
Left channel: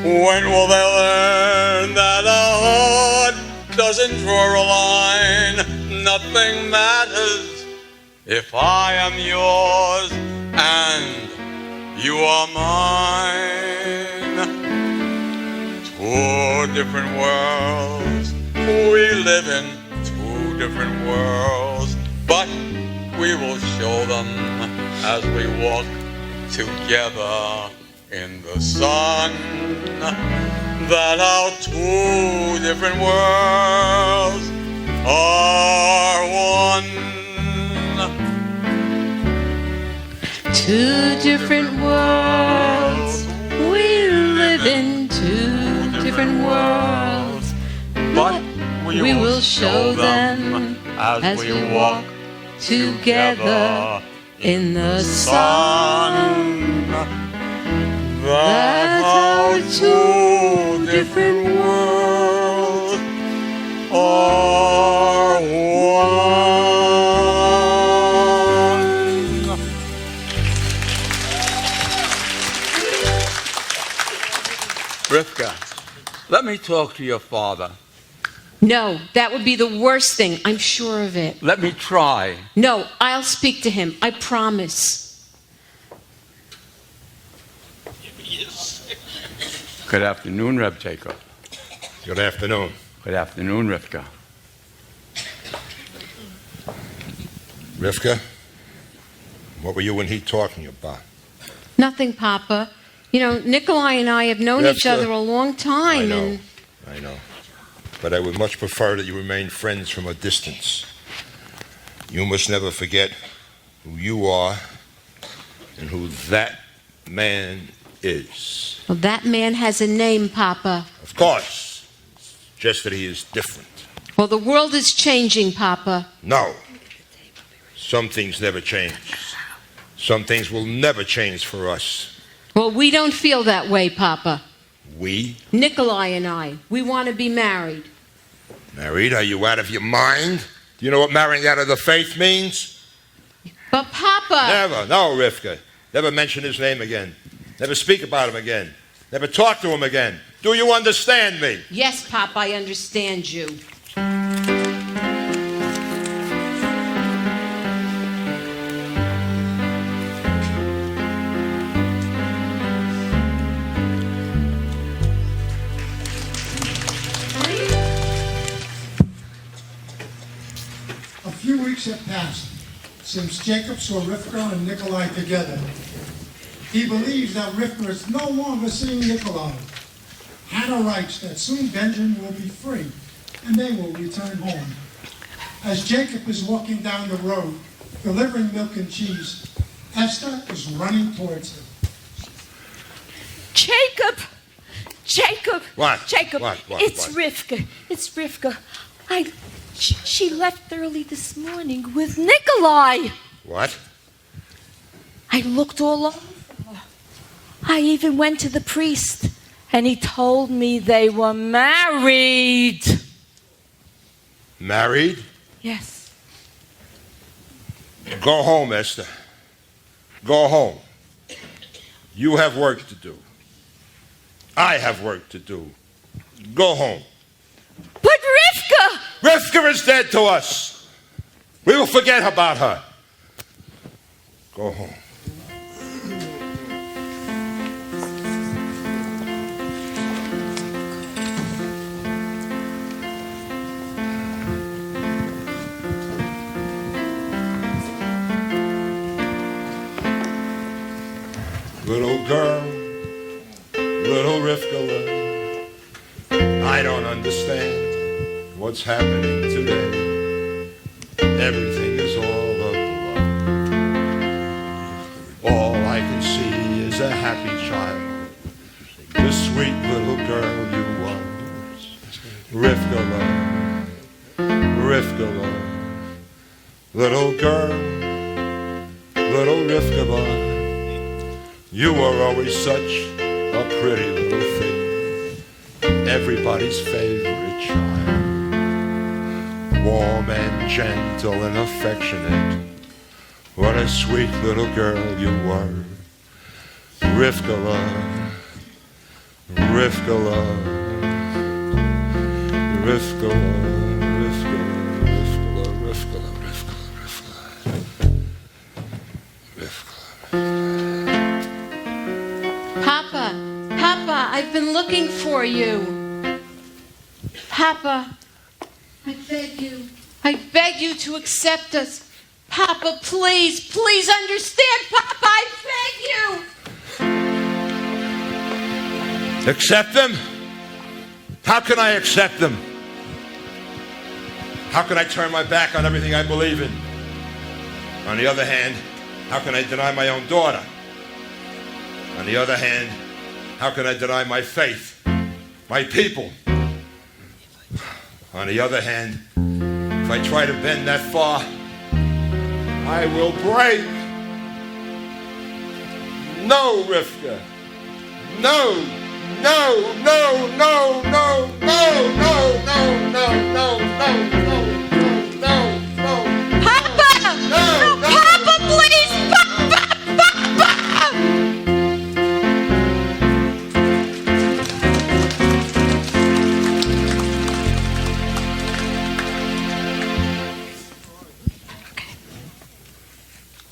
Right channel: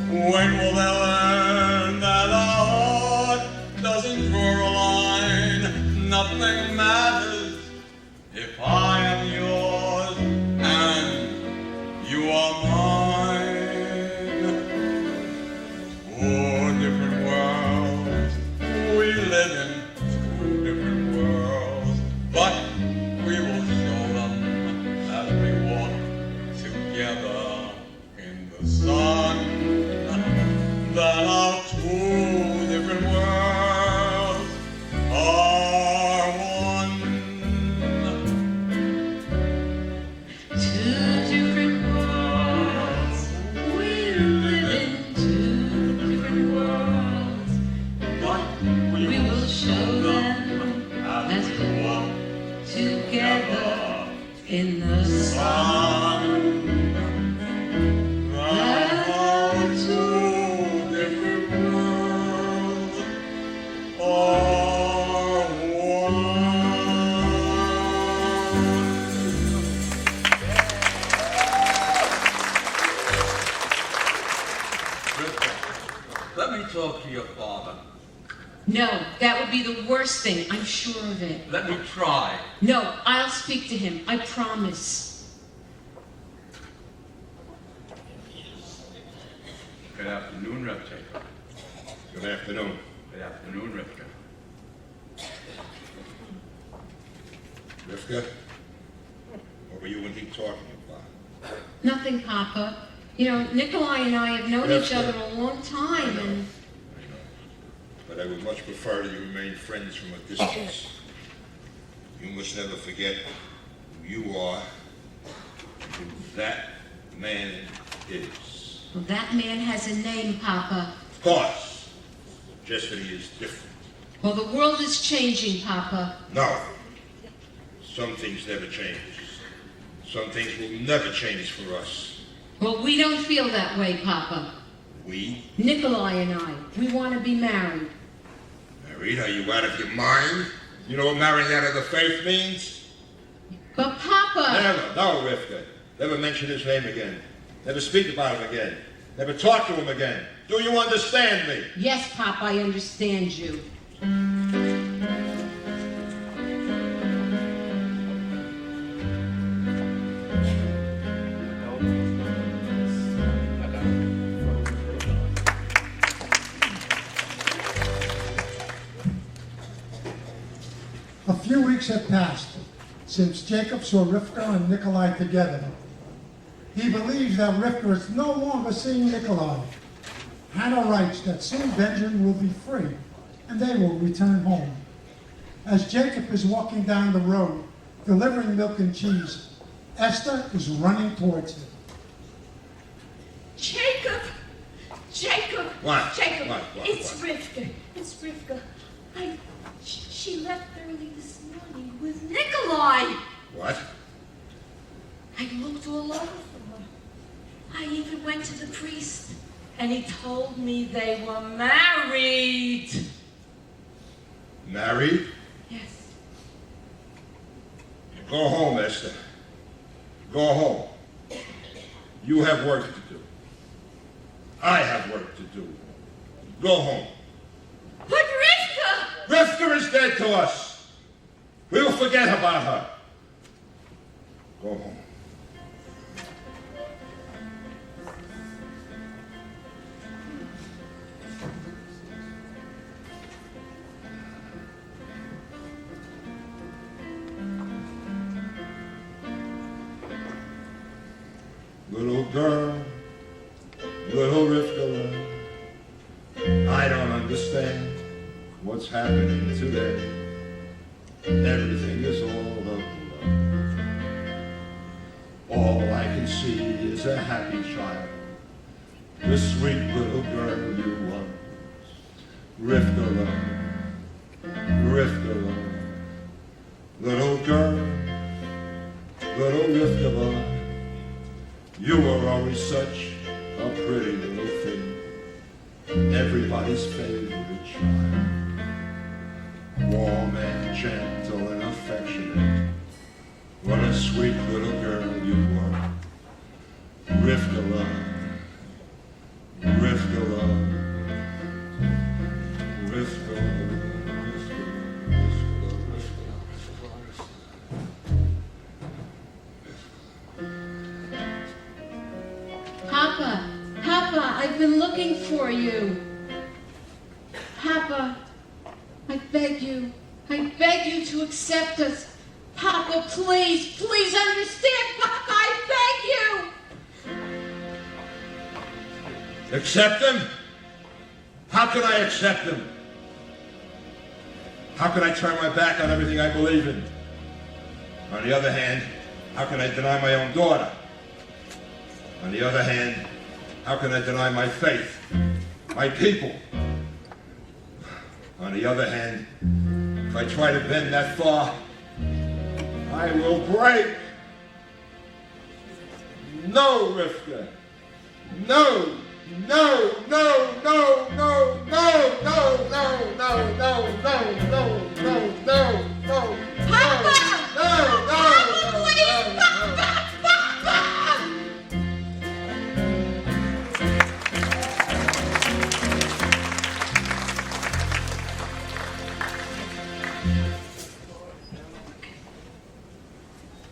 When will they learn that a heart doesn't draw a line? Nothing matters if I am yours and you are mine. Two different worlds, we live in two different worlds, but we will show them as we walk together in the sun that our two different worlds are one. Two different worlds, we live in two different worlds, but we will show them as we walk together in the sun that our two different worlds are one. Rifka, let me talk to your father. No, that would be the worst thing. I'm sure of it. Let me try. No, I'll speak to him. I promise. Good afternoon, Reb Jacob. Good afternoon. Good afternoon, Rifka. Rifka, what were you and he talking about? Nothing, Papa. You know, Nikolai and I have known each other a long time, and... I know. But I would much prefer that you remain friends from a distance. You must never forget who you are and who that man is. Well, that man has a name, Papa. Of course. Just that he is different. Well, the world is changing, Papa. No. Some things never change. Some things will never change for us. Well, we don't feel that way, Papa. We? Nikolai and I. We want to be married. Married? Are you out of your mind? Do you know what marrying out of the faith means? But, Papa... Never. No, Rifka. Never mention his name again. Never speak about him again. Never talk to him again. Do you understand me? Yes, Papa, I understand you. A few weeks had passed since Jacob saw Rifka and Nikolai together. He believes that Rifka is no longer seeing Nikolai. Hannah writes that soon Benjamin will be free and they will return home. As Jacob is walking down the road, delivering milk and cheese, Esther is running towards him. Jacob! Jacob! What? Jacob! What? It's Rifka. It's Rifka. She left early this morning with Nikolai. What? I looked all over. I even went to the priest. And he told me they were married. Married? Yes. Go home, Esther. Go home. You have work to do. I have work to do. Go home. But Rifka! Rifka is dead to us. We will forget about her. Go home. Little girl, little Rifka, I don't understand what's happening today. Everything is all a blur. All I can see is a happy child, the sweet little girl you was. Rifka, Rifka, little girl, little Rifka. You were always such a pretty little thing, everybody's favorite child. Warm and gentle and affectionate, what a sweet little girl you were. Rifka, Rifka, Rifka, Rifka, Rifka, Rifka, Papa, I've been looking for you. Papa, I beg you to accept us. Papa, please understand. Papa, I beg you. Accept them? How can I accept them? How can I turn my back on everything I believe in? On the other hand, how can I deny my own daughter? On the other hand, how can I deny my faith, my people? On the other hand, if I try to bend that far, I will break. No, Rifka. No, no, no, no, no, no, no, no, no, no, no, no, no, no. Papa! No, Papa, please! Papa!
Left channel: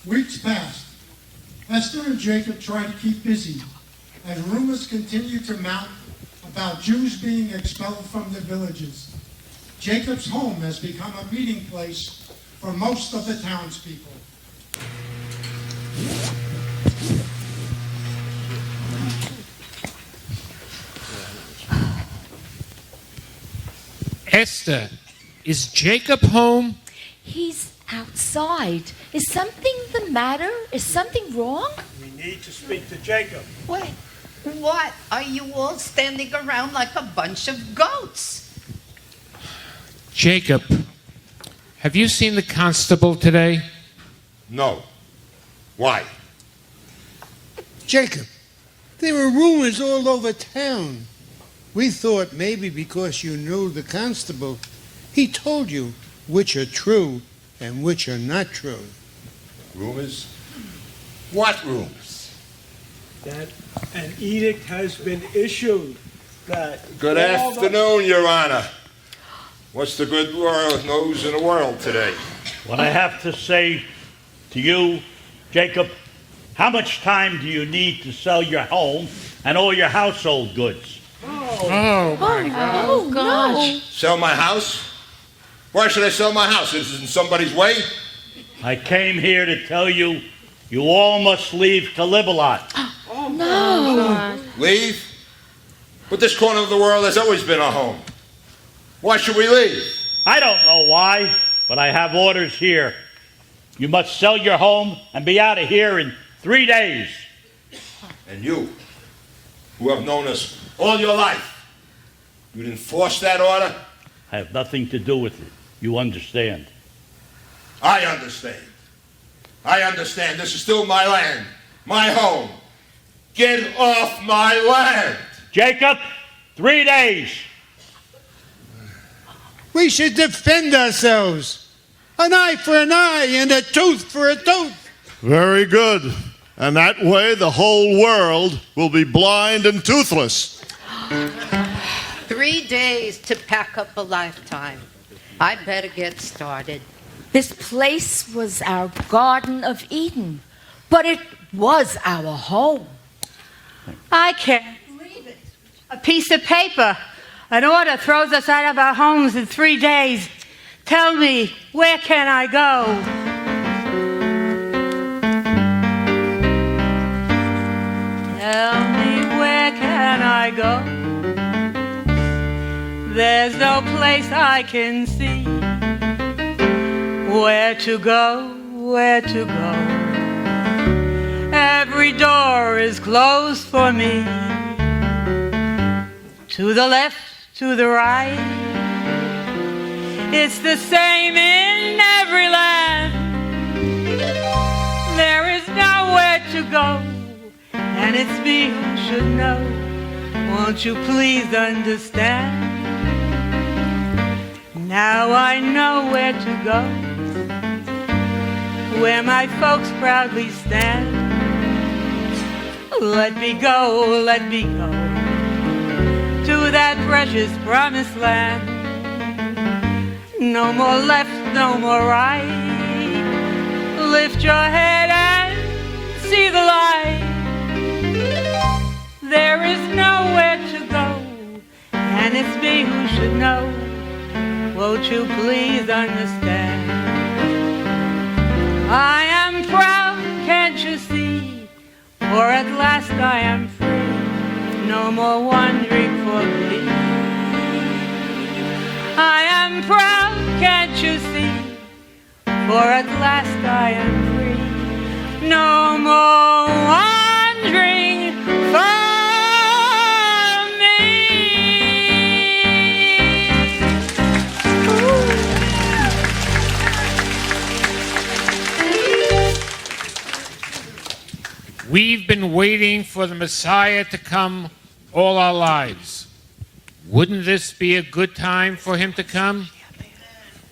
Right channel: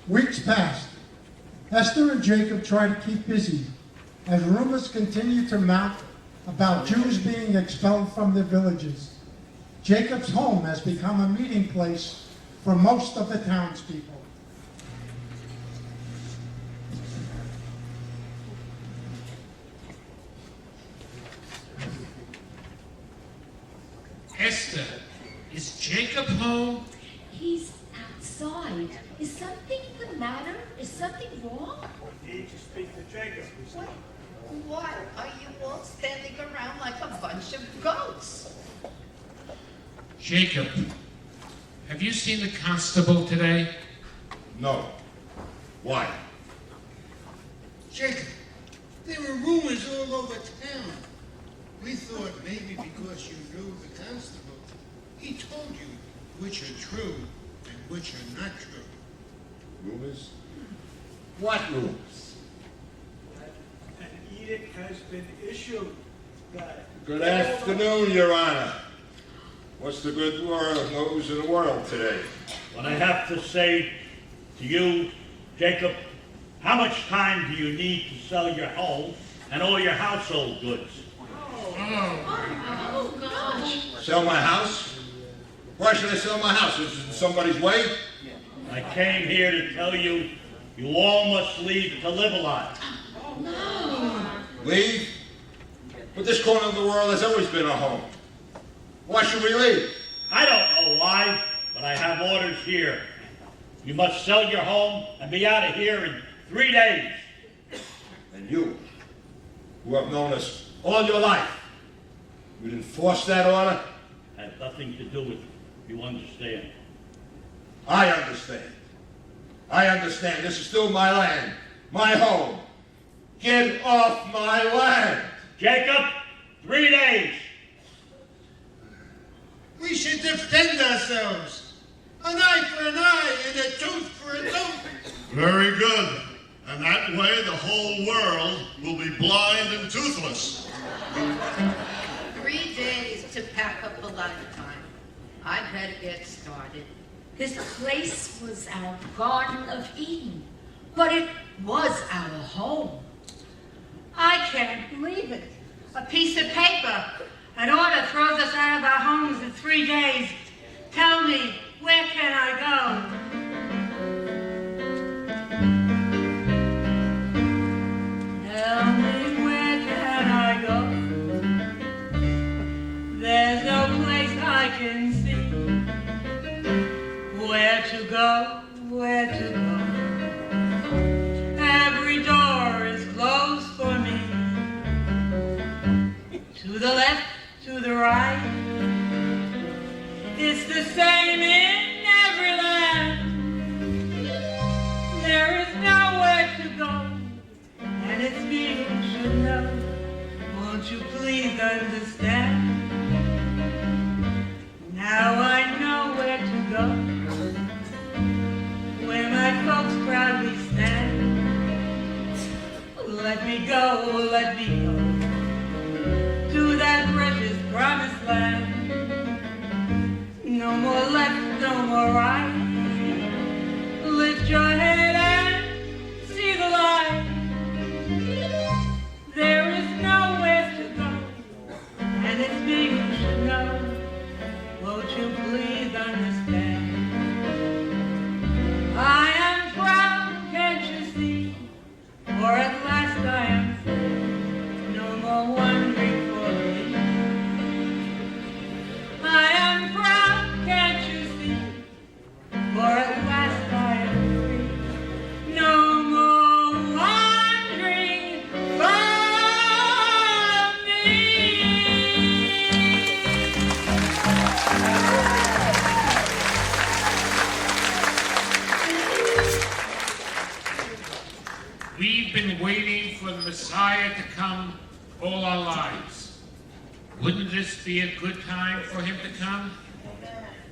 Weeks passed. Esther and Jacob tried to keep busy, and rumors continued to mount about Jews being expelled from their villages. Jacob's home has become a meeting place for most of the townspeople. Esther, is Jacob home? He's outside. Is something the matter? Is something wrong? We need to speak to Jacob. Wait, what are you all standing around like a bunch of goats? Jacob, have you seen the constable today? No. Why? Jacob, there were rumors all over town. We thought maybe because you knew the constable, he told you which are true and which are not true. Rumors? What rumors? That an edict has been issued that... Good afternoon, Your Honor. What's the good royal news in the world today? What I have to say to you, Jacob, how much time do you need to sell your home and all your household goods? Oh, my God. Oh, gosh. Sell my house? Why should I sell my house? Is it in somebody's way? I came here to tell you, you all must leave Kalibalot. Oh, no. Leave? But this corner of the world has always been our home. Why should we leave? I don't know why, but I have orders here. You must sell your home and be out of here in 3 days. And you, who have known us all your life, you'd enforce that order? I have nothing to do with it. You understand? I understand. I understand. This is still my land, my home. Get off my land! Jacob, 3 days. We should defend ourselves. An eye for an eye and a tooth for a tooth. Very good. And that way the whole world will be blind and toothless. 3 days to pack up a lifetime. I better get started. This place was our Garden of Eden, but it was our home. I can't believe it. A piece of paper. An order throws us out of our homes in 3 days. Tell me, where can I go? Tell me, where can I go? There's no place I can see. Where to go, where to go? Every door is closed for me. To the left, to the right. It's the same in every land. There is nowhere to go, and it's me who should know. Won't you please understand? Now I know where to go, where my folks proudly stand. Let me go, to that precious promised land. No more left, no more right. Lift your head and see the light. There is nowhere to go, and it's me who should know. Won't you please understand? I am proud, can't you see? For at last I am free. No more wandering for thee. I am proud, can't you see? For at last I am free. No more wandering for me. We've been waiting for the Messiah to come all our lives. Wouldn't this be a good time for him to come?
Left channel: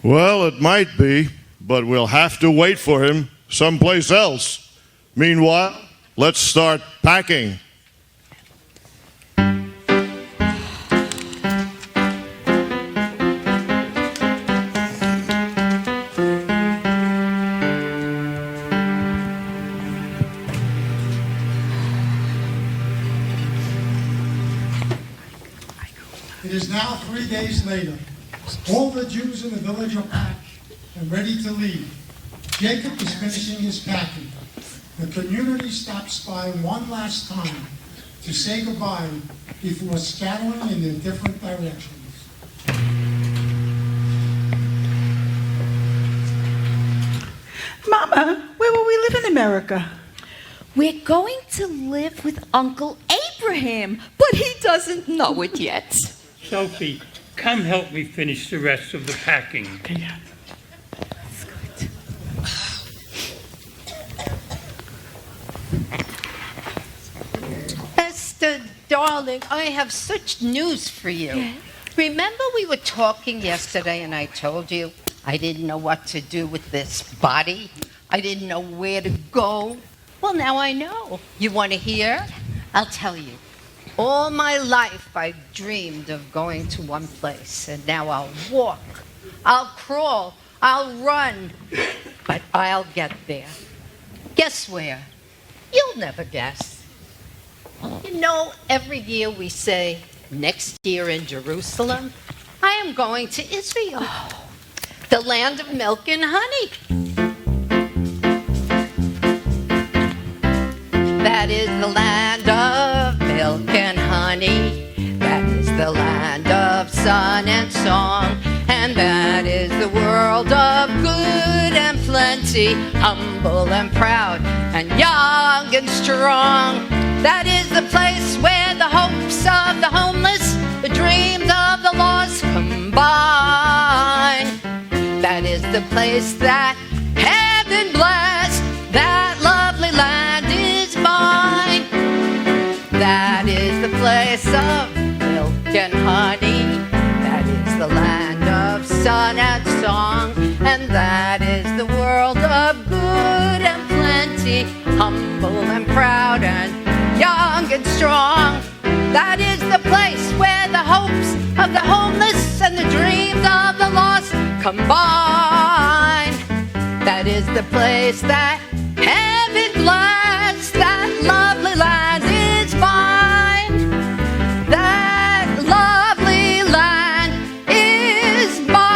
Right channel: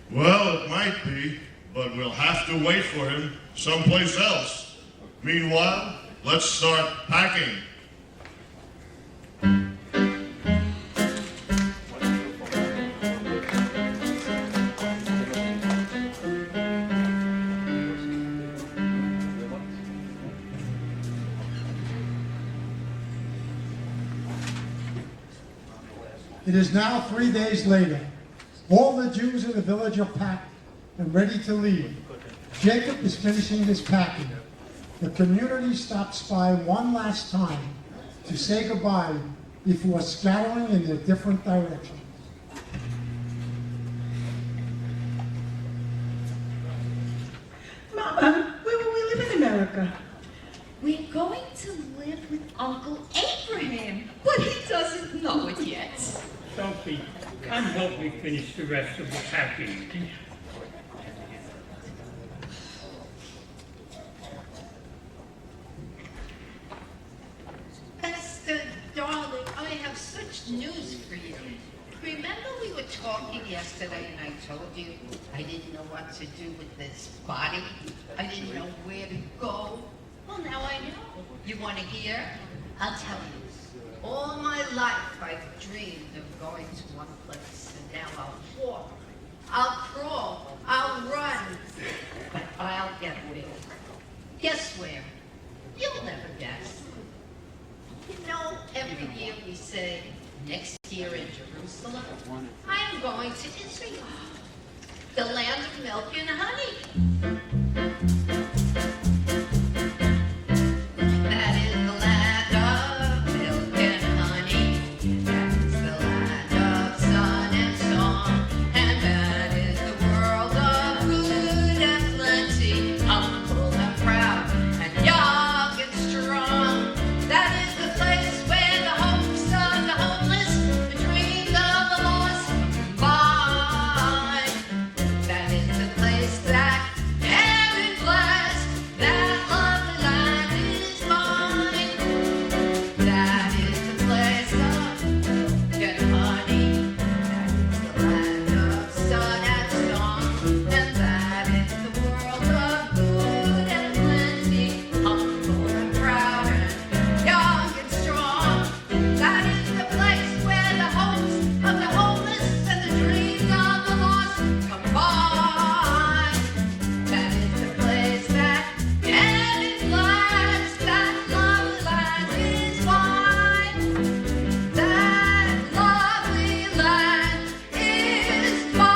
Well, it might be, but we'll have to wait for him someplace else. Meanwhile, let's start packing. It is now 3 days later. All the Jews in the village are packed and ready to leave. Jacob is finishing his packing. The community stops by one last time to say goodbye before scattering in their different directions. Mama, where will we live in America? We're going to live with Uncle Abraham, but he doesn't know it yet. Sophie, come help me finish the rest of the packing. Ester, darling, I have such news for you. Yeah. Remember we were talking yesterday and I told you I didn't know what to do with this body? I didn't know where to go. Well, now I know. You want to hear? I'll tell you. All my life I've dreamed of going to one place, and now I'll walk, I'll crawl, I'll run, but I'll get there. Guess where? You'll never guess. You know, every year we say, next year in Jerusalem, I am going to Israel, the land of milk and honey. That is the land of milk and honey. That is the land of sun and song. And that is the world of good and plenty, humble and proud, and young and strong. That is the place where the hopes of the homeless, the dreams of the lost combine. That is the place that heaven blessed, that lovely land is mine. That is the place of sun and song, and that is the world of good and plenty, humble and proud and young and strong. That is the place where the hopes of the homeless and the dreams of the lost combine. That is the place that heaven bless, that lovely land is mine. That lovely land is mine.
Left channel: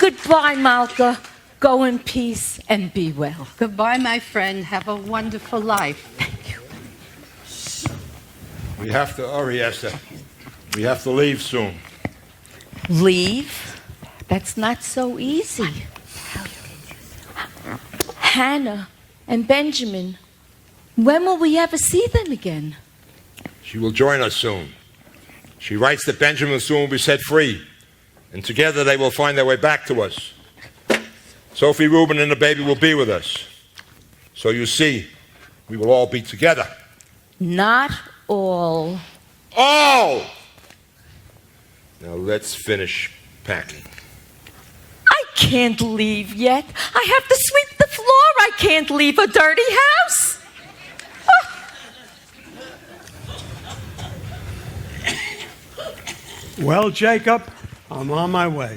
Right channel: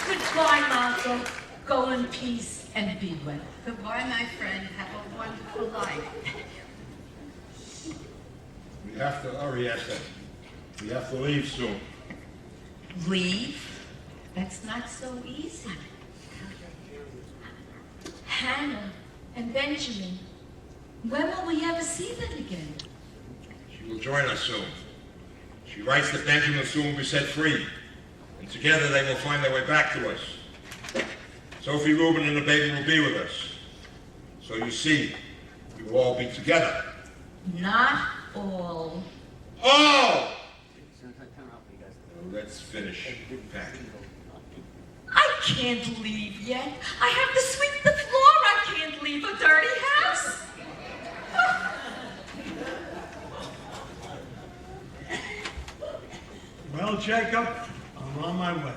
Goodbye, Malka. Go in peace and be well. Goodbye, my friend. Have a wonderful life. We have to hurry, Esther. We have to leave soon. Leave? That's not so easy. Hannah and Benjamin, when will we ever see them again? She will join us soon. She writes that Benjamin will soon be set free, and together they will find their way back to us. Sophie, Rubin, and the baby will be with us. So you see, we will all be together. Not all. All! Now let's finish packing. I can't leave yet. I have to sweep the floor. I can't leave a dirty house. Well, Jacob, I'm on my way.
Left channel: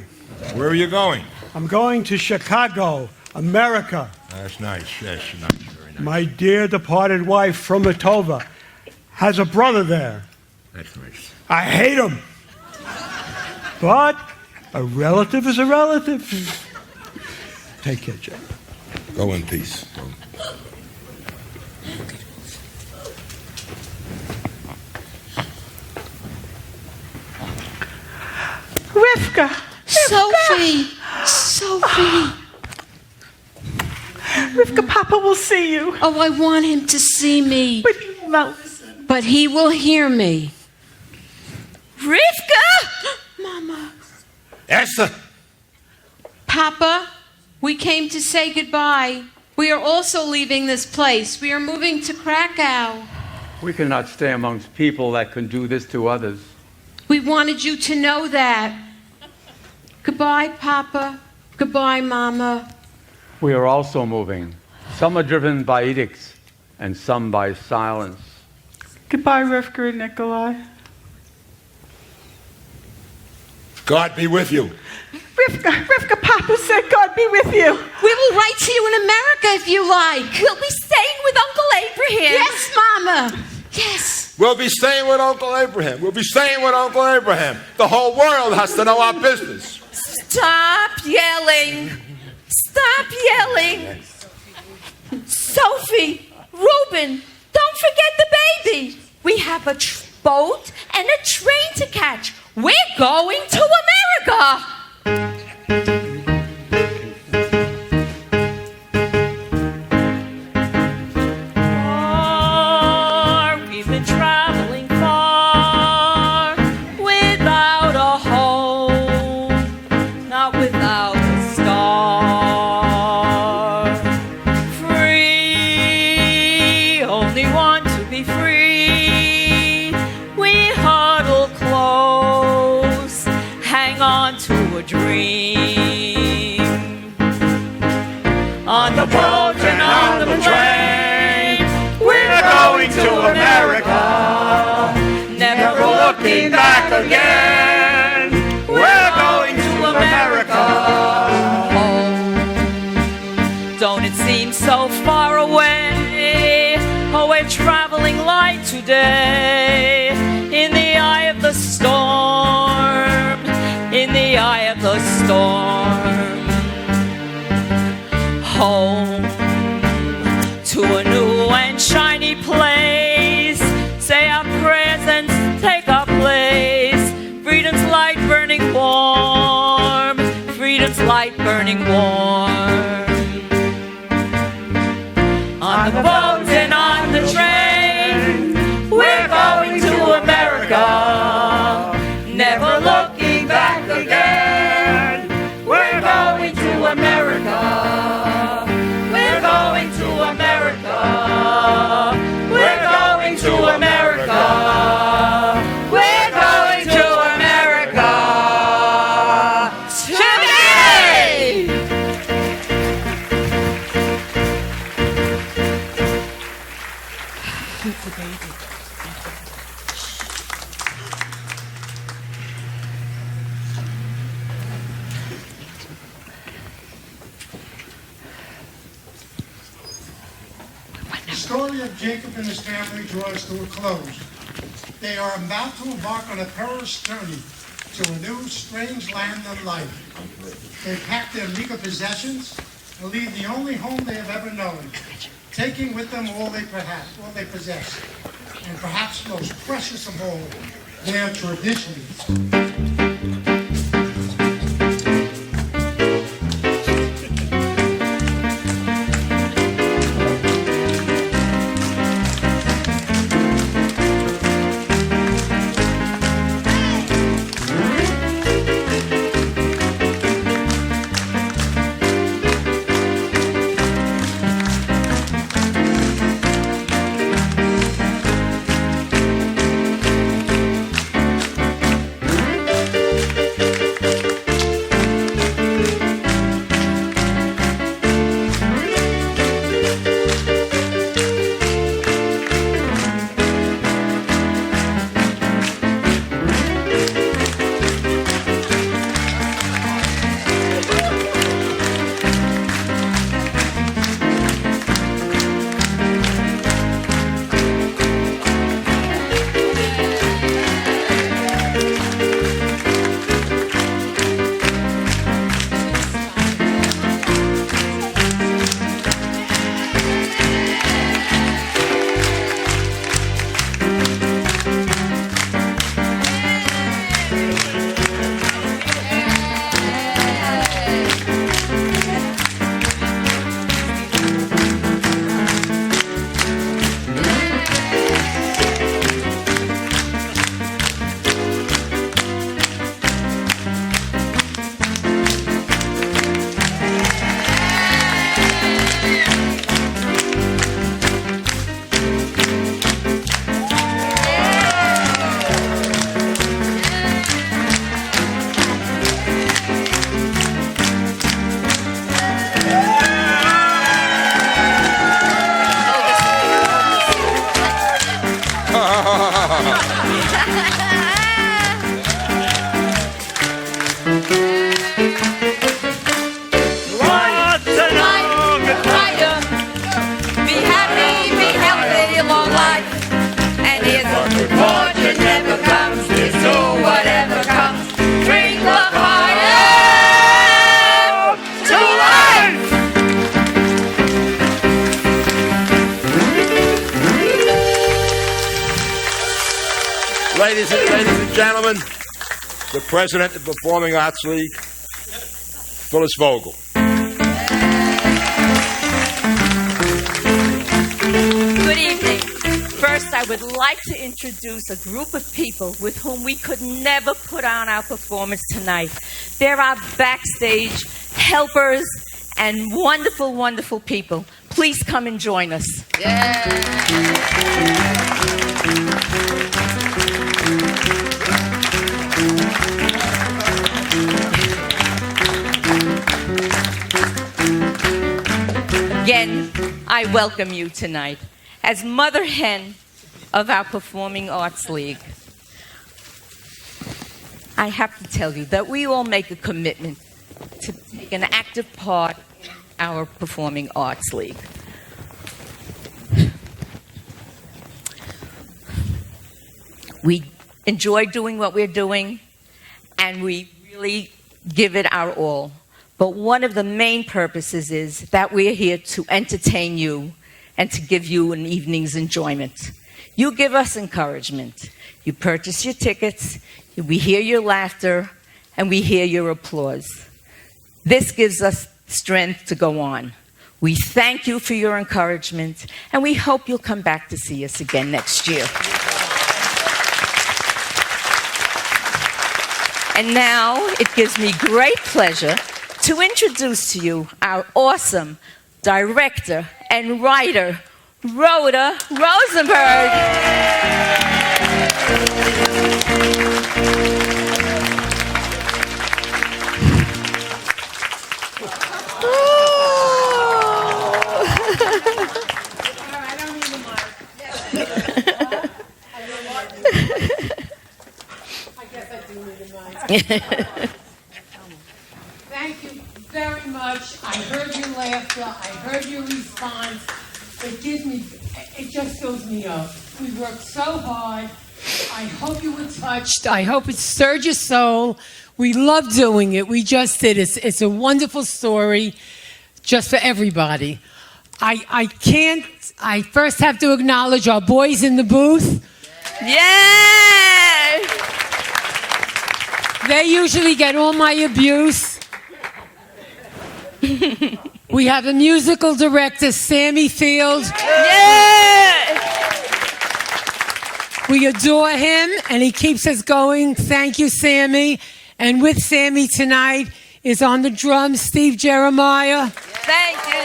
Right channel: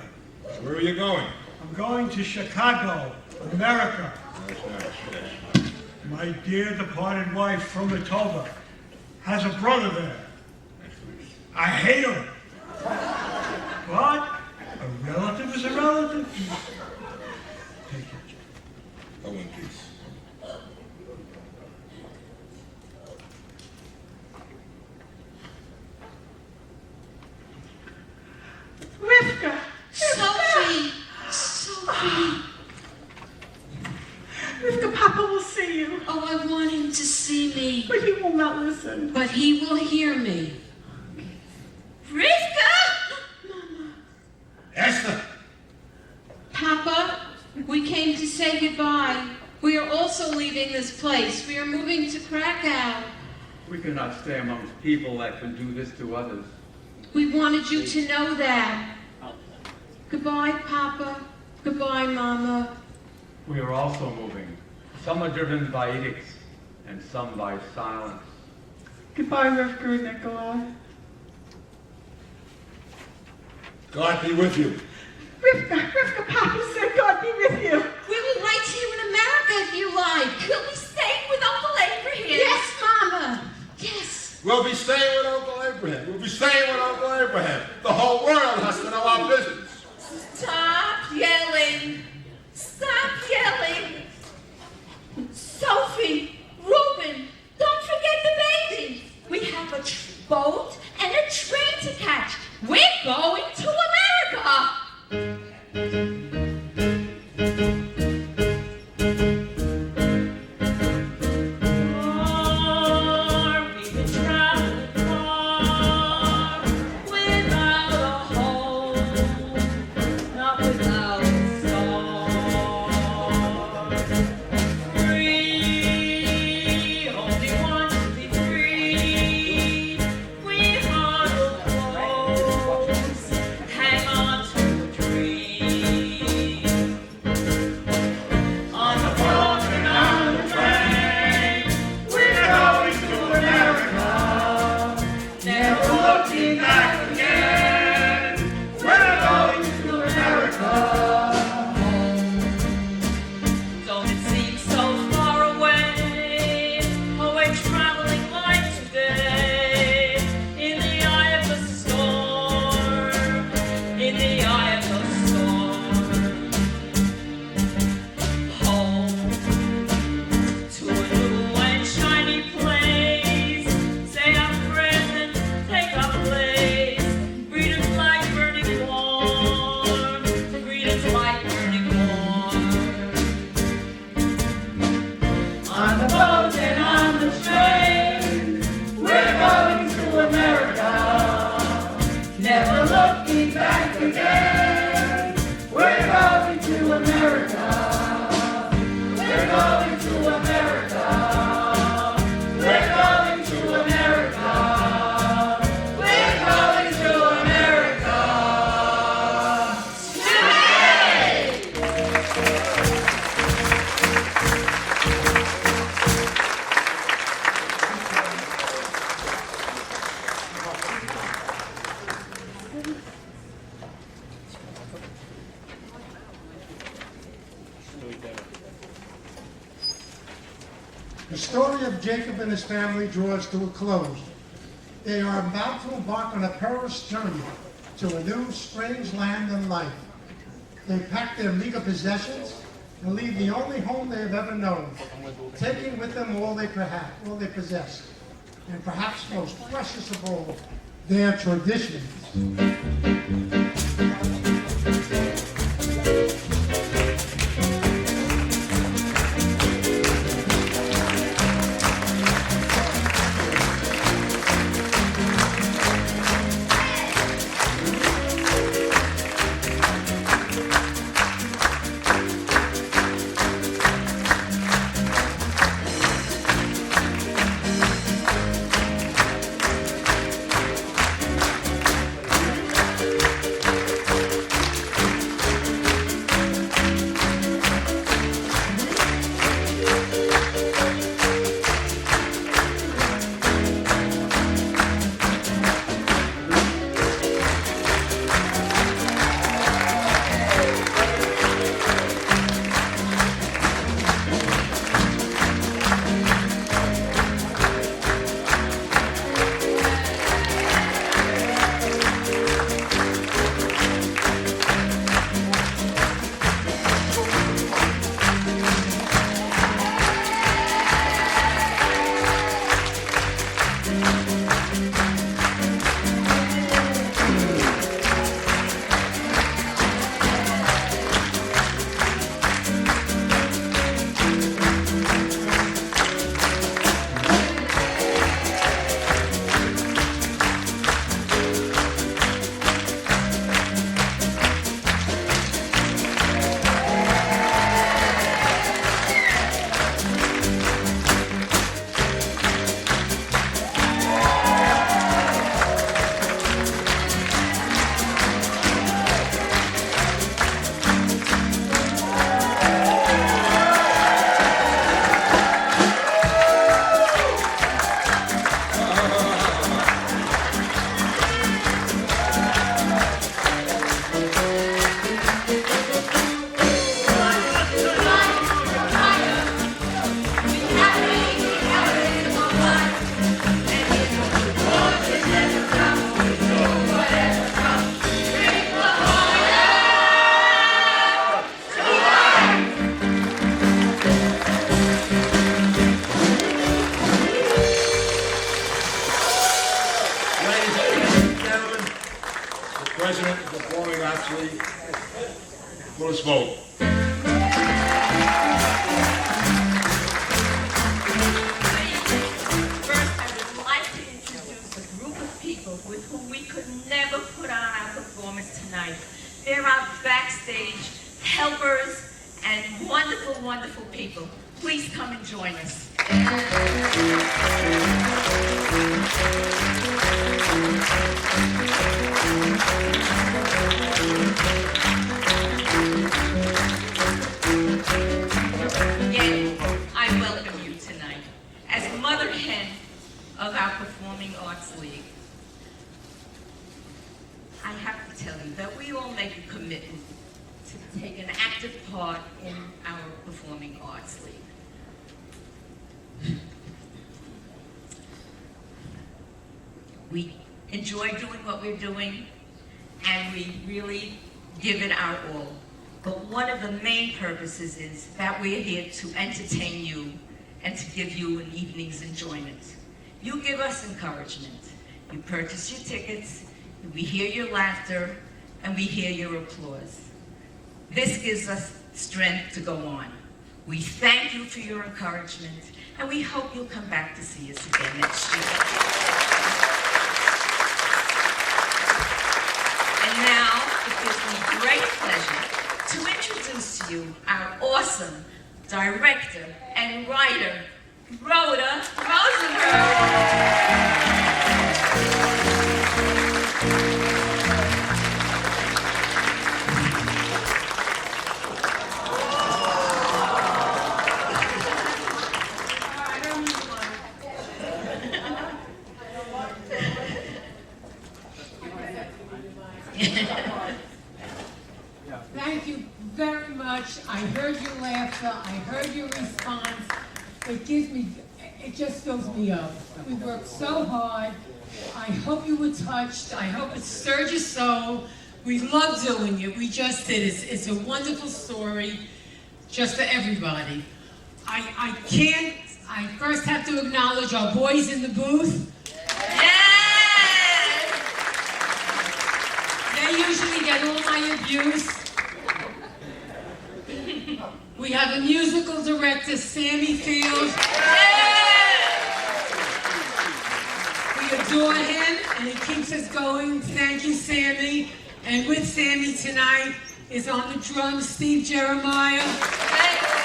Where are you going? I'm going to Chicago, America. That's nice. Yes, nice. My dear departed wife from Matova has a brother there. That's nice. I hate him. But a relative is a relative. Take care, Jacob. Go in peace. Rifka! Sophie! Sophie! Rifka, Papa will see you. Oh, I want him to see me. But he will not listen. But he will hear me. Rifka! Mama. Esther! Papa, we came to say goodbye. We are also leaving this place. We are moving to Krakow. We cannot stay amongst people that can do this to others. We wanted you to know that. Goodbye, Papa. Goodbye, Mama. We are also moving. Some are driven by edicts, and some by silence. Goodbye, Rifka and Nikolai. God be with you. Rifka, Papa said God be with you. We will write to you in America if you like. We'll be staying with Uncle Abraham. Yes, Mama. Yes. We'll be staying with Uncle Abraham. We'll be staying with Uncle Abraham. The whole world has to know our business. Stop yelling. Stop yelling. Sophie, Rubin, don't forget the baby. We have a boat and a train to catch. We're going to America. We've been traveling far without a home, not without a star. Free, only want to be free. We huddle close of Jacob and his family draws to a close. They are about to embark on a perilous journey to a new, strange land and life. They pack their meager possessions and leave the only home they have ever known, taking with them all they possess, and perhaps most precious of all, their traditions. Ladies and gentlemen, the President of the Performing Arts League, Phyliss Vogel. Good evening. First, I would like to introduce a group of people with whom we could never put on our performance tonight. They're our backstage helpers and wonderful, wonderful people. Please come and join us. Again, I welcome you tonight as mother hen of our Performing Arts League. I have to tell you that we all make a commitment to take an active part in our Performing Arts League. We enjoy doing what we're doing, and we really give it our all. But one of the main purposes is that we're here to entertain you and to give you an evening's enjoyment. You give us encouragement. You purchase your tickets, we hear your laughter, and we hear your applause. This gives us strength to go on. We thank you for your encouragement, and we hope you'll come back to see us again next year. And now, it gives me great pleasure to introduce to you our awesome director and writer, Rhoda Rosenberg. Thank you very much. I heard your laughter. I heard your response. It gives me It just fills me up. We worked so hard. I hope you were touched. I hope it stirred your soul. We love doing it. We just did. It's a wonderful story just for everybody. I first have to acknowledge our boys in the booth. Yeah! They usually get all my abuse. We have a musical director, Sammy Field. Yeah! We adore him, and he keeps us going. Thank you, Sammy. And with Sammy tonight is on the drums, Steve Jeremiah. Thank you,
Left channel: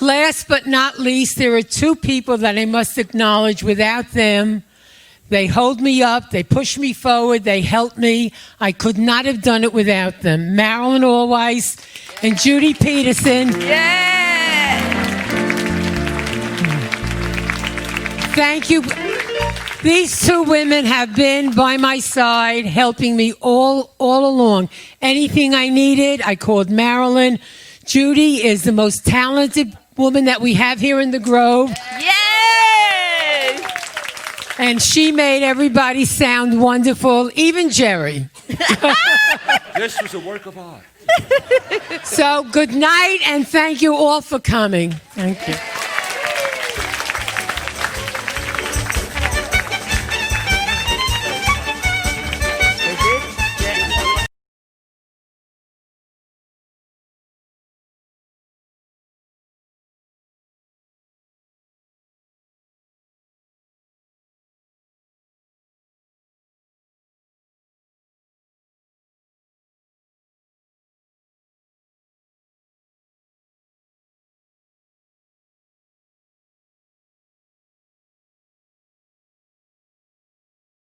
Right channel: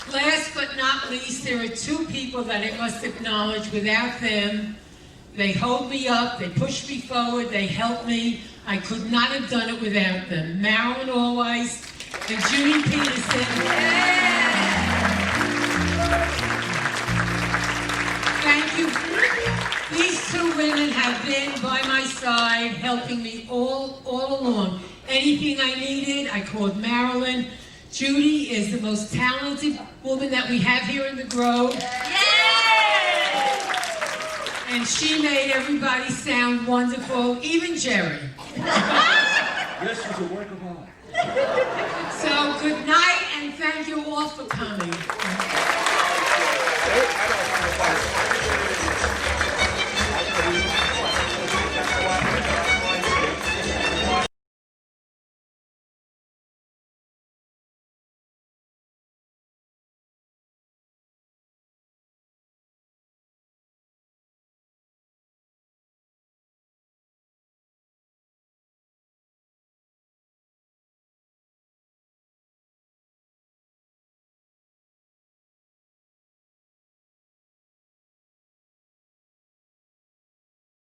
yay! Last but not least, there are two people that I must acknowledge. Without them, they hold me up, they push me forward, they help me. I could not have done it without them. Marilyn Allweiss and Judy Peterson. Yeah! Thank you. These two women have been by my side, helping me all along. Anything I needed, I called Marilyn. Judy is the most talented woman that we have here in the Grove. Yay! And she made everybody sound wonderful, even Jerry. This was a work of art. So good night, and thank you all for coming. Thank you.